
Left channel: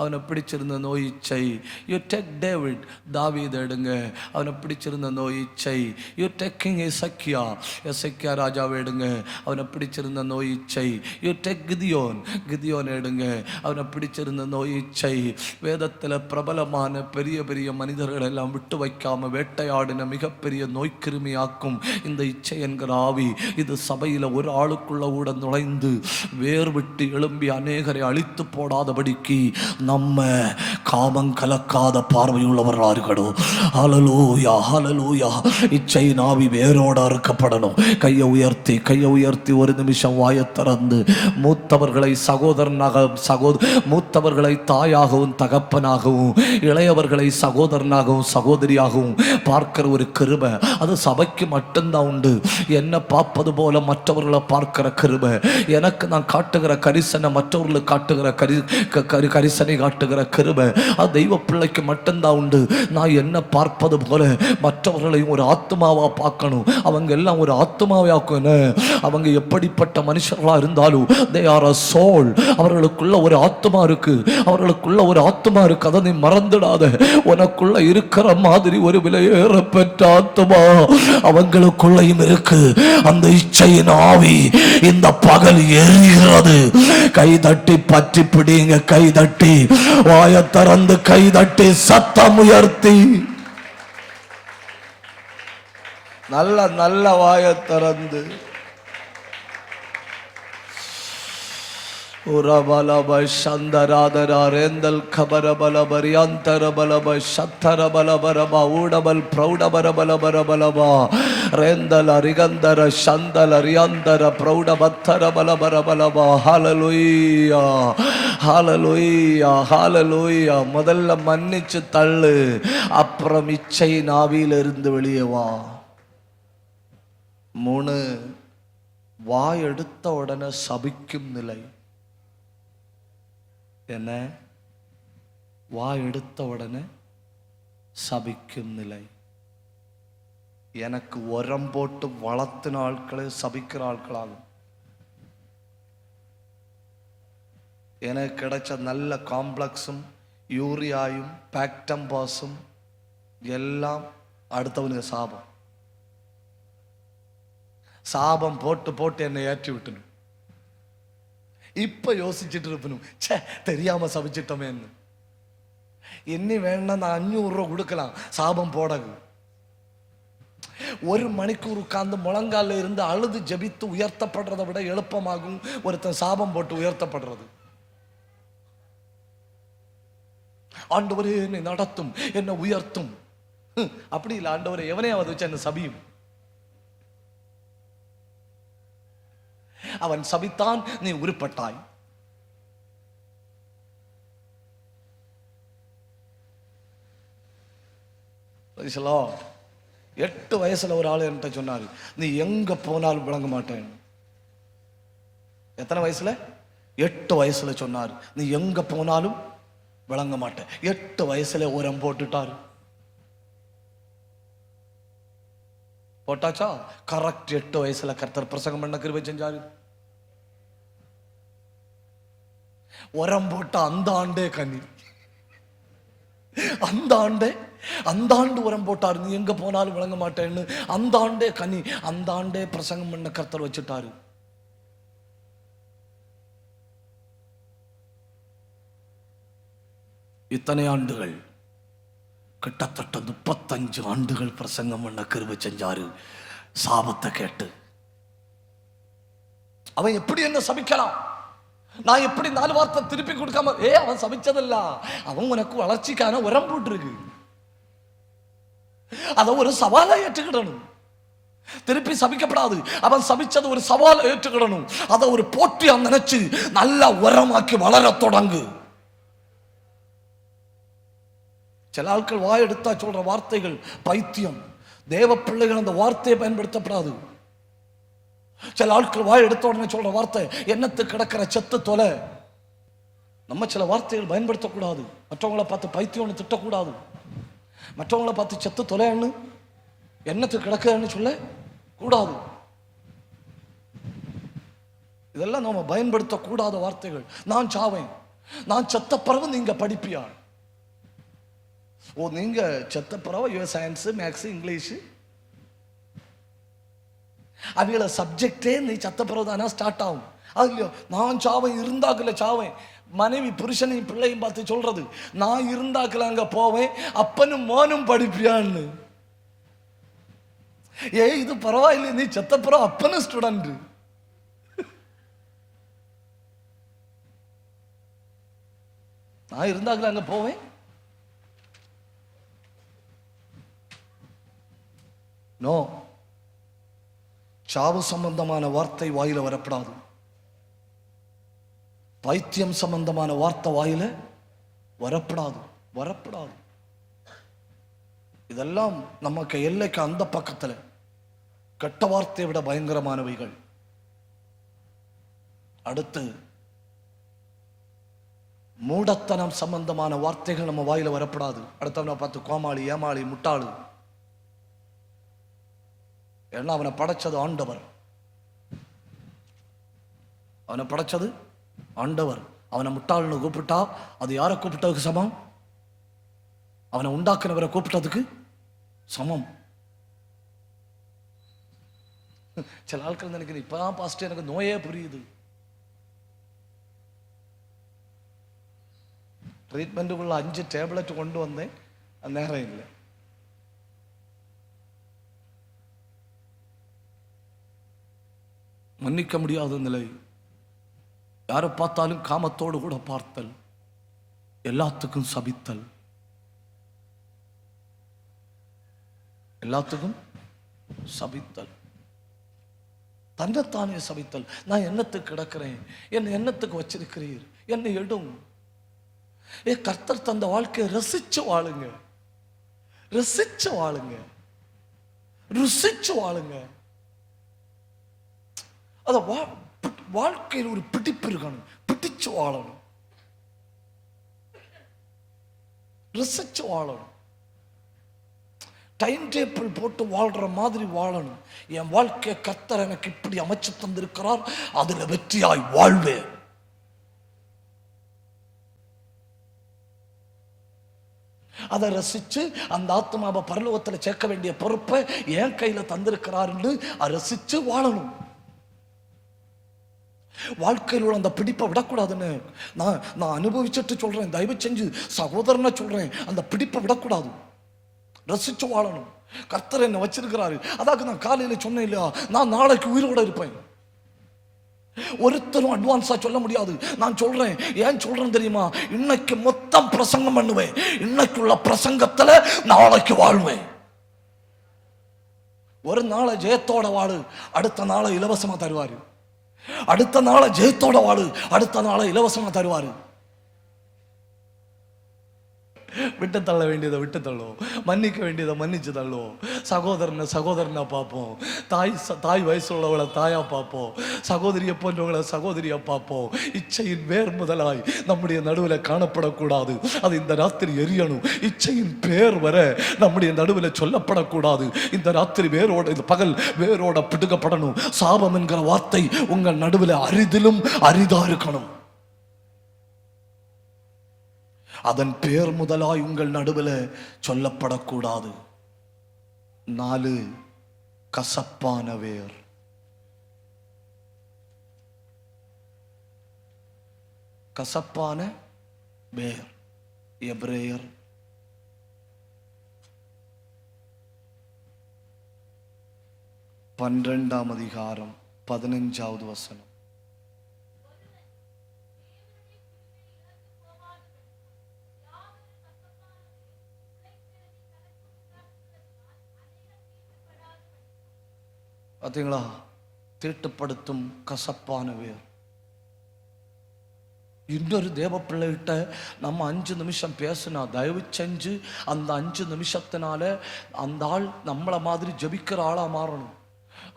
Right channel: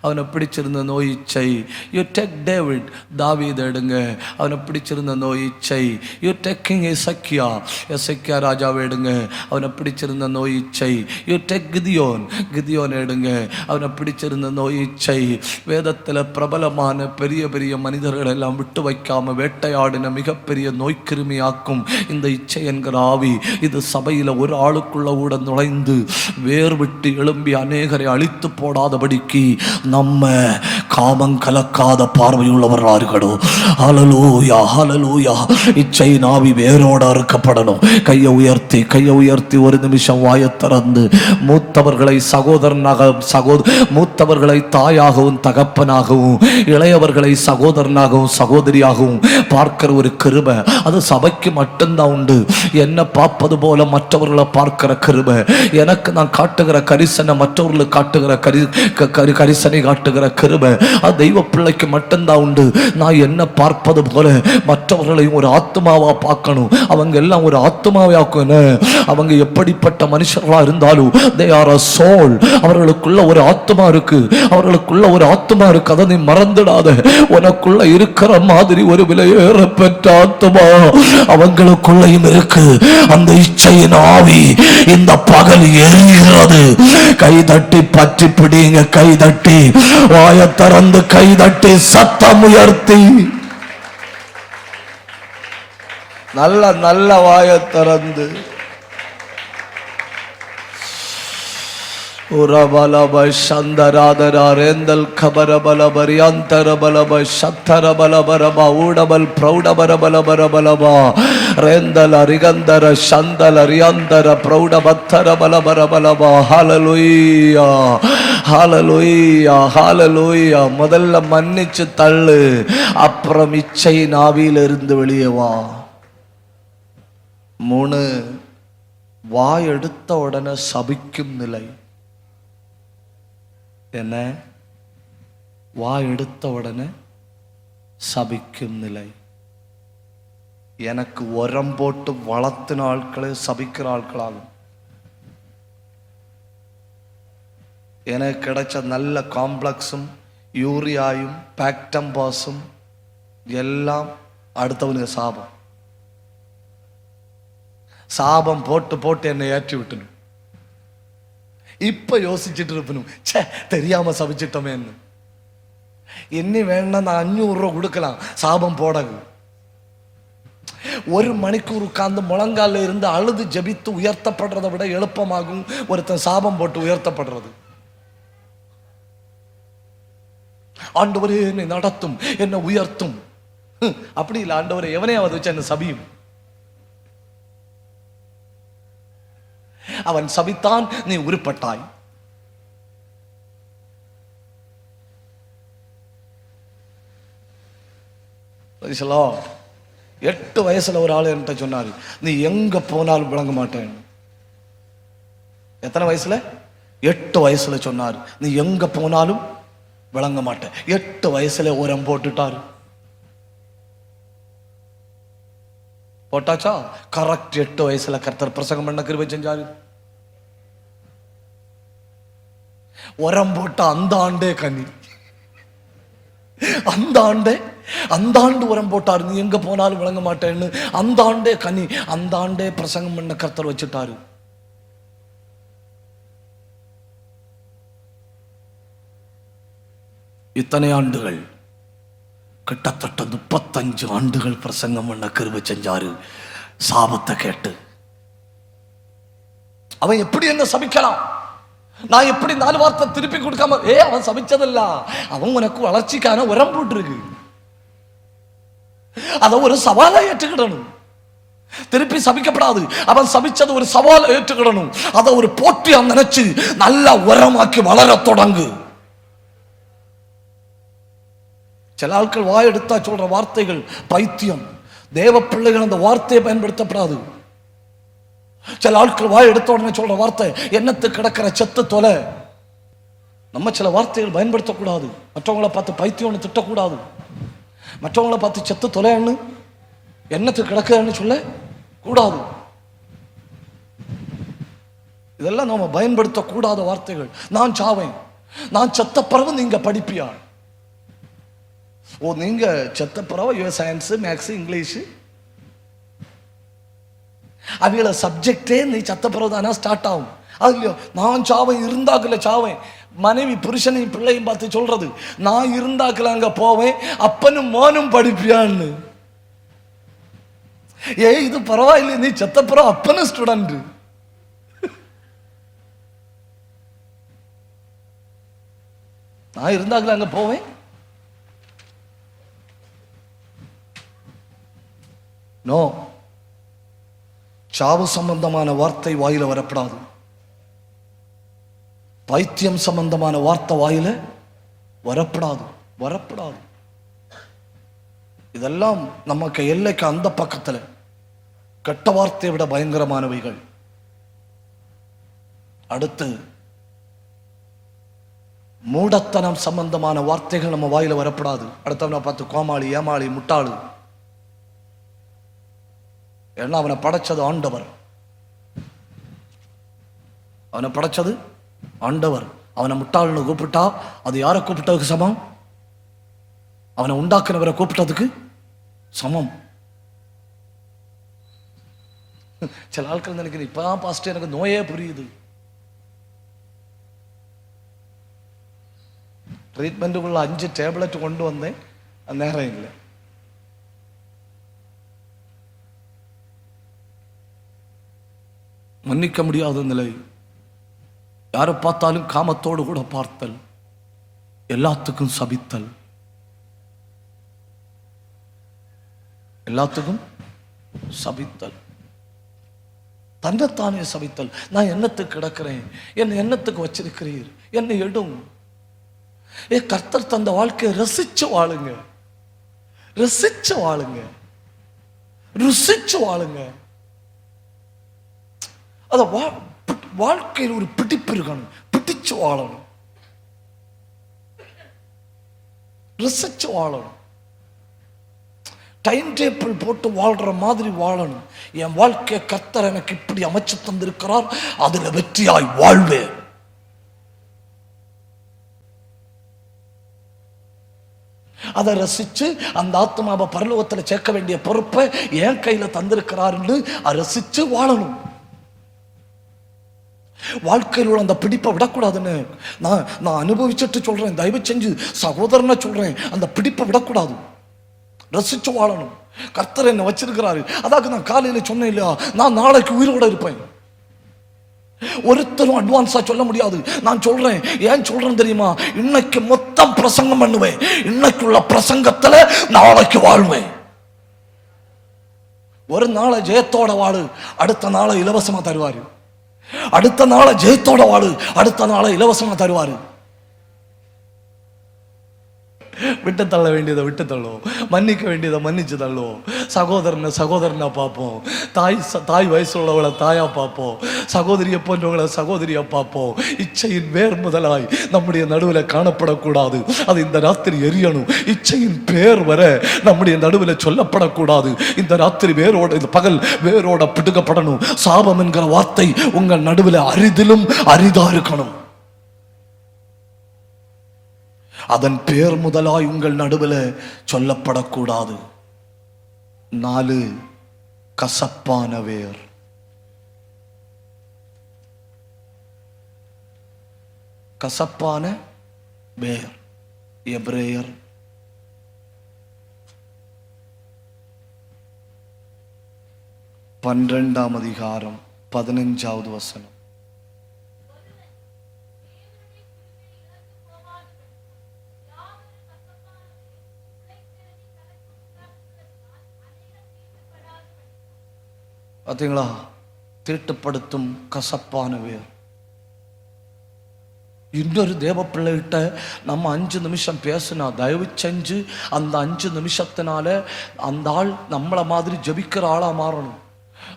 அவனை பிடிச்சிருந்த நோய் இச்சை. யூ டேக் டேவிட், தாவீது எடுங்க, அவனை பிடிச்சிருந்த நோய் இச்சை. யூ டேக் கிங் எசேக்கியா, எசேக்கியா ராஜாவை எடுங்க, அவனை பிடிச்சிருந்த நோய் இச்சை. யூ டேக் கிதியோன், கிதியோன் எடுங்க, அவனை பிடிச்சிருந்த நோய் இச்சை. வேதத்துல பிரபலமான பெரிய பெரிய மனிதர்கள் எல்லாம் விட்டு வைக்காம வேட்டையாடின மிகப்பெரிய நோய்க்கிருமியாக்கும் இந்த இச்சை என்கிற ஆவி. இது சபையில ஒரு ஆளுக்குள்ள உள்ள நுழைந்து வேர் விட்டு எழும்பி அநேகரை அழித்து போடாதபடிக்கு நம்ம காமம் கலக்காத பார்வையுள்ளவர்களோ. ஹல்லேலூயா, ஹல்லேலூயா. இச்சை நாவி வேரோட அறுக்கப்படணும். கையை உயர்த்தி ஒரு நிமிஷம் வாயை திறந்து மூத்தவர்களை சகோதரனாக, மூத்தவர்களை தாயாகவும் தகப்பனாகவும், இளையவர்களை சகோதரனாகவும் சகோதரியாகவும் பார்க்கிற ஒரு கிருபை அது சபைக்கு மட்டும்தான் உண்டு. என்ன பார்ப்பது போல மற்றவர்களை பார்க்கிற கிருபை, எனக்கு நான் காட்டுகிற கரிசனை மற்றவர்களுக்கு காட்டுகிற கரிசனை காட்டுகிற கிருபை அது தெய்வ பிள்ளைக்கு மட்டும்தான் உண்டு. நான் என்ன பார்ப்பது போல மற்றவர்களை ஒரு ஆத்மாவா பார்க்கணும். அவங்க எல்லாம் ஒரு ஆத்மாவே ஆக்கணும். அவங்க எப்படிப்பட்ட மனுஷங்களா இருந்தாலும் they are a soul. அவர்களுக்குள்ள ஒரு ஆத்மா இருக்கு, அவர்களுக்குள்ள ஒரு ஆத்மா இருக்கு. அதை நீ மறந்துடாத. உனக்குள்ள இருக்கிற மாதிரி ஒரு விலையேற பெற்ற ஆத்மா அவங்களுக்குள்ள இருக்கு. அந்த இச்சையின் ஆவி இந்த பகல் எரிகிறது. கை தட்டி பற்றி பிடிங்க, கை தட்டி வாயை திறந்து கை தட்டி சத்தம் உயர்த்தி நல்ல நல்ல வாயை திறந்து சந்தராதரேந்தல் கபரபல பரியாந்தரபலப சத்தரபலபரமா ஊடபல் பிரௌடபரபலபரபலபா ரேந்தல் அரிகந்தர சந்தல் அரியாந்தர பிரௌடபத்தரபலபரபலபா. ஹல்லேலூயா, ஹல்லேலூயா, ஹல்லேலூயா. முதல்ல மன்னிச்சு தள்ளு, அப்புறம் இச்சை நாவில இருந்து வெளியே வா. 3 வாய் எடுத்த உடனே சபிக்கும் நிலை. என்ன? வாய் எடுத்த உடனே சபிக்கும் நிலை. எனக்கு உரம் போட்டு வளர்த்தின ஆட்களை சபிக்கிற ஆட்களாகும். எனக்கு கிடைச்ச நல்ல காம்ப்ளெக்ஸும் யூரியாயும் பாக்டம்பாஸும் எல்லாம் அடுத்தவங்க சாபம். சாபம் போட்டு போட்டு என்னை ஏற்றி விட்டணும். இப்ப யோசிச்சுட்டு இருக்கணும், தெரியாம சபிச்சிட்டோமே. இனி வேணா நான் 500 ரூபா கொடுக்கலாம் சாபம் போடகு. 1 மணிக்கூர் உட்கார்ந்து முழங்கால இருந்து அழுது ஜெபித்து உயர்த்தப்படுறதை விட எளுப்பமாகும் ஒருத்தன் சாபம் போட்டு உயர்த்தப்படுறது. ஆண்டவரே என்னை நடத்தும், என்னை உயர்த்தும். அப்படி இல்லை, ஆண்டவரே எவனையாவது வச்சு என்ன சபியும். அவன் சபித்தான், நீ உருப்பட்டாய். சரிங்களா? 8 வயசுல ஒரு ஆள் என்கிட்ட சொன்னாரு, நீ எங்க போனாலும் விளங்க மாட்டேன். எத்தனை வயசுல? 8 வயசுல சொன்னார், நீ எங்க போனாலும் விளங்க மாட்டேன். 8 வயசுல உரம் போட்டுட்டாரு. போட்டாச்சா? கரெக்ட் 8 வயசுல கர்த்தர் பிரசங்கம் பண்ண கிருபை செஞ்சாரு. உரம் போட்ட அந்த ஆண்டே கனி, அந்த ஆண்டு உரம் போட்டாரு, நீ எங்க போனாலும் விளங்க மாட்டேன்னு. அந்த ஆண்டே கனி, அந்த ஆண்டே பிரசங்கம் பண்ண கர்த்தர் வச்சுட்டாரு. இத்தனை ஆண்டுகள், கிட்டத்தட்ட 35 ஆண்டுகள் பிரசங்கம் பண்ண கிருபை செஞ்சாரு. சாபத்தை கேட்டு அவன் எப்படி என்ன சபிக்கலாம்? நான் எப்படி 4 வார்த்தை திருப்பி கொடுக்காம? அவன் சபிச்சதில்ல, அவன் உனக்கு வளர்ச்சிக்கான உரம் போட்டுருக்கு. அத ஒரு சவாலை ஏற்றுக்கணும். திருப்பி சபிக்கப்படாது. அவன் சபிச்சது ஒரு சவாலை ஏற்றுக்கணும். அதை ஒரு போட்டியா நினைச்சு நல்ல உரமாக்கி வளர தொடங்கு. சில ஆட்கள் வாய் எடுத்தா சொல்ற வார்த்தைகள் பைத்தியம். தேவ பிள்ளைகள் அந்த வார்த்தையை பயன்படுத்தப்படாது. சில ஆட்கள் வாய் எடுத்த உடனே சொல்ற வார்த்தை, எண்ணத்துக்கு கிடக்கிற செத்து தொலை. நம்ம சில வார்த்தைகள் பயன்படுத்தக்கூடாது. மற்றவங்களை பார்த்து பைத்தியம்னு திட்டக்கூடாது. மற்றவங்களை பார்த்து செத்து தொலைன்னு, எண்ணத்துக்கு கிடக்குன்னு சொல்ல கூடாது. இதெல்லாம் நம்ம பயன்படுத்தக்கூடாத வார்த்தைகள். நான் சாவேன், நான் செத்த பிறகு நீங்க படிப்பியா? நீங்க செத்த பிறகு சயின்ஸ், மேக்ஸ், இங்கிலீஷ் அதுல சப்ஜெக்டே நீ செத்த பிறகு தானே ஸ்டார்ட் ஆகும். நான் சாவேன், இருந்தாக்கல சாவேன். மனைவி புருஷனையும் பிள்ளையும் பார்த்து சொல்றது, நான் இருந்தாக்கல அங்க போவேன், அப்பன்னு மோனும் படிப்பியான்னு. இது பரவாயில்லை, நீ செத்த பிறகு அப்பன்னு ஸ்டூடெண்ட். நான் இருந்தாக்கல அங்க போவேன். நோ, சாவு சம்பந்தமான வார்த்தை வாயில வரப்படாது. பைத்தியம் சம்பந்தமான வார்த்தை வாயில வரப்படாது. இதெல்லாம் நமக்கு எல்லைக்கு அந்த பக்கத்துல கெட்ட வார்த்தையை விட பயங்கரமானவைகள். அடுத்து மூடத்தனம் சம்பந்தமான வார்த்தைகள் நம்ம வாயில வரப்படாது. அடுத்தவனை பார்த்து கோமாளி, ஏமாளி, முட்டாளு. ஏன்னா அவனை படைச்சது ஆண்டவர். அவனை முட்டாள்னு கூப்பிட்டா அது யாரை கூப்பிட்டதுக்கு சமம்? அவனை உண்டாக்குனவரை கூப்பிட்டதுக்கு சமம். சில ஆட்கள் நினைக்கிறேன், இப்பதான் பாஸ்டர் எனக்கு நோயே புரியுது. ட்ரீட்மெண்ட்டுக்குள்ள 5 டேப்லெட் கொண்டு வந்தேன், நேரம் இல்லை. மன்னிக்க முடியாத நிலை. யாரை பார்த்தாலும் காமத்தோடு கூட பார்த்தல், எல்லாத்துக்கும் சபித்தல், தன்னைத்தானே சபித்தல். நான் எண்ணத்துக்கு கிடக்கிறேன், என் எண்ணத்துக்கு வச்சிருக்கிறீர், என்னை எடும். கர்த்தர் தந்த வாழ்க்கையை ரசிச்சு வாழுங்க, ருசிச்சு வாழுங்க. அத வாழ்க்கையில் ஒரு பிடிப்பு இருக்கணும், பிடிச்சு வாழணும், ரசிச்சு வாழணும். டைம் டேபிள் போட்டு வாழ்ற மாதிரி வாழணும். என் வாழ்க்கையை கர்த்தர் எனக்கு இப்படி அமைச்சு தந்திருக்கிறார், அதுல வெற்றியாய் வாழ்வேன். அதை ரசிச்சு அந்த ஆத்மாவை பரலோகத்துல சேர்க்க வேண்டிய பொறுப்பை என் கையில தந்திருக்கிறார்னு ரசிச்சு வாழணும். வாழ்க்கையில் அந்த பிடிப்பை விடக்கூடாதுன்னு நான் அனுபவிச்சுட்டு சொல்றேன். தயவு செஞ்சு சகோதரனா சொல்றேன், அந்த பிடிப்பை விடக்கூடாது, ரசிச்சு வாழணும். கர்த்தர் என்ன வச்சிருக்கிறாரு. அதாவது நான் காலையில சொன்னேன் இல்லையா, நான் நாளைக்கு உயிரோட இருப்பேன். ஒருத்தரும் அட்வான்ஸா சொல்ல முடியாது. நான் சொல்றேன், ஏன் சொல்றேன் தெரியுமா? இன்னைக்கு மொத்தம் பிரசங்கம் பண்ணுவேன், இன்னைக்கு உள்ள பிரசங்கத்துல நாளைக்கு வாழ்வேன். ஒரு நாளை ஜெயத்தோட வாழு, அடுத்த நாளை இலவசமா தருவாரு. அடுத்த நாளை ஜெயத்தோட வாழு, அடுத்த நாளை இலவசமா தருவாரு. விட்டு தள்ள வேண்டியதை விட்டு தள்ளுவோம், மன்னிக்க வேண்டியதை மன்னிச்சு தள்ளுவோம். சகோதரனை பார்ப்போம், தாய் வயசு உள்ளவளை தாயா பார்ப்போம், சகோதரிய பொண்ணுகளை சகோதரியா பார்ப்போம். இச்சையின் பேர் முதலாய் நம்முடைய நடுவில் காணப்படக்கூடாது. அது இந்த ராத்திரி எரியணும். இச்சையின் பேர் வர நம்முடைய நடுவில் சொல்லப்படக்கூடாது. இந்த ராத்திரி வேரோட, இந்த பகல் வேரோட பிடுங்கப்படணும். சாபம் என்கிற வார்த்தை உங்கள் நடுவில் அரிதிலும் அரிதா இருக்கணும். அதன் பேர் முதலாய் உங்கள் நடுவில் சொல்லப்படக்கூடாது. 4 கசப்பான வேர். கசப்பான வேர். எபிரேயர் 12ஆம் அதிகாரம் 15வது வசனம். பார்த்தீங்களா? தீட்டுப்படுத்தும் கசப்பான வேர். இன்னொரு தேவ பிள்ளைகிட்ட நம்ம 5 நிமிஷம் பேசினா தயவு செஞ்சு அந்த 5 நிமிஷத்தினால அந்த ஆள் நம்மளை மாதிரி ஜெபிக்கிற ஆளா மாறணும்.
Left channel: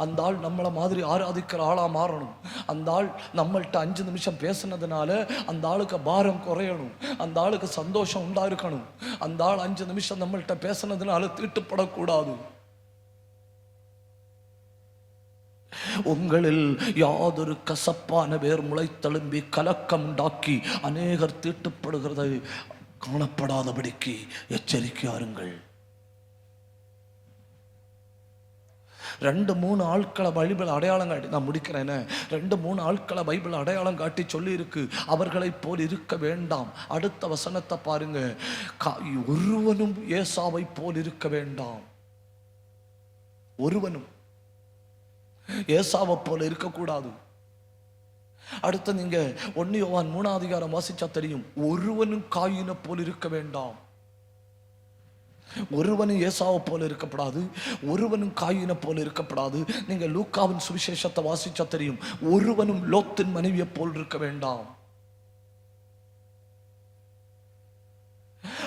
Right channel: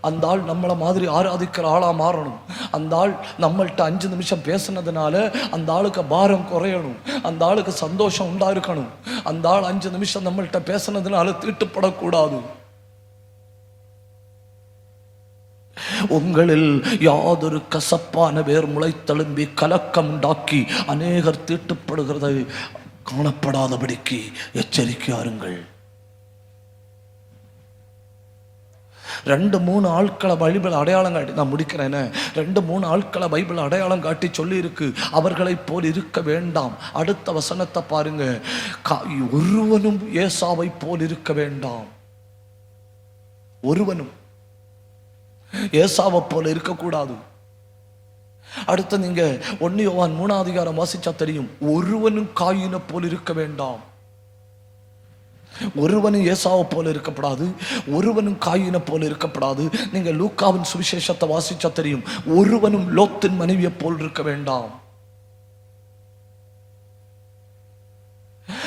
அந்த ஆள் நம்மளை மாதிரி ஆராதிக்கிற ஆளா மாறணும். அந்த ஆள் நம்மள்கிட்ட 5 நிமிஷம் பேசினதுனால அந்த ஆளுக்கு பாரம் குறையணும், அந்த ஆளுக்கு சந்தோஷம் உண்டா இருக்கணும். அந்த ஆள் 5 நிமிஷம் நம்மள்கிட்ட பேசினதுனால தீட்டுப்படக்கூடாது. உங்களில் யாதொரு கசப்பான வேர் முளைத்தெழும்பி கலக்கம் உண்டாக்கி அநேகர் தீட்டுப்படுகிறதை காணப்படாதபடிக்கு எச்சரிக்கையாருங்கள். 2-3 ஆட்களை பைபிள் அடையாளம் காட்டி, நான் முடிக்கிறேன், 2-3 ஆட்களை பைபிள் அடையாளம் காட்டி சொல்லி இருக்கு. அவர்களை போல் இருக்க வேண்டாம். அடுத்த வசனத்தை பாருங்க. ஒருவனும் ஏசாவை போல் இருக்க வேண்டாம். ஒருவனும் ஏசாவை போல இருக்கக்கூடாது. அடுத்து நீங்க 1 யோவான் 3ஆம் அதிகாரம் வாசிச்சா தெரியும். ஒருவனும் காயினை போல் இருக்க வேண்டாம். ஒருவனும் ஏசாவை போல இருக்கப்படாது, ஒருவனும் காயினை போல இருக்கப்படாது. நீங்க லூக்காவின் சுவிசேஷத்தை வாசிச்சா தெரியும். ஒருவனும் லோத்தின் மனைவியை போல் இருக்க வேண்டாம்.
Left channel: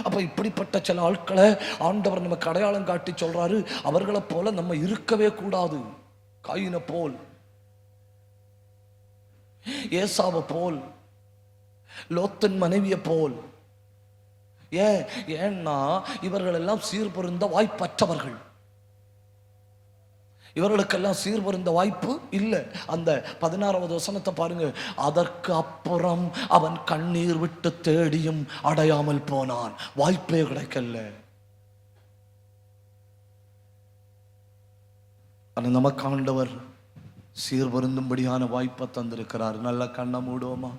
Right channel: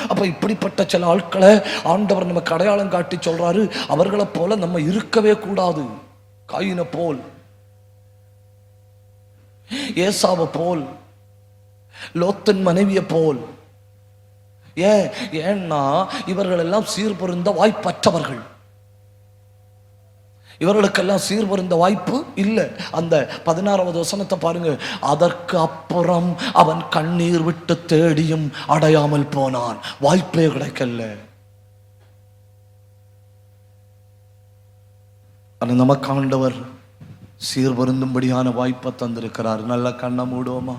அப்ப இப்படிப்பட்ட சில ஆட்களை ஆண்டவர் நமக்கு அடையாளம் காட்டி சொல்றாரு. அவர்களை போல நம்ம இருக்கவே கூடாது. காயினை போல், ஏசாவை போல், லோத்தின் மனைவியை போல். ஏன்னா இவர்கள் எல்லாம் சீர்பொருந்த வாய்ப்பற்றவர்கள். இவர்களுக்கெல்லாம் சீர்பொருந்த வாய்ப்பு இல்லை. அந்த 16வது வசனத்தை பாருங்க. அதற்கு அப்புறம் அவன் கண்ணீர் விட்டு தேடியும் அடையாமல் போனான். வாய்ப்பே கிடைக்கல. நமக்கு ஆண்டவர் சீர்பொருந்தும்படியான வாய்ப்பை தந்திருக்கிறார். நல்ல கண்ணை மூடுவோமா?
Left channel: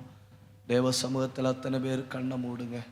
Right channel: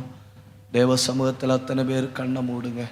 தேவ சமூகத்தில் அத்தனை பேர் கண்ணை மூடுங்க.